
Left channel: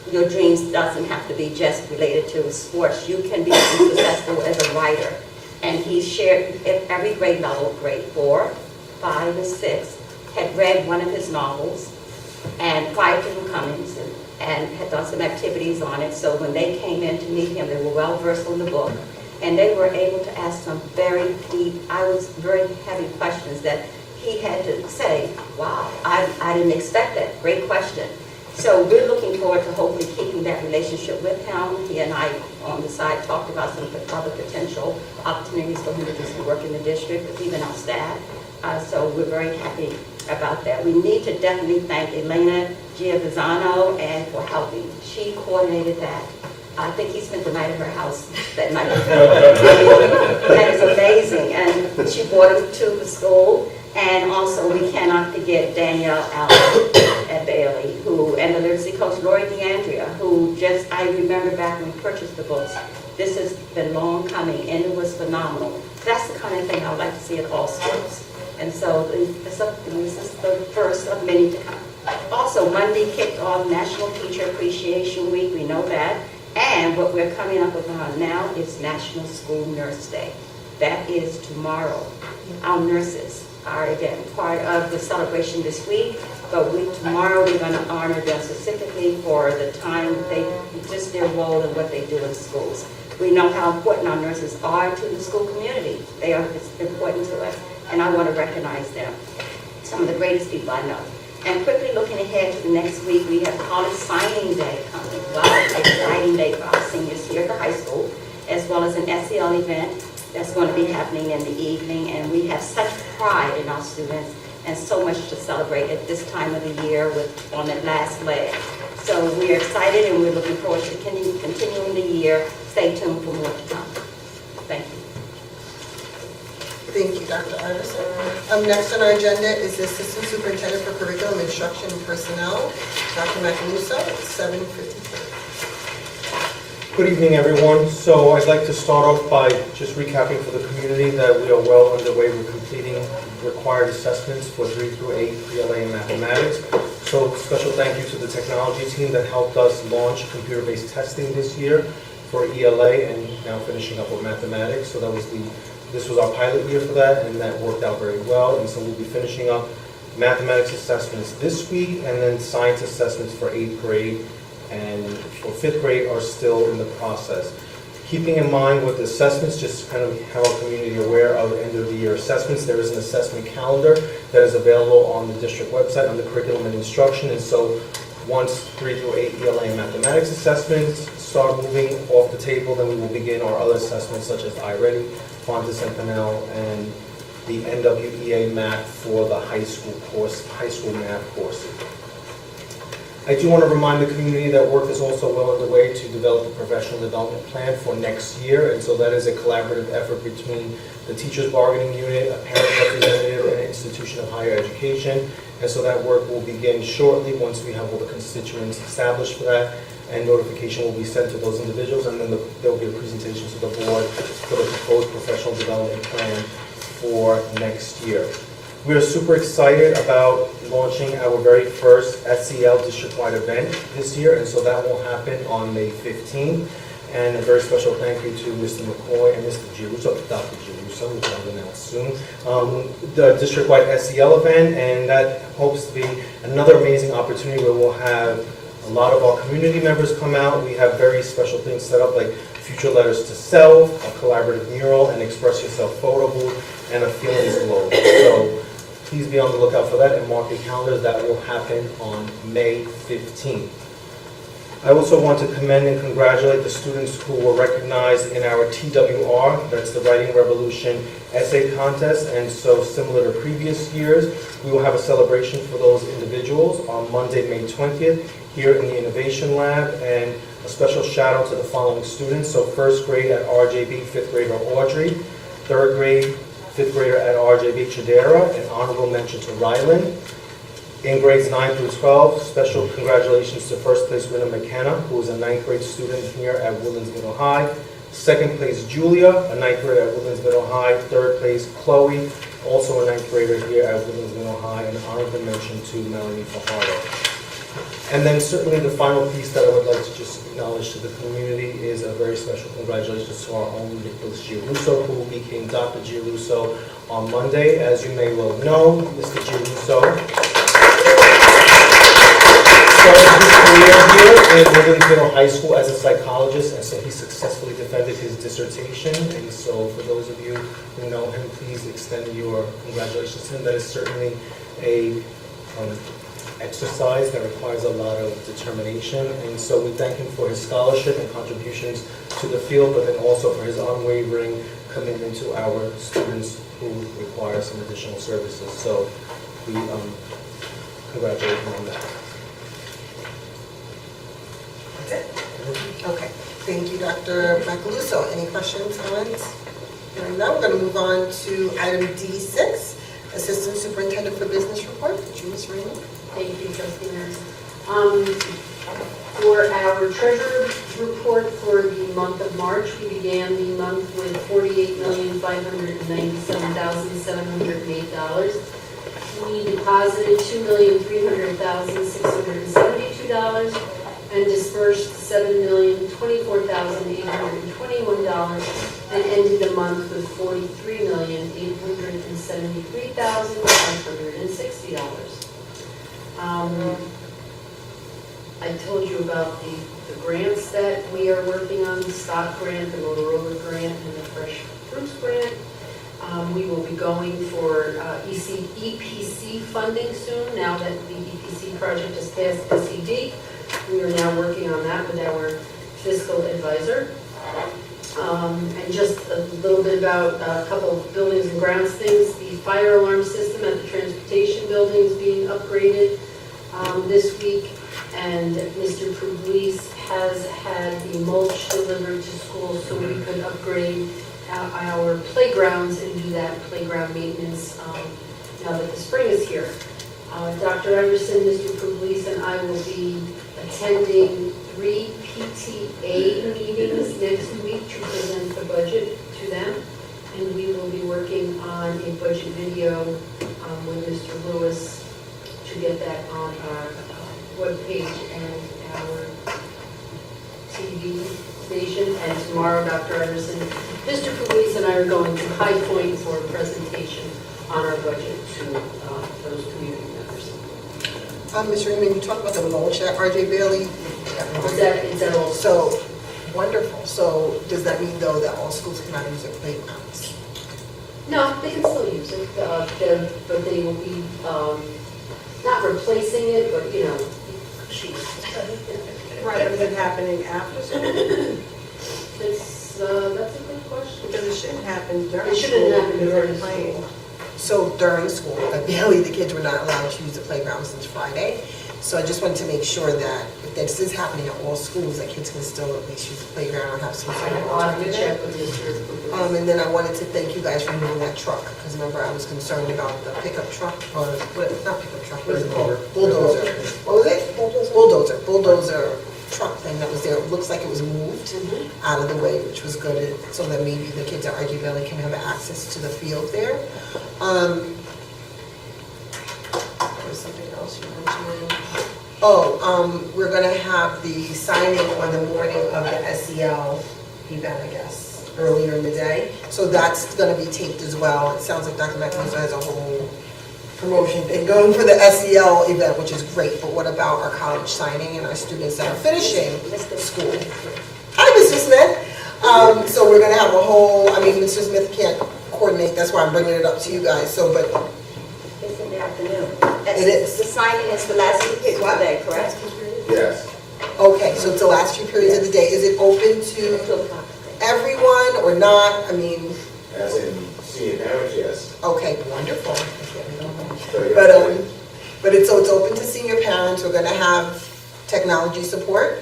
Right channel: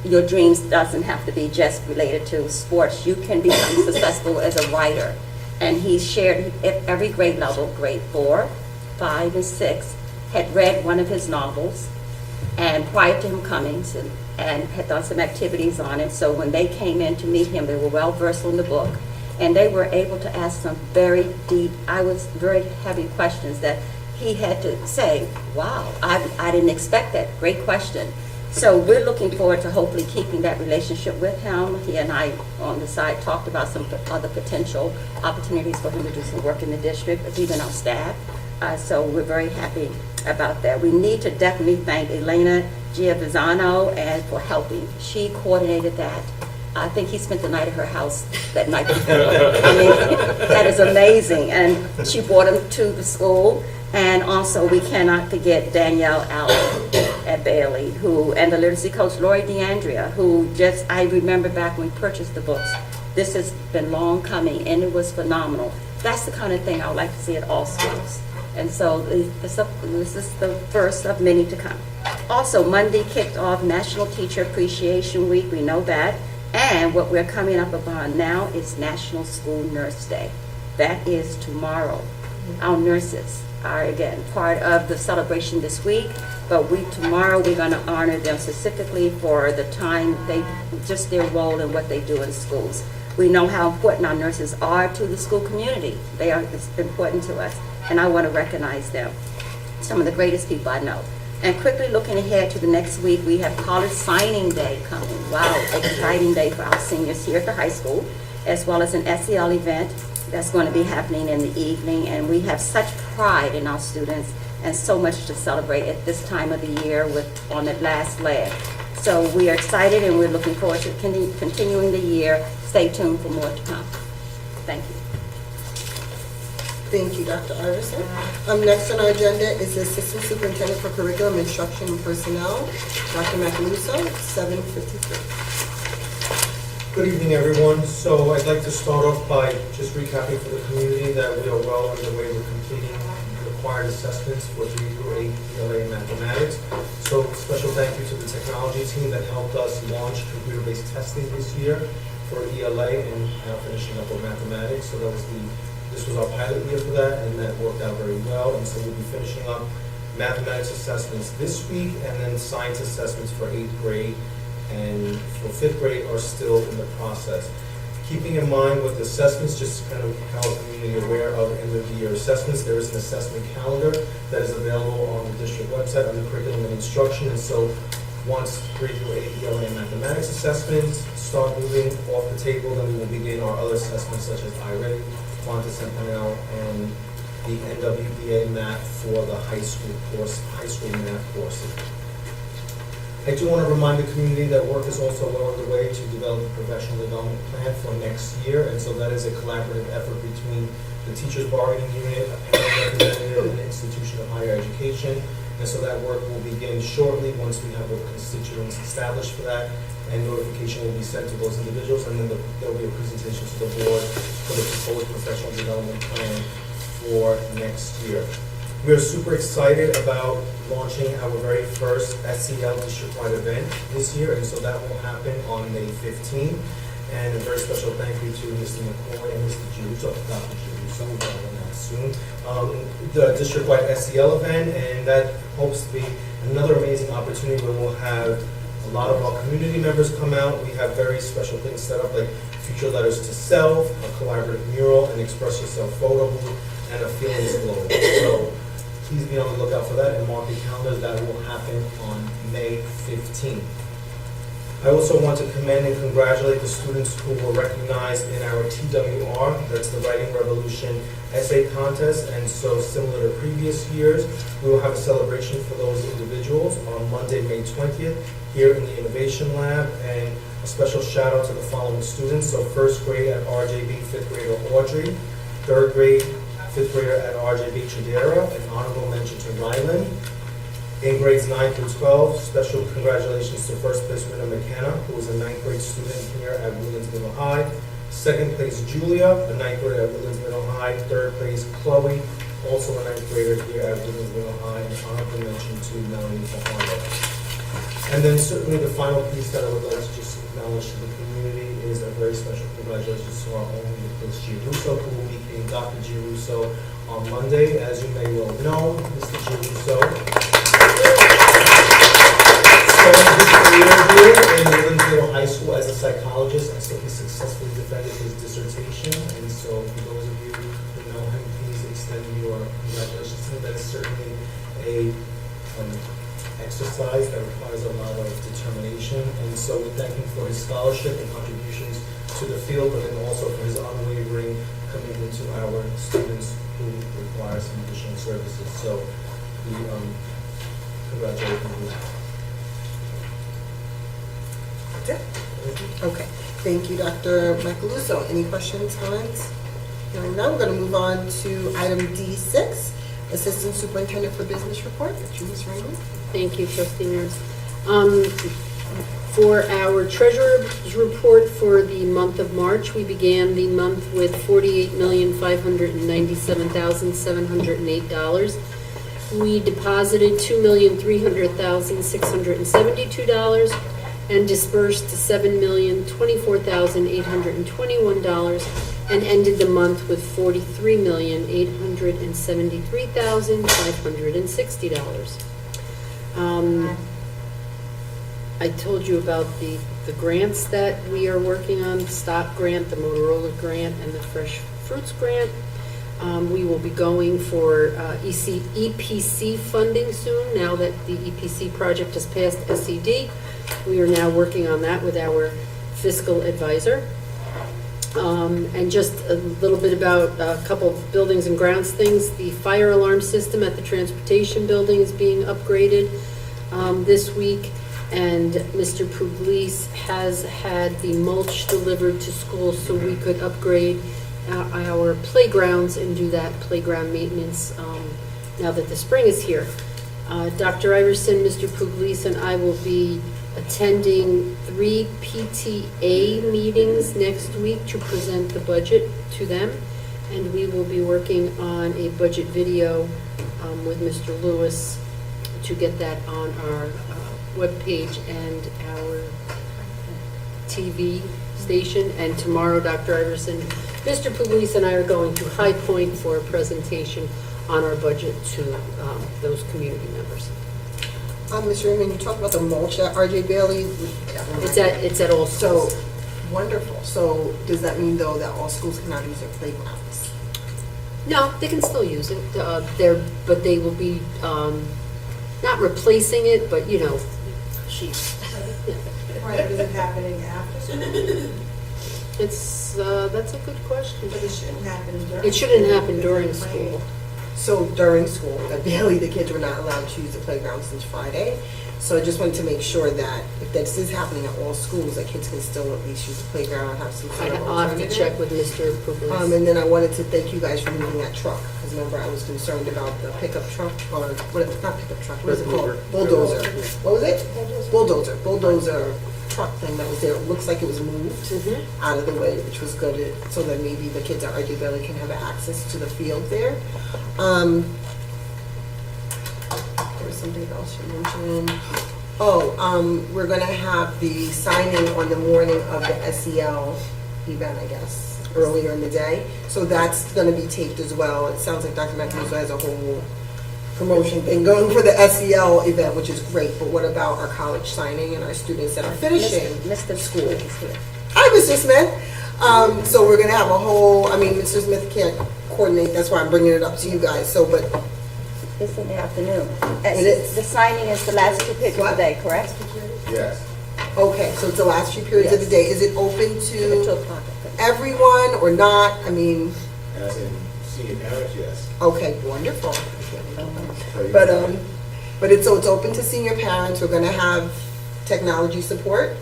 your dreams doesn't have to be just related to sports. You can be successful as a writer. And he shared at every grade level, grade 4, 5, and 6, had read one of his novels, and prior to him coming, and had done some activities on it. So when they came in to meet him, they were well versed in the book, and they were able to ask some very deep, very heavy questions that he had to say, wow, I didn't expect that. Great question. So we're looking forward to hopefully keeping that relationship with him. He and I on the side talked about some other potential opportunities for him to do some work in the district, because he's been our staff. So we're very happy about that. We need to definitely thank Elena Giovizano and for helping. She coordinated that. I think he spent the night at her house that night. That is amazing. And she brought him to the school. And also we cannot forget Danielle Allen at Bailey, and the literacy coach Lori DeAndrea, who I remember back when we purchased the books, This has been long coming, and it was phenomenal. That's the kind of thing I would like to see at all schools. And so this is the first of many to come. Also, Monday kicked off National Teacher Appreciation Week, we know that. And what we're coming up upon now is National School Nurse Day. That is tomorrow. Our nurses are, again, part of the celebration this week, but tomorrow we're going to honor them specifically for the time, just their role in what they do in schools. We know how important our nurses are to the school community. They are important to us, and I want to recognize them. Some of the greatest people I know. And quickly looking ahead to the next week, we have College Signing Day coming. Wow, exciting day for our seniors here at the high school, as well as an SEL event that's going to be happening in the evening. And we have such pride in our students and so much to celebrate at this time of the year on that last leg. So we are excited and we're looking forward to continuing the year. Stay tuned for more to come. Thank you. Thank you, Dr. Iverson. Next on our agenda is the Assistant Superintendent for Curriculum, Instruction, and Personnel, Dr. Macaluso, 7:53. Good evening, everyone. So I'd like to start off by just recapping for the community that we are well underway with completing required assessments for 3 through 8 ELA in mathematics. So special thank you to the technology team that helped us launch computer-based testing this year for ELA and now finishing up with mathematics. So this was our pilot year for that, and that worked out very well. And so we'll be finishing up mathematics assessments this week, and then science assessments for 8th grade and for 5th grade are still in the process. Keeping in mind with assessments, just kind of how our community aware of end of the year assessments, there is an assessment calendar that is available on the district website under curriculum and instruction. And so once 3 through 8 ELA and mathematics assessments start moving off the table, then we will begin our other assessments such as iReady, Qantas and Pinnell, and the NWEA math for the high school math courses. I do want to remind the community that work is also well underway to develop a professional development plan for next year, and so that is a collaborative effort between the teachers bargaining unit, a parent representative, and an institution of higher education. And so that work will begin shortly once we have all the constituents established for that, and notification will be sent to those individuals, and then there will be a presentation to the board for the proposed professional development plan for next year. We're super excited about launching our very first SEL district-wide event this year, and so that will happen on May 15th. And a very special thank you to Mr. McCoy and Mr. Giruso, Dr. Giruso, who's on the now soon, the district-wide SEL event, and that hopes to be another amazing opportunity where we'll have a lot of our community members come out. We have very special things set up like future letters to self, a collaborative mural, an express yourself photo booth, and a feelings globe. So please be on the lookout for that and mark your calendars. That will happen on May 15th. I also want to commend and congratulate the students who were recognized in our TWR, that's the Writing Revolution essay contest, and so similar to previous years, we will have a celebration for those individuals on Monday, May 20th, here in the Innovation Lab, and a special shout out to the following students. So first grade at RJB, fifth grader Audrey, third grade, fifth grader at RJB Chidera, an honorable mention to Ryland. In grades 9 through 12, special congratulations to first place winner McKenna, who was a 9th grade student here at Woodlands Middle High. Second place Julia, a 9th grader at Woodlands Middle High. Third place Chloe, also a 9th grader here at Woodlands Middle High, and honorable mention to Melanie Fajardo. And then certainly the final piece that I would like to just acknowledge to the community is a very special congratulations to our own Nicholas Giruso, who became Dr. Giruso on Monday. As you may well know, Mr. Giruso started his career here in Woodlands Middle High School as a psychologist, and so he successfully defended his dissertation. And so for those of you who know him, please extend your congratulations to him. That is certainly a exercise that requires a lot of determination, and so we thank him for his scholarship and contributions to the field, but then also for his unwavering commitment to our students who require some additional services. So we congratulate him on that. That's it? Okay. Thank you, Dr. Macaluso. Any questions, comments? And now we're going to move on to item D6, Assistant Superintendent for Business Report, Julie Raymond. Thank you, Trustee Nurse. For our treasurer's report for for the month of March. We began the month with $48,597,708. We deposited $2,300,672 and dispersed $7,024,821 and ended the month with $43,873,560. I told you about the grants that we are working on, the Stop Grant, the Motorola Grant, and the Fresh Fruits Grant. We will be going for EPC funding soon, now that the EPC project has passed SED. We are now working on that with our fiscal advisor. And just a little bit about a couple of buildings and grounds things. The fire alarm system at the transportation building is being upgraded this week. And Mr. Pugliese has had the mulch delivered to school so we could upgrade our playgrounds and do that playground maintenance now that the spring is here. Dr. Iverson, Mr. Pugliese, and I will be attending 3 PTA meetings next week to present the budget to them. And we will be working on a budget video with Mr. Lewis to get that on our webpage and our TV station. And tomorrow, Dr. Iverson, Mr. Pugliese, and I are going to High Point for a presentation on our budget to those community members. Ms. Raymond, you talked about the mulch at RJ Bailey. It's at all schools. So, wonderful. So, does that mean though that all schools cannot use their playgrounds? No, they can still use it, but they will be not replacing it, but Right, is it happening after school? It's, that's a good question. But it shouldn't happen during. It shouldn't school happen if during they're school. playing. So during school, at Bailey, the kids were not allowed to use the playground since Friday. So I just wanted to make sure that if this is happening at all schools, that kids can still at least use the playground and have some fun. I'll have to check with Mr. Pugliese. And then I wanted to thank you guys for moving that truck, because remember, I was concerned about the pickup truck, or, not pickup truck, what is it called? Bulldozer. What was it? Bulldozer truck thing that was there. It looks like it was moved out of the way, which was good, so that maybe the kids at RG Bailey can have access to the field there. There's something else you mentioned. We're gonna have the signing on the morning of the SEL event, I guess, earlier in the day. So that's gonna be taped as well. It sounds like Dr. Matthews has a whole promotion thing going for the SEL event, which is great. But what about our college signing and our students that are finishing school? Hi, Mr. Smith. So we're gonna have a whole, Mr. Smith can't coordinate, that's why I'm bringing it up to you guys, so, but. It's in the afternoon. It is. The signing is the last few periods of the day, correct? Yes. Okay, so it's the last few periods of the day. Is it open to everyone or not? As in senior parents, yes. Okay, wonderful. But it's open to senior parents. We're gonna have technology support.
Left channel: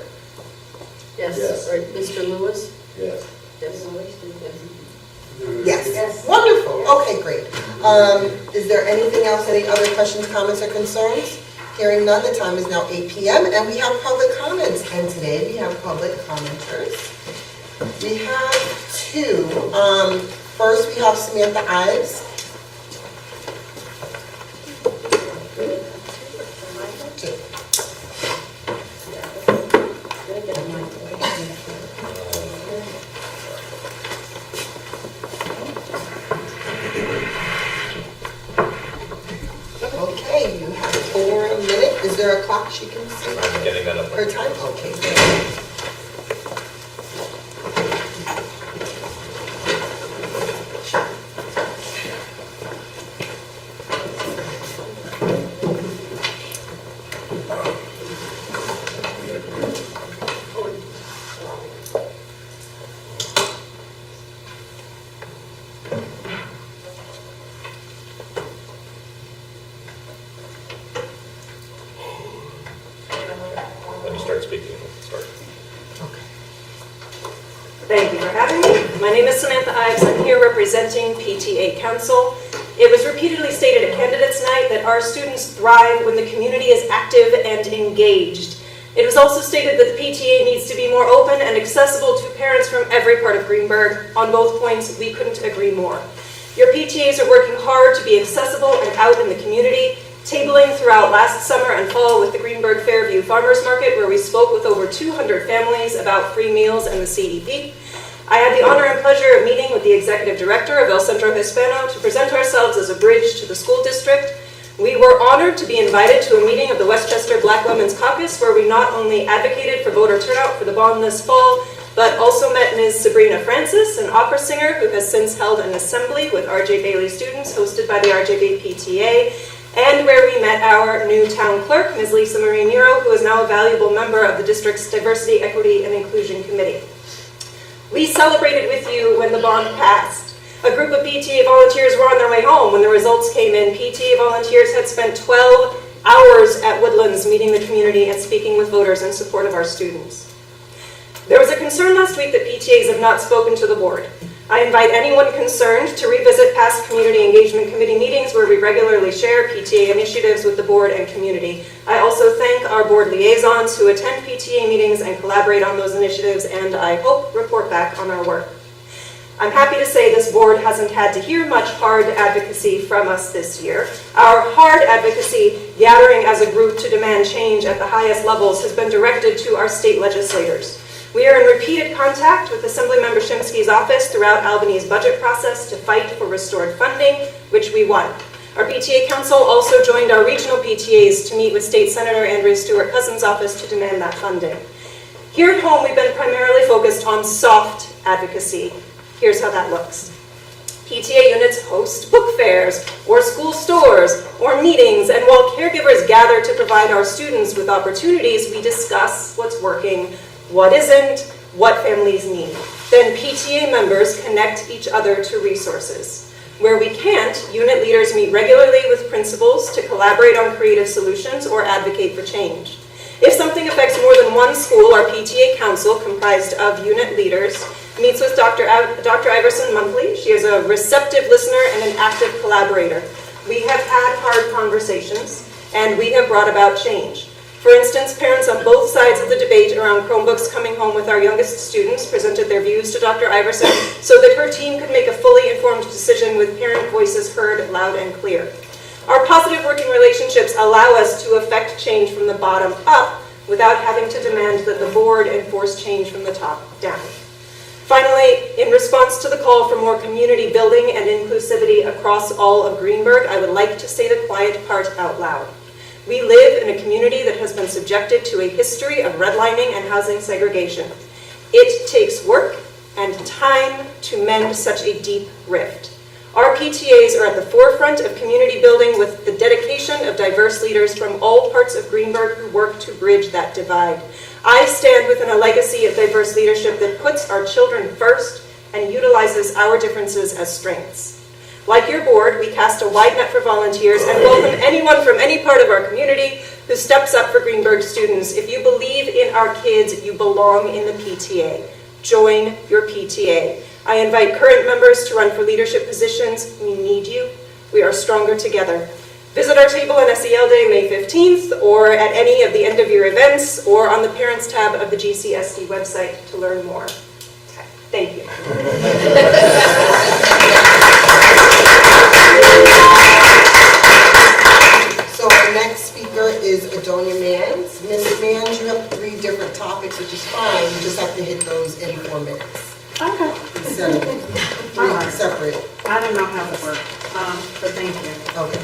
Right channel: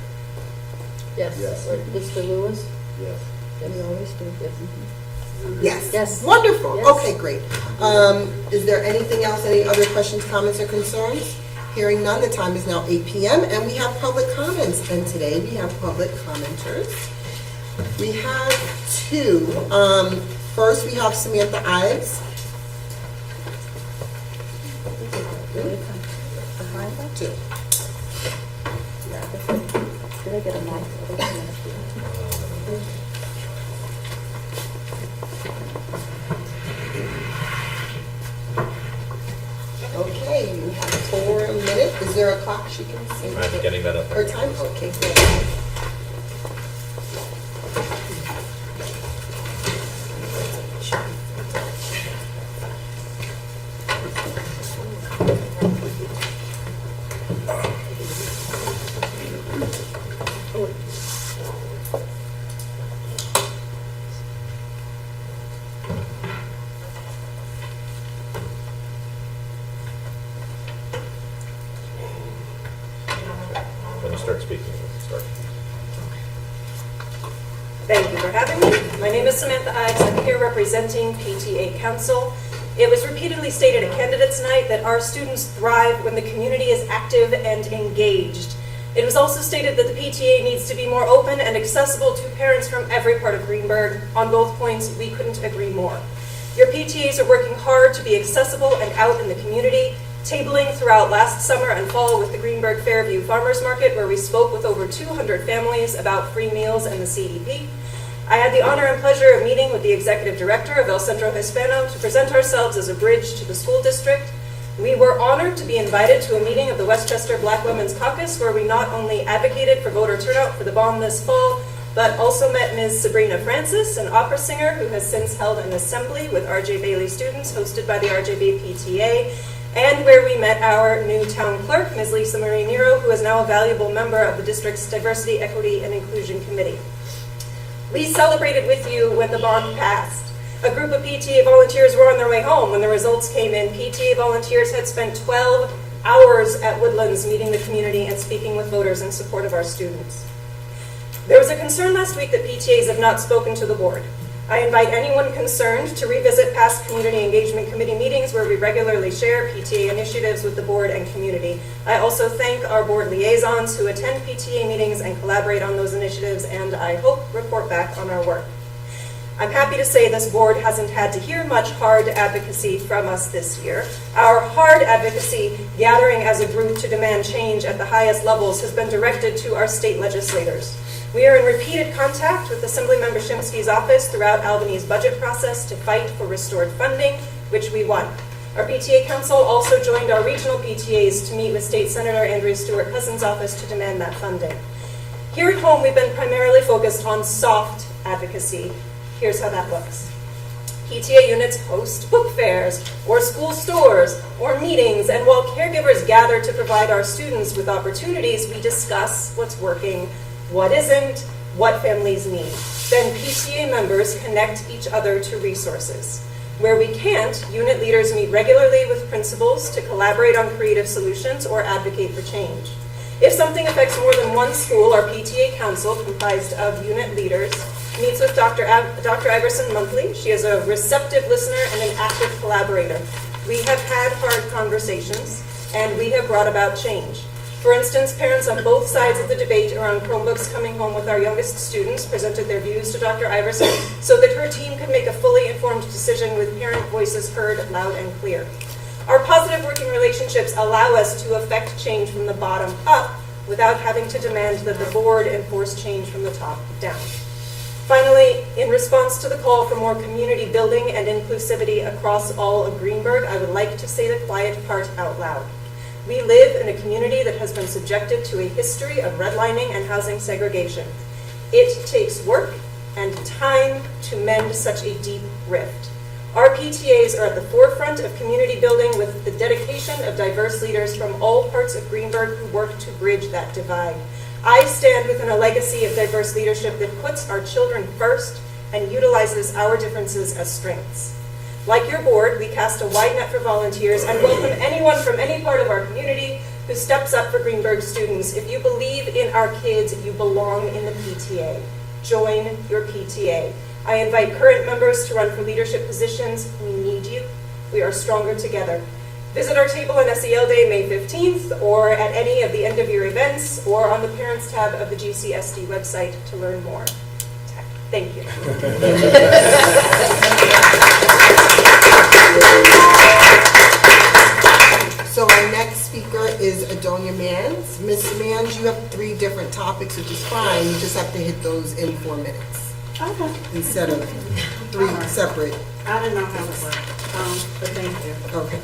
Yes, Yes. Mr. Lewis? Yes. Yes. Yes. Yes. Wonderful. Yes. Okay, great. Is there anything else, any other questions, comments, or concerns? Hearing none, the time is now 8 p.m. and we have public comments. And today we have public commenters. We have two. First, we have Samantha Ives. Okay, you have 4 minutes. Is there a clock she can see? I can get any better. Her time? Okay, good. When you start speaking, start. Thank you for having me. My name is Samantha Ives. I'm here representing PTA Council. It was repeatedly stated at Candidates Night that our students thrive when the community is active and engaged. It was also stated that the PTA needs to be more open and accessible to parents from every part of Greenburgh. On both points, we couldn't agree more. Your PTAs are working hard to be accessible and out in the community, tabling throughout last summer and fall with the Greenburgh Fairview Farmers Market, where we spoke with over 200 families about free meals and the CEP. I had the honor and pleasure of meeting with the executive director of El Centro Hispano to present ourselves as a bridge to the school district. We were honored to be invited to a meeting of the Westchester Black Women's Caucus, where we not only advocated for voter turnout for the bond this fall, but also met Ms. Sabrina Francis, an opera singer who has since held an assembly with R.J. Bailey students hosted by the RJB PTA, and where we met our new town clerk, Ms. Lisa Marie Nero, who is now a valuable member of the district's Diversity, Equity, and Inclusion Committee. We celebrated with you when the bond passed. A group of PTA volunteers were on their way home when the results came in. PTA volunteers had spent 12 hours at Woodlands meeting the community and speaking with voters in support of our students. There was a concern last week that PTAs have not spoken to the board. I invite anyone concerned to revisit past Community Engagement Committee meetings where we regularly share PTA initiatives with the board and community. I also thank our board liaisons who attend PTA meetings and collaborate on those initiatives, and I hope report back on our work. I'm happy to say this board hasn't had to hear much hard advocacy from us this year. Our hard advocacy, gathering as a group to demand change at the highest levels, has been directed to our state legislators. We are in repeated contact with Assemblymember Shimsky's office throughout Albany's budget process to fight for restored funding, which we won. Our PTA Council also joined our regional PTAs to meet with State Senator Andrea Stewart-Cousins' office to demand that funding. Here at home, we've been primarily focused on soft advocacy. Here's how that looks. PTA units host book fairs, or school stores, or meetings, and while caregivers gather to provide our students with opportunities, we discuss what's working, what isn't, what families need. Then PTA members connect each other to resources. Where we can't, unit leaders meet regularly with principals to collaborate on creative solutions or advocate for change. If something affects more than one school, our PTA council, comprised of unit leaders, meets with Dr. Iverson monthly. She is a receptive listener and an active collaborator. We have had hard conversations, and we have brought about change. For instance, parents on both sides of the debate around Chromebooks coming home with our youngest students presented their views to Dr. Iverson so that her team could make a fully informed decision with parent voices heard loud and clear. Our positive working relationships allow us to affect change from the bottom up without having to demand that the board enforce change from the top down. Finally, in response to the call for more community building and inclusivity across all of Greenburgh, I would like to say the quiet part out loud. We live in a community that has been subjected to a history of redlining and housing segregation. It takes work and time to mend such a deep rift. Our PTAs are at the forefront of community building with the dedication of diverse leaders from all parts of Greenburgh who work to bridge that divide. I stand within a legacy of diverse leadership that puts our children first and utilizes our differences as strengths. Like your board, we cast a wide net for volunteers and welcome anyone from any part of our community who steps up for Greenburgh students. If you believe in our kids, you belong in the PTA. Join your PTA. I invite current members to run for leadership positions. We need you. We are stronger together. Visit our table on SEL Day, May 15th, or at any of the end-of-year events, or on the Parents tab of the GCSD website to learn more. Thank you. So our next speaker is Adonia Mans. Mrs. Mans, you have 3 different topics, which is fine. You just have to hit those in 4 minutes. Okay. Instead of 3 Alright. separate. I didn't know how it worked, but thank you. Okay.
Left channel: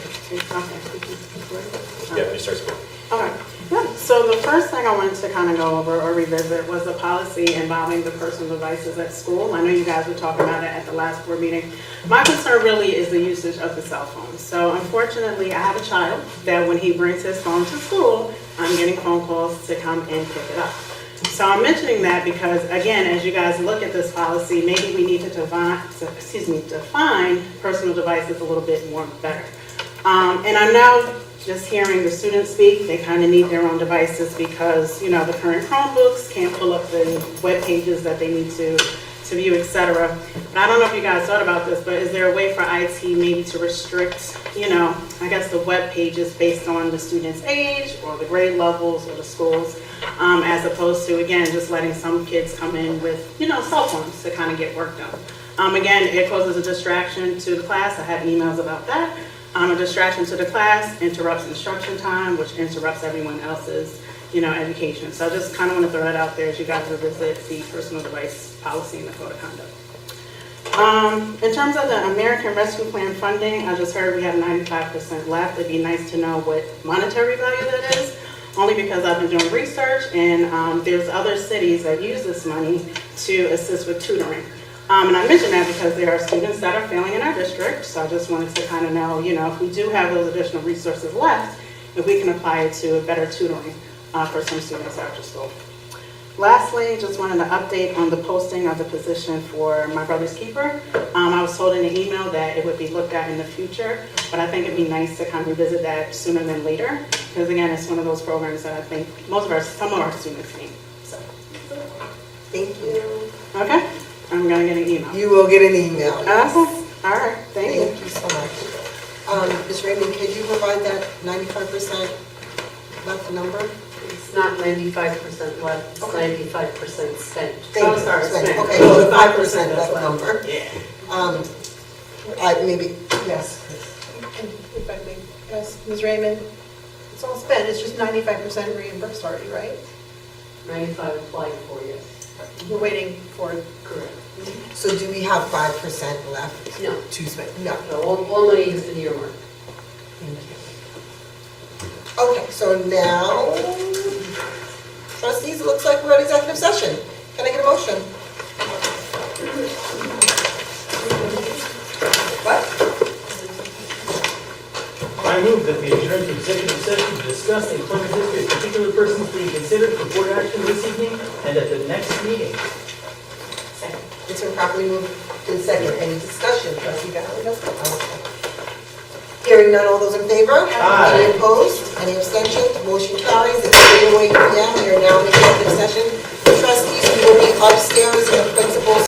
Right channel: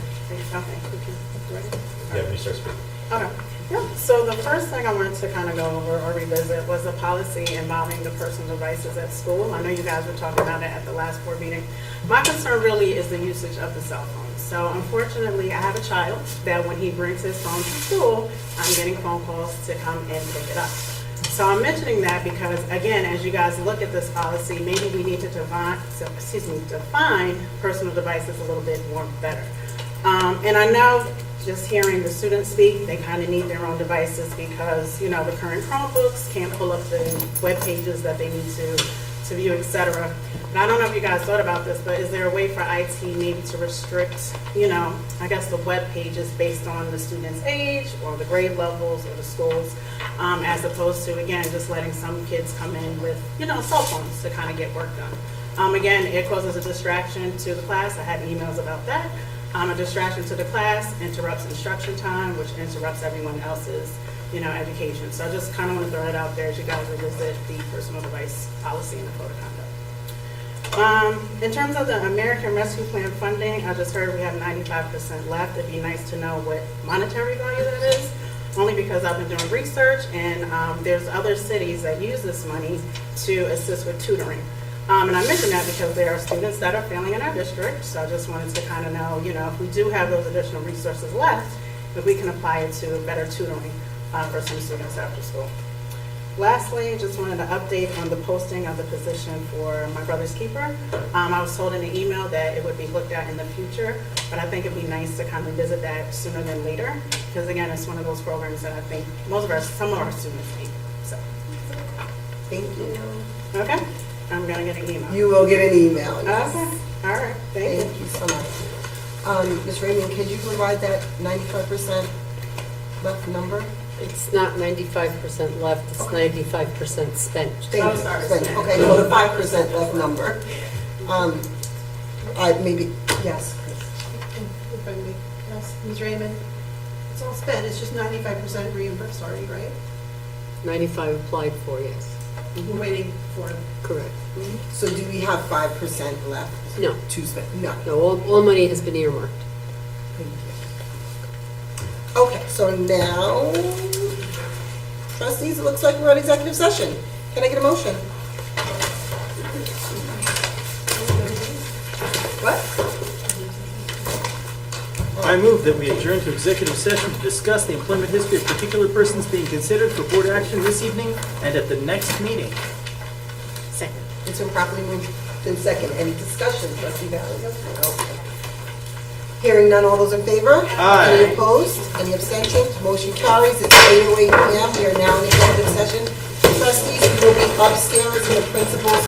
Yeah, we start with. Okay. Yeah. So the first thing I wanted to kind of go over or revisit was the policy involving the personal devices at school. I know you guys were talking about it at the last board meeting. My concern really is the usage of the cell phone. So unfortunately, I have a child that when he brings his phone to school, I'm getting phone calls to come and pick it up. So I'm mentioning that because, again, as you guys look at this policy, maybe we need to define personal devices a little bit more better. And I know just hearing the students speak, they kind of need their own devices because, you know, the current Chromebooks can't pull up the web pages that they need to to view, etc. And I don't know if you guys thought about this, but is there a way for IT maybe to restrict, I guess the web pages based on the student's age or the grade levels or the schools, as opposed to, again, just letting some kids come in with, cell phones to kind of get work done. Again, it causes a distraction to the class. I have emails about that. A distraction to the class interrupts instruction time, which interrupts everyone else's, education. So I just kind of want to throw that out there as you guys revisit the personal device policy and the code of conduct. In terms of the American Rescue Plan funding, I just heard we have 95% left. It'd be nice to know what monetary value that is, only because I've been doing research and there's other cities that use this money to assist with tutoring. And I mention that because there are students that are failing in our district, so I just wanted to kind of know, if we do have those additional resources left, if we can apply it to better tutoring for some students after school. Lastly, just wanted to update on the posting of the position for my brother's keeper. I was told in the email that it would be looked at in the future, but I think it'd be nice to kind of revisit that sooner than later, because again, it's one of those programs that I think some of our students need. So. Thank you. Okay. I'm gonna get an email. You will get an email. Okay, all right, thank you. Thank you so much. Ms. Raymond, could you provide that 95% left number? It's not 95% left, it's 95% spent. Thank you. sorry, Spent. spent. Okay, well, the 5% left number. Yeah. Maybe, yes. If I may, yes, Ms. Raymond, it's all spent, it's just 95% reimbursed already, right? 95 applied for, yes. We're waiting for, Correct. So do we have 5% left No, to spend? No. no, all money has been earmarked. Okay, so now, trustees, it looks like we're in executive session. Can I get a motion? What? I move that we adjourn to executive session to discuss the employment history of particular persons being considered for board action this evening and at the next meeting. Second. It's been properly moved in second. Any discussion? Trustee Valerie? Okay. Hearing none, all those in favor? Aye. Any opposed? Any abstentions? Motion carries. It's 3:08 p.m. We are now in executive session. Trustees, you will be upstairs in the principal's